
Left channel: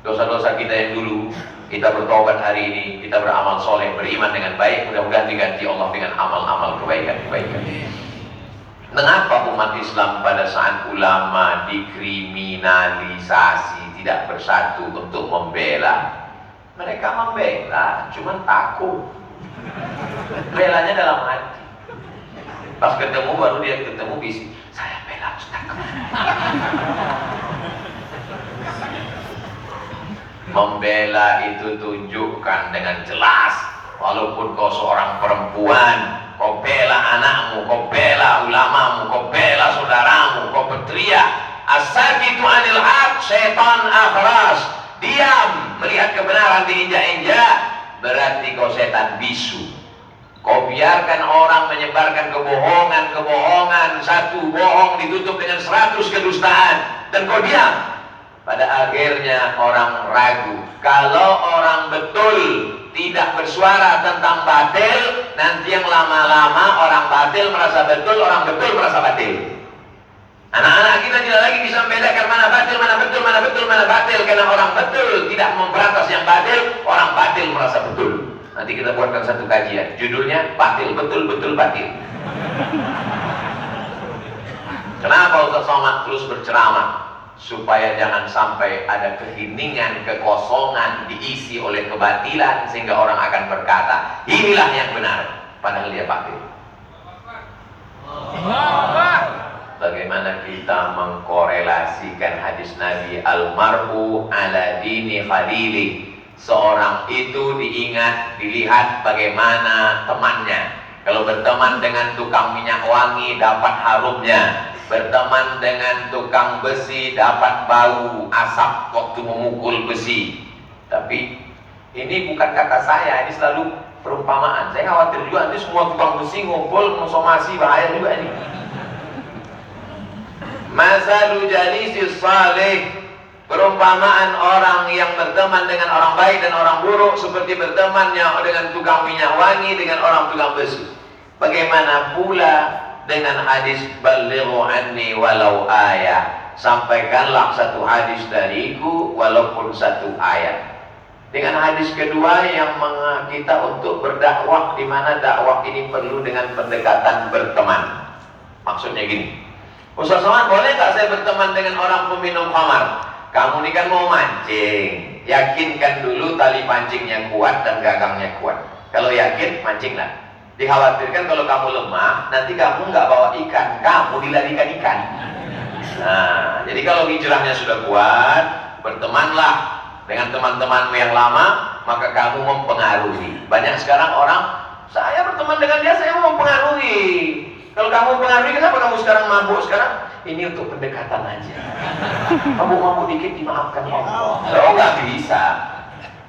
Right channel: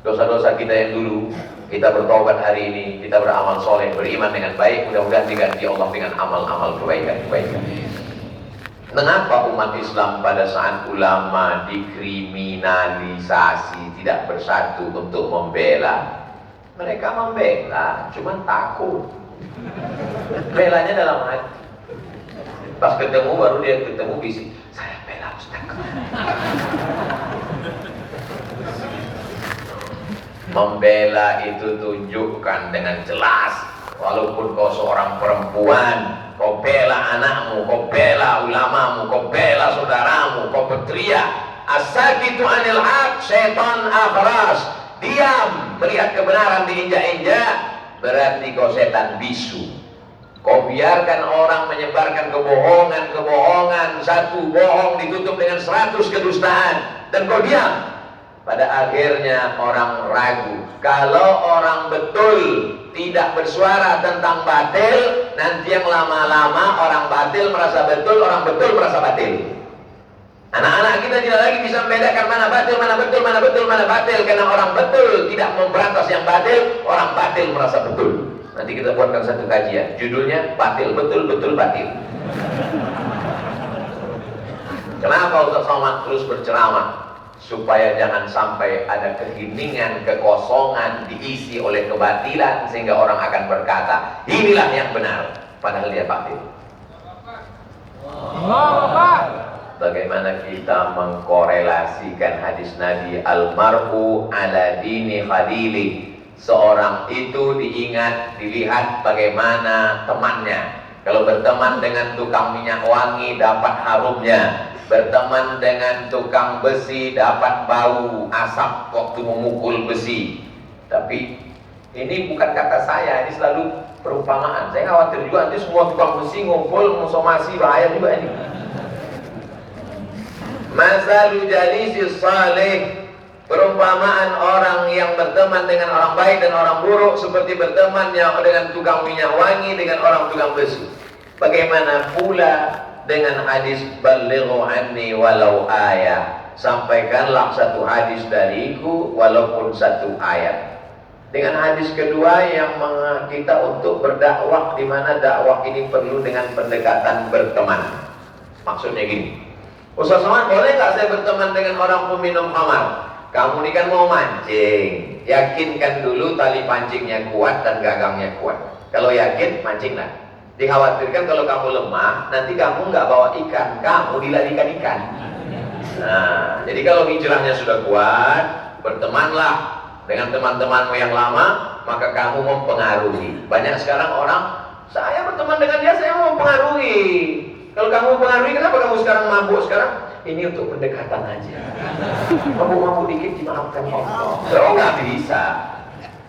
Dosa-dosa kita yang dulu, kita bertobat hari ini, kita beramal soleh, beriman dengan baik, mudah-mudahan diganti Allah dengan amal-amal kebaikan. Mengapa umat Islam pada saat ulama dikriminalisasi tidak bersatu untuk membela? Mereka membela, cuman takut. Belanya dalam hati. Pas ketemu baru dia ketemu bisik, saya bela Ustaz. Membela itu tunjukkan dengan jelas. Walaupun kau seorang perempuan, kau bela anakmu, kau bela ulamamu, kau bela saudaramu, kau berteriak as-sakitu anil haq syaitan akhras. Diam melihat kebenaran diinjak-injak, berarti kau setan bisu. Kau biarkan orang menyebarkan kebohongan, satu bohong ditutup dengan 100 kedustaan, dan kau diam. Pada akhirnya orang ragu. Kalau orang betul tidak bersuara tentang batil, nanti yang lama-lama orang batil merasa betul, orang betul merasa batil. Anak-anak kita tidak lagi bisa membedakan mana batil, mana batil. Karena orang betul tidak memberantas yang batil, orang batil merasa betul. Nanti kita buatkan satu kajian, judulnya batil, betul, batil. Kenapa Ustaz Somad terus berceramah? Supaya jangan sampai ada keheningan, kekosongan diisi oleh kebatilan, sehingga orang akan berkata inilah yang benar, padahal dia batil. Bagaimana kita mengkorelasikan hadis Nabi al-mar'u ala dini khalili? Seorang itu diingat, dilihat bagaimana temannya. Kalau berteman dengan tukang minyak wangi dapat harumnya, berteman dengan tukang besi dapat bau asap waktu memukul besi. Tapi ini bukan kata saya, ini selalu perumpamaan. Saya khawatir juga nanti semua tukang besi ngumpul mensomasi, bahaya juga ini. Masalu jalisis salih, perumpamaan orang yang berteman dengan orang baik dan orang buruk seperti bertemannya dengan tukang minyak wangi dengan orang tukang besi. Bagaimana pula dengan hadis balighu anni walau ayat, sampaikanlah satu hadis dariku walaupun satu ayat. Dengan hadis kedua yang kita untuk berdakwah, di mana dakwah ini perlu dengan pendekatan berteman. Maksudnya gini, Ustaz Somad, boleh nggak saya berteman dengan orang peminum khamar? Kamu ini kan mau mancing, yakinkan dulu tali pancingnya kuat dan gagangnya kuat. Kalau yakin, mancinglah. Dikhawatirkan kalau kamu lemah, nanti kamu nggak bawa ikan, kamu dilarikan ikan. Nah, jadi kalau hijrahnya sudah kuat, bertemanlah dengan teman-temanmu yang lama, maka kamu mempengaruhi. Banyak sekarang orang, saya berteman dengan dia, saya mau mempengaruhi. Kalau kamu mempengaruhi, kenapa kamu sekarang mabuk sekarang? Ini untuk pendekatan aja. Mabuk-mabuk dikit dimaafkan Allah. Oh, nggak bisa.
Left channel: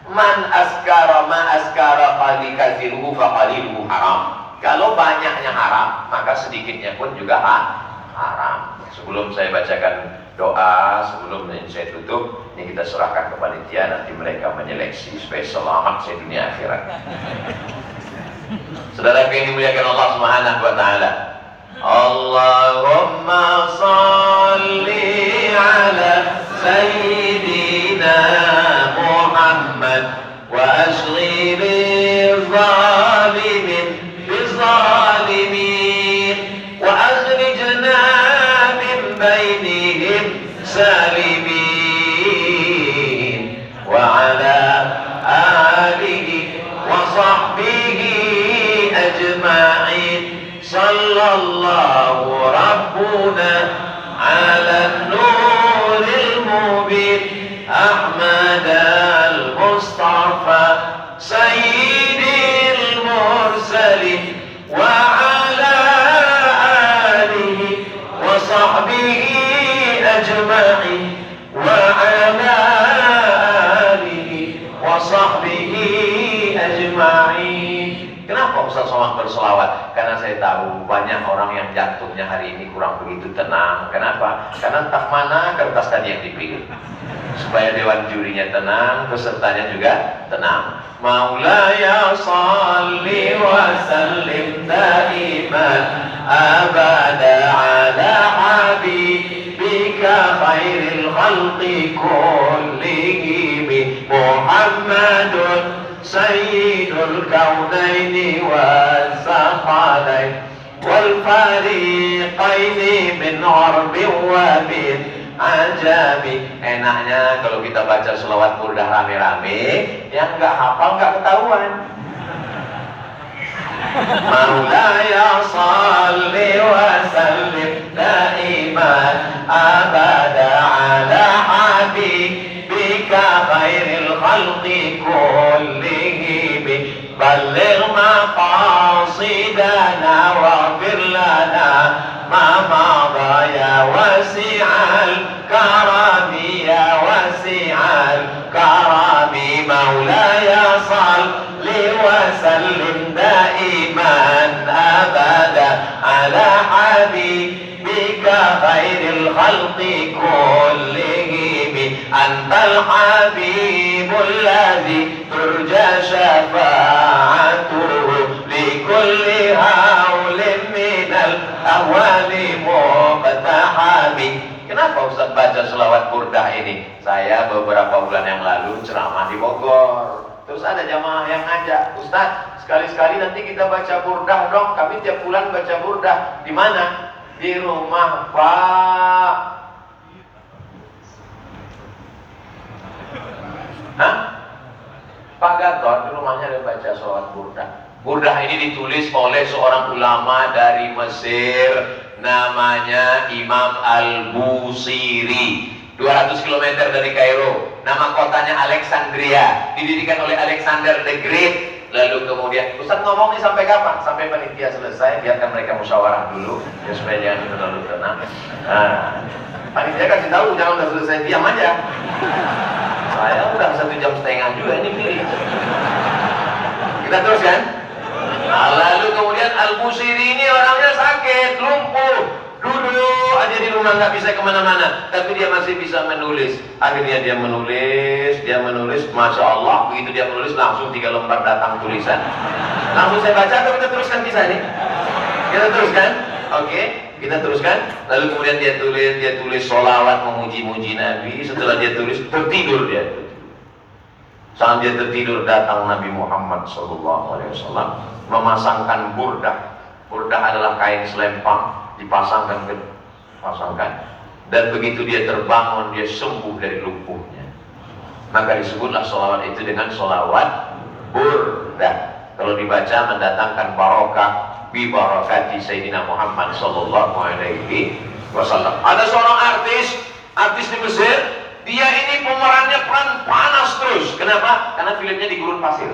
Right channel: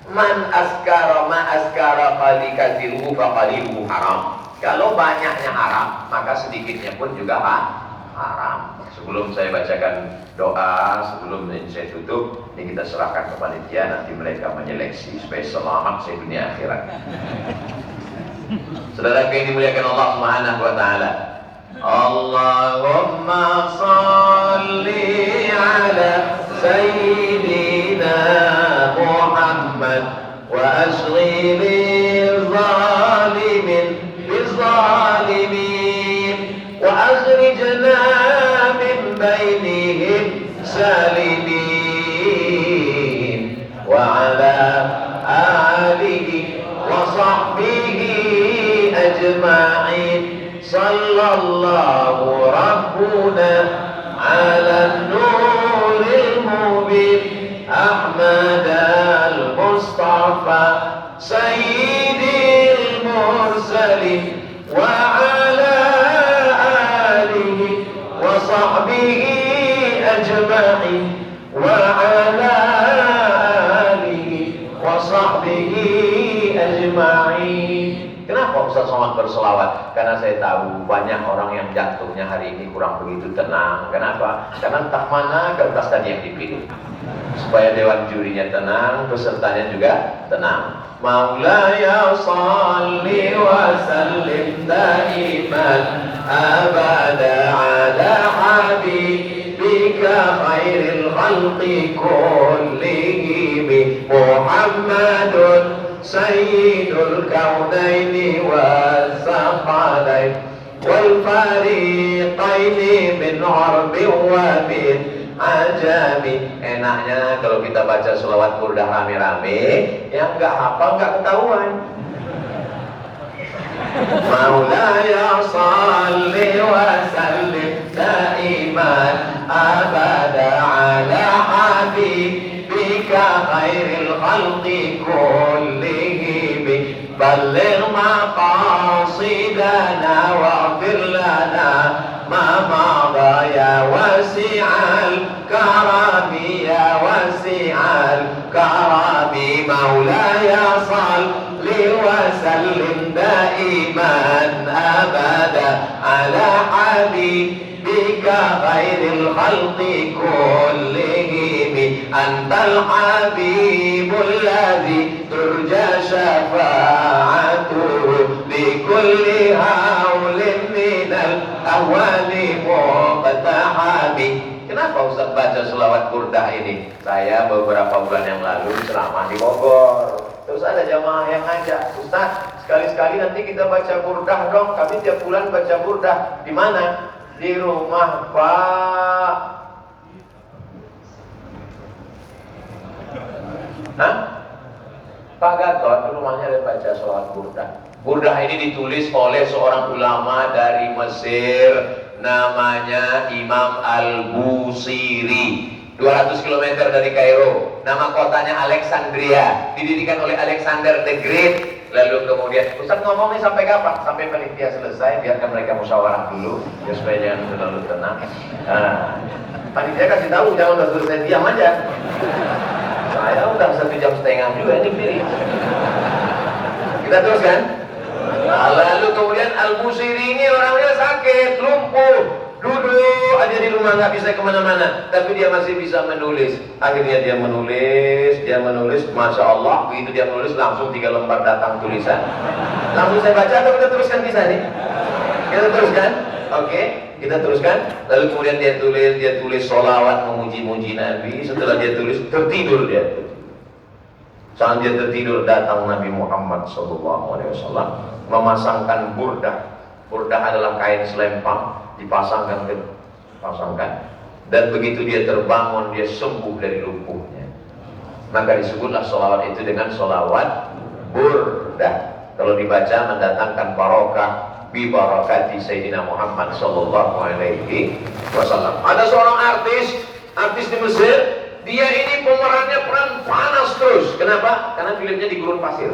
Man askara ma askara qali kathiruhu fa qaliluhu haram. Kalau banyaknya haram, maka sedikitnya pun juga haram. Sebelum saya bacakan doa, sebelum saya tutup, ini kita serahkan ke panitia, nanti mereka menyeleksi supaya selamat sedunia akhirat. Saudara yang dimuliakan Allah Subhanahu wa taala. Allahumma سالمين وعلى آله وصحبه أجمعين صلى الله ربنا على النور المبين أحمد المصطفى سيد المرسلين وعلى آله وصحبه أجمعين وعلى آله وصحبه أجمعين. Kenapa Ustaz Somad berselawat? Karena saya tahu banyak orang yang jantungnya hari ini kurang begitu tenang. Kenapa? Karena entah mana kertas tadi yang dipilih. Supaya dewan jurinya tenang, pesertanya juga tenang. Maulaya salli wa sallim daiman abada ala habibika khairil khalqi kullihim Muhammadun sayyidul kaunaini was-saqalain wal fariqaini min arbin wa min ajami. Enaknya kalau kita baca selawat burdah rame-rame, yang nggak hafal nggak ketahuan. Maulaya salli wa sallim daiman abada ala habibika khairil khalqi kullihim balligh maqasidana waghfir lana ma madha ya wasi'al karami ya wasi'al karami maulaya salli wa sallim daiman abada ala habibika khairil khalqi kullihim antal habibul ladzi turja syafa'atuhu likulli haulin minal ahwali muqtahami. Kenapa Ustaz baca selawat burdah ini? Saya beberapa bulan yang lalu ceramah di Bogor. Terus ada jamaah yang ngajak, Ustaz, sekali-sekali nanti kita baca burdah dong. Kami tiap bulan baca burdah. Di mana? Di rumah Pak. Hah? Pak Gatot, di rumahnya ada baca selawat burdah. Burdah ini ditulis oleh seorang ulama dari Mesir, namanya Imam Al-Busiri, 200 km dari Kairo. Nama kotanya Alexandria, didirikan oleh Alexander the Great. Lalu kemudian, Ustaz ngomong nih sampai kapan? Sampai panitia selesai, biarkan mereka musyawarah dulu, ya supaya jangan terlalu tenang. Nah, panitia kasih tahu, jangan udah selesai diam aja. Saya udah 1,5 jam juga ini berdiri. Kita teruskan. Nah, lalu kemudian Al-Busiri ini orangnya sakit, lumpuh, duduk aja di rumah, nggak bisa kemana-mana, tapi dia masih bisa menulis. Akhirnya dia menulis, Masya Allah, begitu dia menulis langsung 3 lembar datang tulisan. Langsung saya baca atau kita teruskan kisah nih? Kita teruskan, oke, kita teruskan. Lalu kemudian dia tulis sholawat memuji-muji Nabi. Setelah dia tulis, tertidur dia. Saat dia tertidur, datang Nabi Muhammad SAW memasangkan burdah. Burdah adalah kain selempang, dipasangkan, dan begitu dia terbangun, dia sembuh dari lumpuhnya. Maka disebutlah sholawat itu dengan sholawat burdah. Kalau dibaca mendatangkan barokah, bi barakati Sayyidina Muhammad SAW. Ada seorang artis di Mesir. Dia ini pemerannya peran panas terus. Kenapa? Karena filmnya di gurun pasir.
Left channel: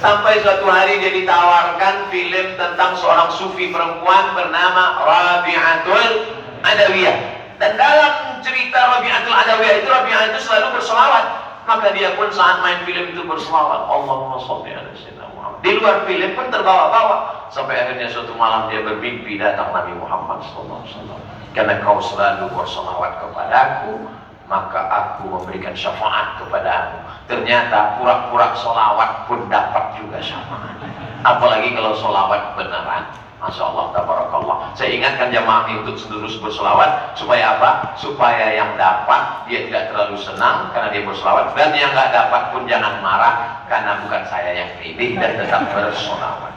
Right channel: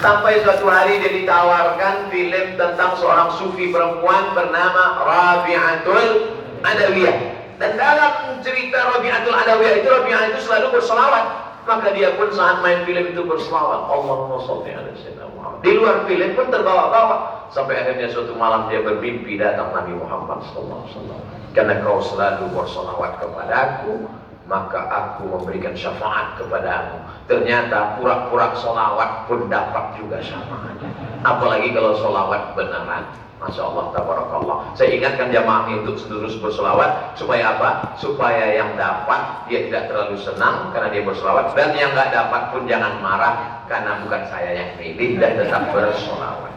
Sampai suatu hari dia ditawarkan film tentang seorang sufi perempuan bernama Rabi'atul Adawiyah. Dan dalam cerita Rabi'atul Adawiyah itu, Rabi'ah itu selalu berselawat. Maka dia pun saat main film itu berselawat, Allahumma sholli ala sayyidina Muhammad. Di luar film pun terbawa-bawa. Sampai akhirnya suatu malam dia bermimpi datang Nabi Muhammad SAW. Karena kau selalu berselawat kepadaku, maka aku memberikan syafaat kepadamu. Ternyata pura-pura selawat pun dapat juga syafaat. Apalagi kalau selawat beneran. Masya Allah, tabarakallah. Saya ingatkan jamaah ini untuk terus berselawat. Supaya apa? Supaya yang dapat dia tidak terlalu senang karena dia berselawat. Dan yang nggak dapat pun jangan marah karena bukan saya yang pilih, dan tetap berselawat.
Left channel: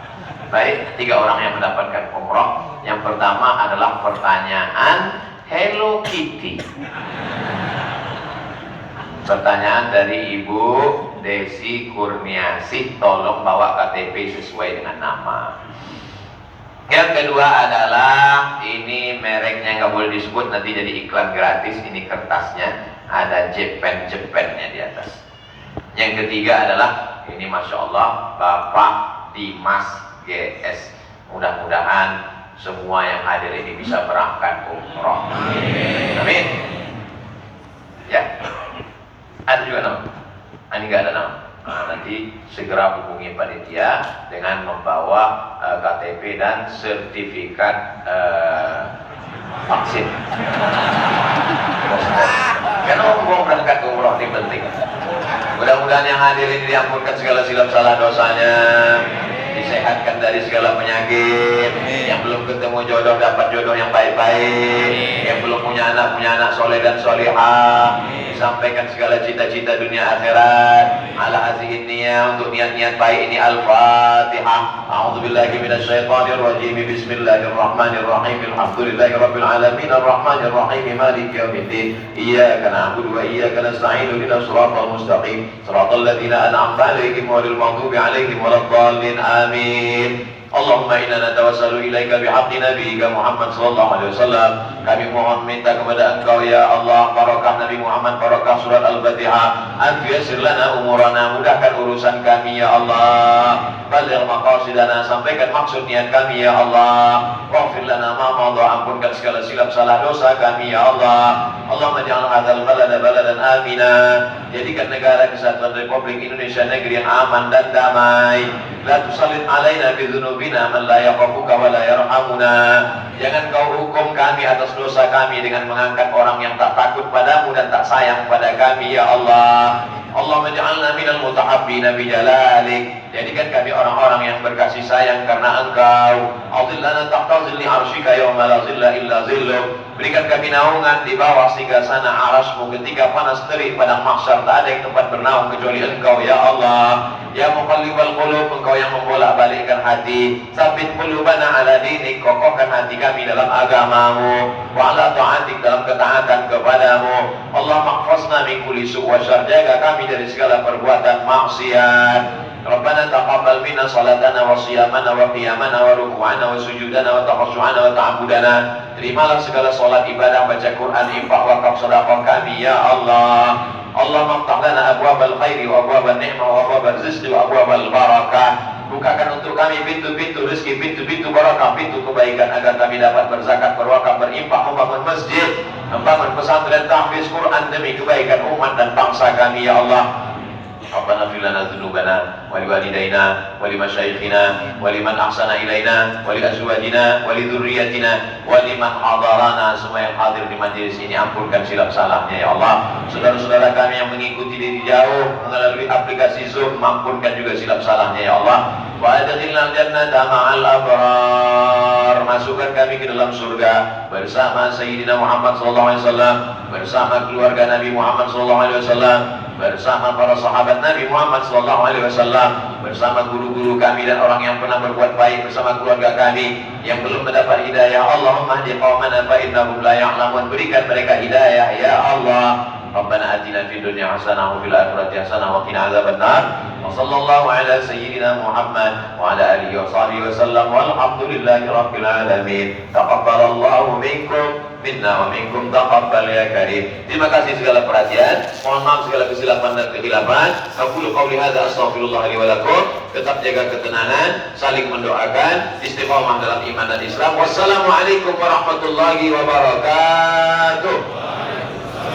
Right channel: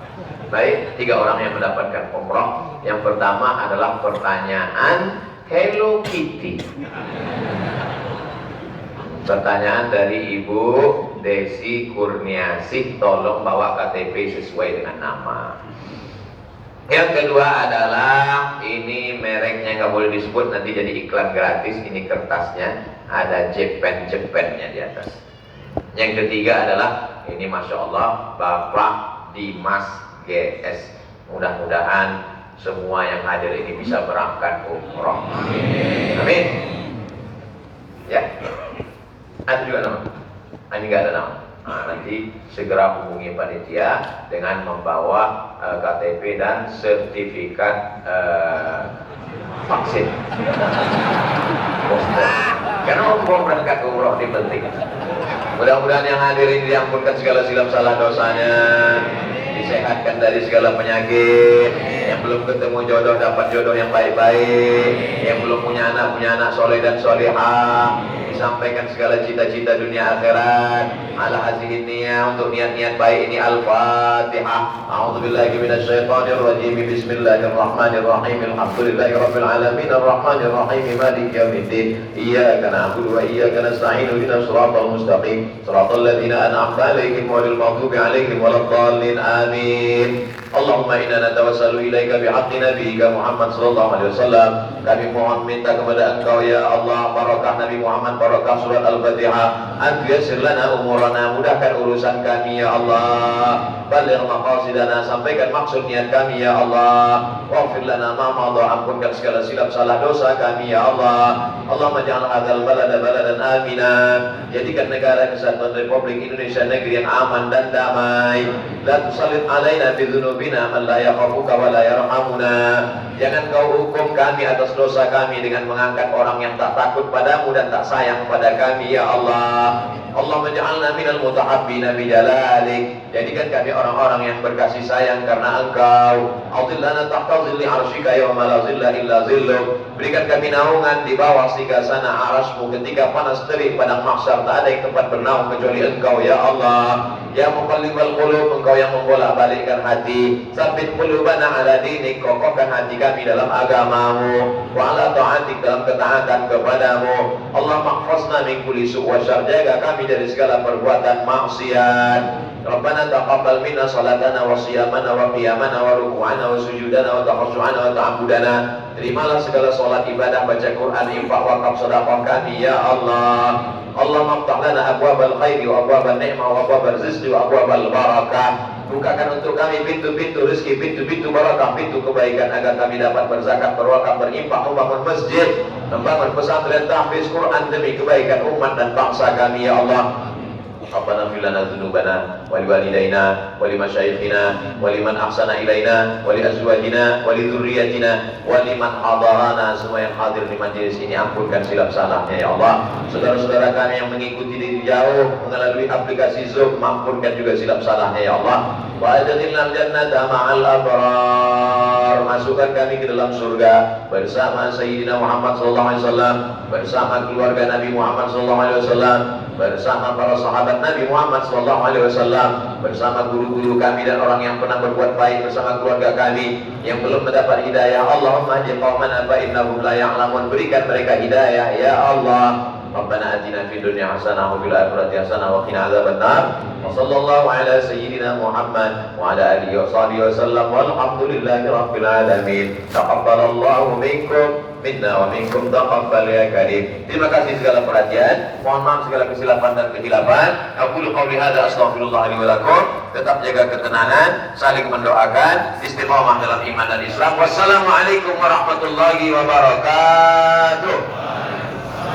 Baik, 3 orang yang mendapatkan umroh. Yang pertama adalah pertanyaan Hello Kitty. Pertanyaan dari Ibu Desi Kurniasih, tolong bawa KTP sesuai dengan nama. Yang kedua adalah ini mereknya nggak boleh disebut, nanti jadi iklan gratis. Ini kertasnya ada Jepen-jepennya di atas. Yang ketiga adalah ini Masya Allah Bapak Dimas GS. Mudah-mudahan semua yang hadir ini bisa berangkat umroh. Amin. Ya. Ada juga nama? Ini nggak ada nama. Nah, nanti segera hubungi panitia dengan membawa KTP dan sertifikat vaksin. Karena umroh berangkat umroh ini penting. Mudah-mudahan yang hadir ini diampunkan segala silap salah dosanya, disehatkan dari segala penyakit. Yang belum ketemu jodoh dapat jodoh yang baik-baik. Yang belum punya anak soleh dan solihah. Disampaikan segala cita-cita dunia akhirat. Ala hazihin niyah, untuk niat-niat baik ini Al-Fatihah. A'udzubillahi minasyaitonirrajim. Bismillahirrahmanirrahim. Alhamdulillahirabbil alamin arrahmanir rahim maliki yaumiddin. Iyyaka na'budu wa iyyaka nasta'in. Ihdinas siratal mustaqim. Siratal ladzina an'amta 'alaihim ghairil maghdubi 'alaihim waladdallin. Amin. Allahumma inna natawassalu ilaika bihaqqi nabiyyika Muhammad sallallahu alaihi wasallam. Kami mohon minta kepada Engkau ya Allah, barakah Nabi Muhammad, barakah surat Al-Fatihah. Yassir lana umurana, mudahkan urusan kami ya Allah. Baligh maqasidana, sampaikan maksud niat kami ya Allah. Waghfir lana ma madha, ampunkan segala silap salah dosa kami ya Allah. Allahumma ja'al hadzal balada baladan amina. Jadikan negara kesatuan Republik Indonesia negeri yang aman dan damai. La tusallit alaina bi dzunubina man la yakhafuka wa la yarhamuna. Jangan kau hukum kami atas dosa kami dengan mengangkat orang yang tak takut padamu dan tak sayang pada kami ya Allah. Allahumma ja'alna minal mutahabbina bi jalalik. Jadikan kami orang-orang yang berkasih sayang karena Engkau. A'udhillana tahta zilli arsyika yawma la zilla illa zilluk. Berikan kami naungan di bawah sigasana arasmu ketika panas terik padang mahsyar, tak ada yang tempat bernaung kecuali Engkau ya Allah. Ya muqallibal qulub, Engkau yang membolak-balikkan hati. Sabit qulubana ala dinik, kokohkan hati kami dalam agamamu. Wa ala ta'atik, dalam ketaatan kepadamu. Allah mahfazna min kulli su' wa syarr, jaga kami dari segala perbuatan maksiat. Rabbana taqabbal minna salatana wa siyamana wa qiyamana wa ruku'ana wa sujudana wa takhashu'ana wa ta'abudana. Terimalah segala salat, ibadah, baca Quran, infak, wakaf, sedekah kami ya Allah. Allah maftah lana abwabal khairi wa abwabal ni'mah wa abwabal rizqi wa abwabal barakah. Bukakan untuk kami pintu-pintu rezeki, pintu-pintu barakah, pintu kebaikan agar kami dapat berzakat, berwakaf, berinfak, membangun masjid, membangun pesantren, tahfiz Quran demi kebaikan umat dan bangsa kami ya Allah. Rabbana fir lana dzunubana wa liwalidayna wa limasyayikhina wa liman ahsana ilaina wa li azwajina wa li dzurriyyatina wa liman hadarana. Semua yang hadir di majelis ini ampunkan silap salahnya ya Allah. Saudara-saudara kami yang mengikuti dari jauh melalui aplikasi Zoom, ampunkan juga silap salahnya ya Allah. Wa adkhilnal jannata ma'al abrar. Masukkan kami ke dalam surga bersama Sayyidina Muhammad sallallahu alaihi wasallam, bersama keluarga Nabi Muhammad sallallahu alaihi wasallam, bersama para sahabat Nabi Muhammad sallallahu alaihi wasallam, bersama guru-guru kami dan orang yang pernah berbuat baik, bersama keluarga kami yang belum mendapat hidayah. Allahumma hdi qaumana fa innahum la ya'lamun. Berikan mereka hidayah ya Allah. Rabbana atina fid dunya hasanah wa fil akhirati hasanah wa qina adzabannar. Wa sallallahu ala sayyidina Muhammad wa ala alihi wa sahbihi wasallam. Walhamdulillahi rabbil alamin. Taqabbalallahu minkum minna wa minkum taqabbal ya karim. Terima kasih segala perhatian. Mohon maaf segala kesilapan dan kehilapan. Aqulu qawli hadza astaghfirullah li wa lakum. Tetap jaga ketenangan, saling mendoakan, istiqomah dalam iman dan Islam. Wassalamualaikum warahmatullahi wabarakatuh.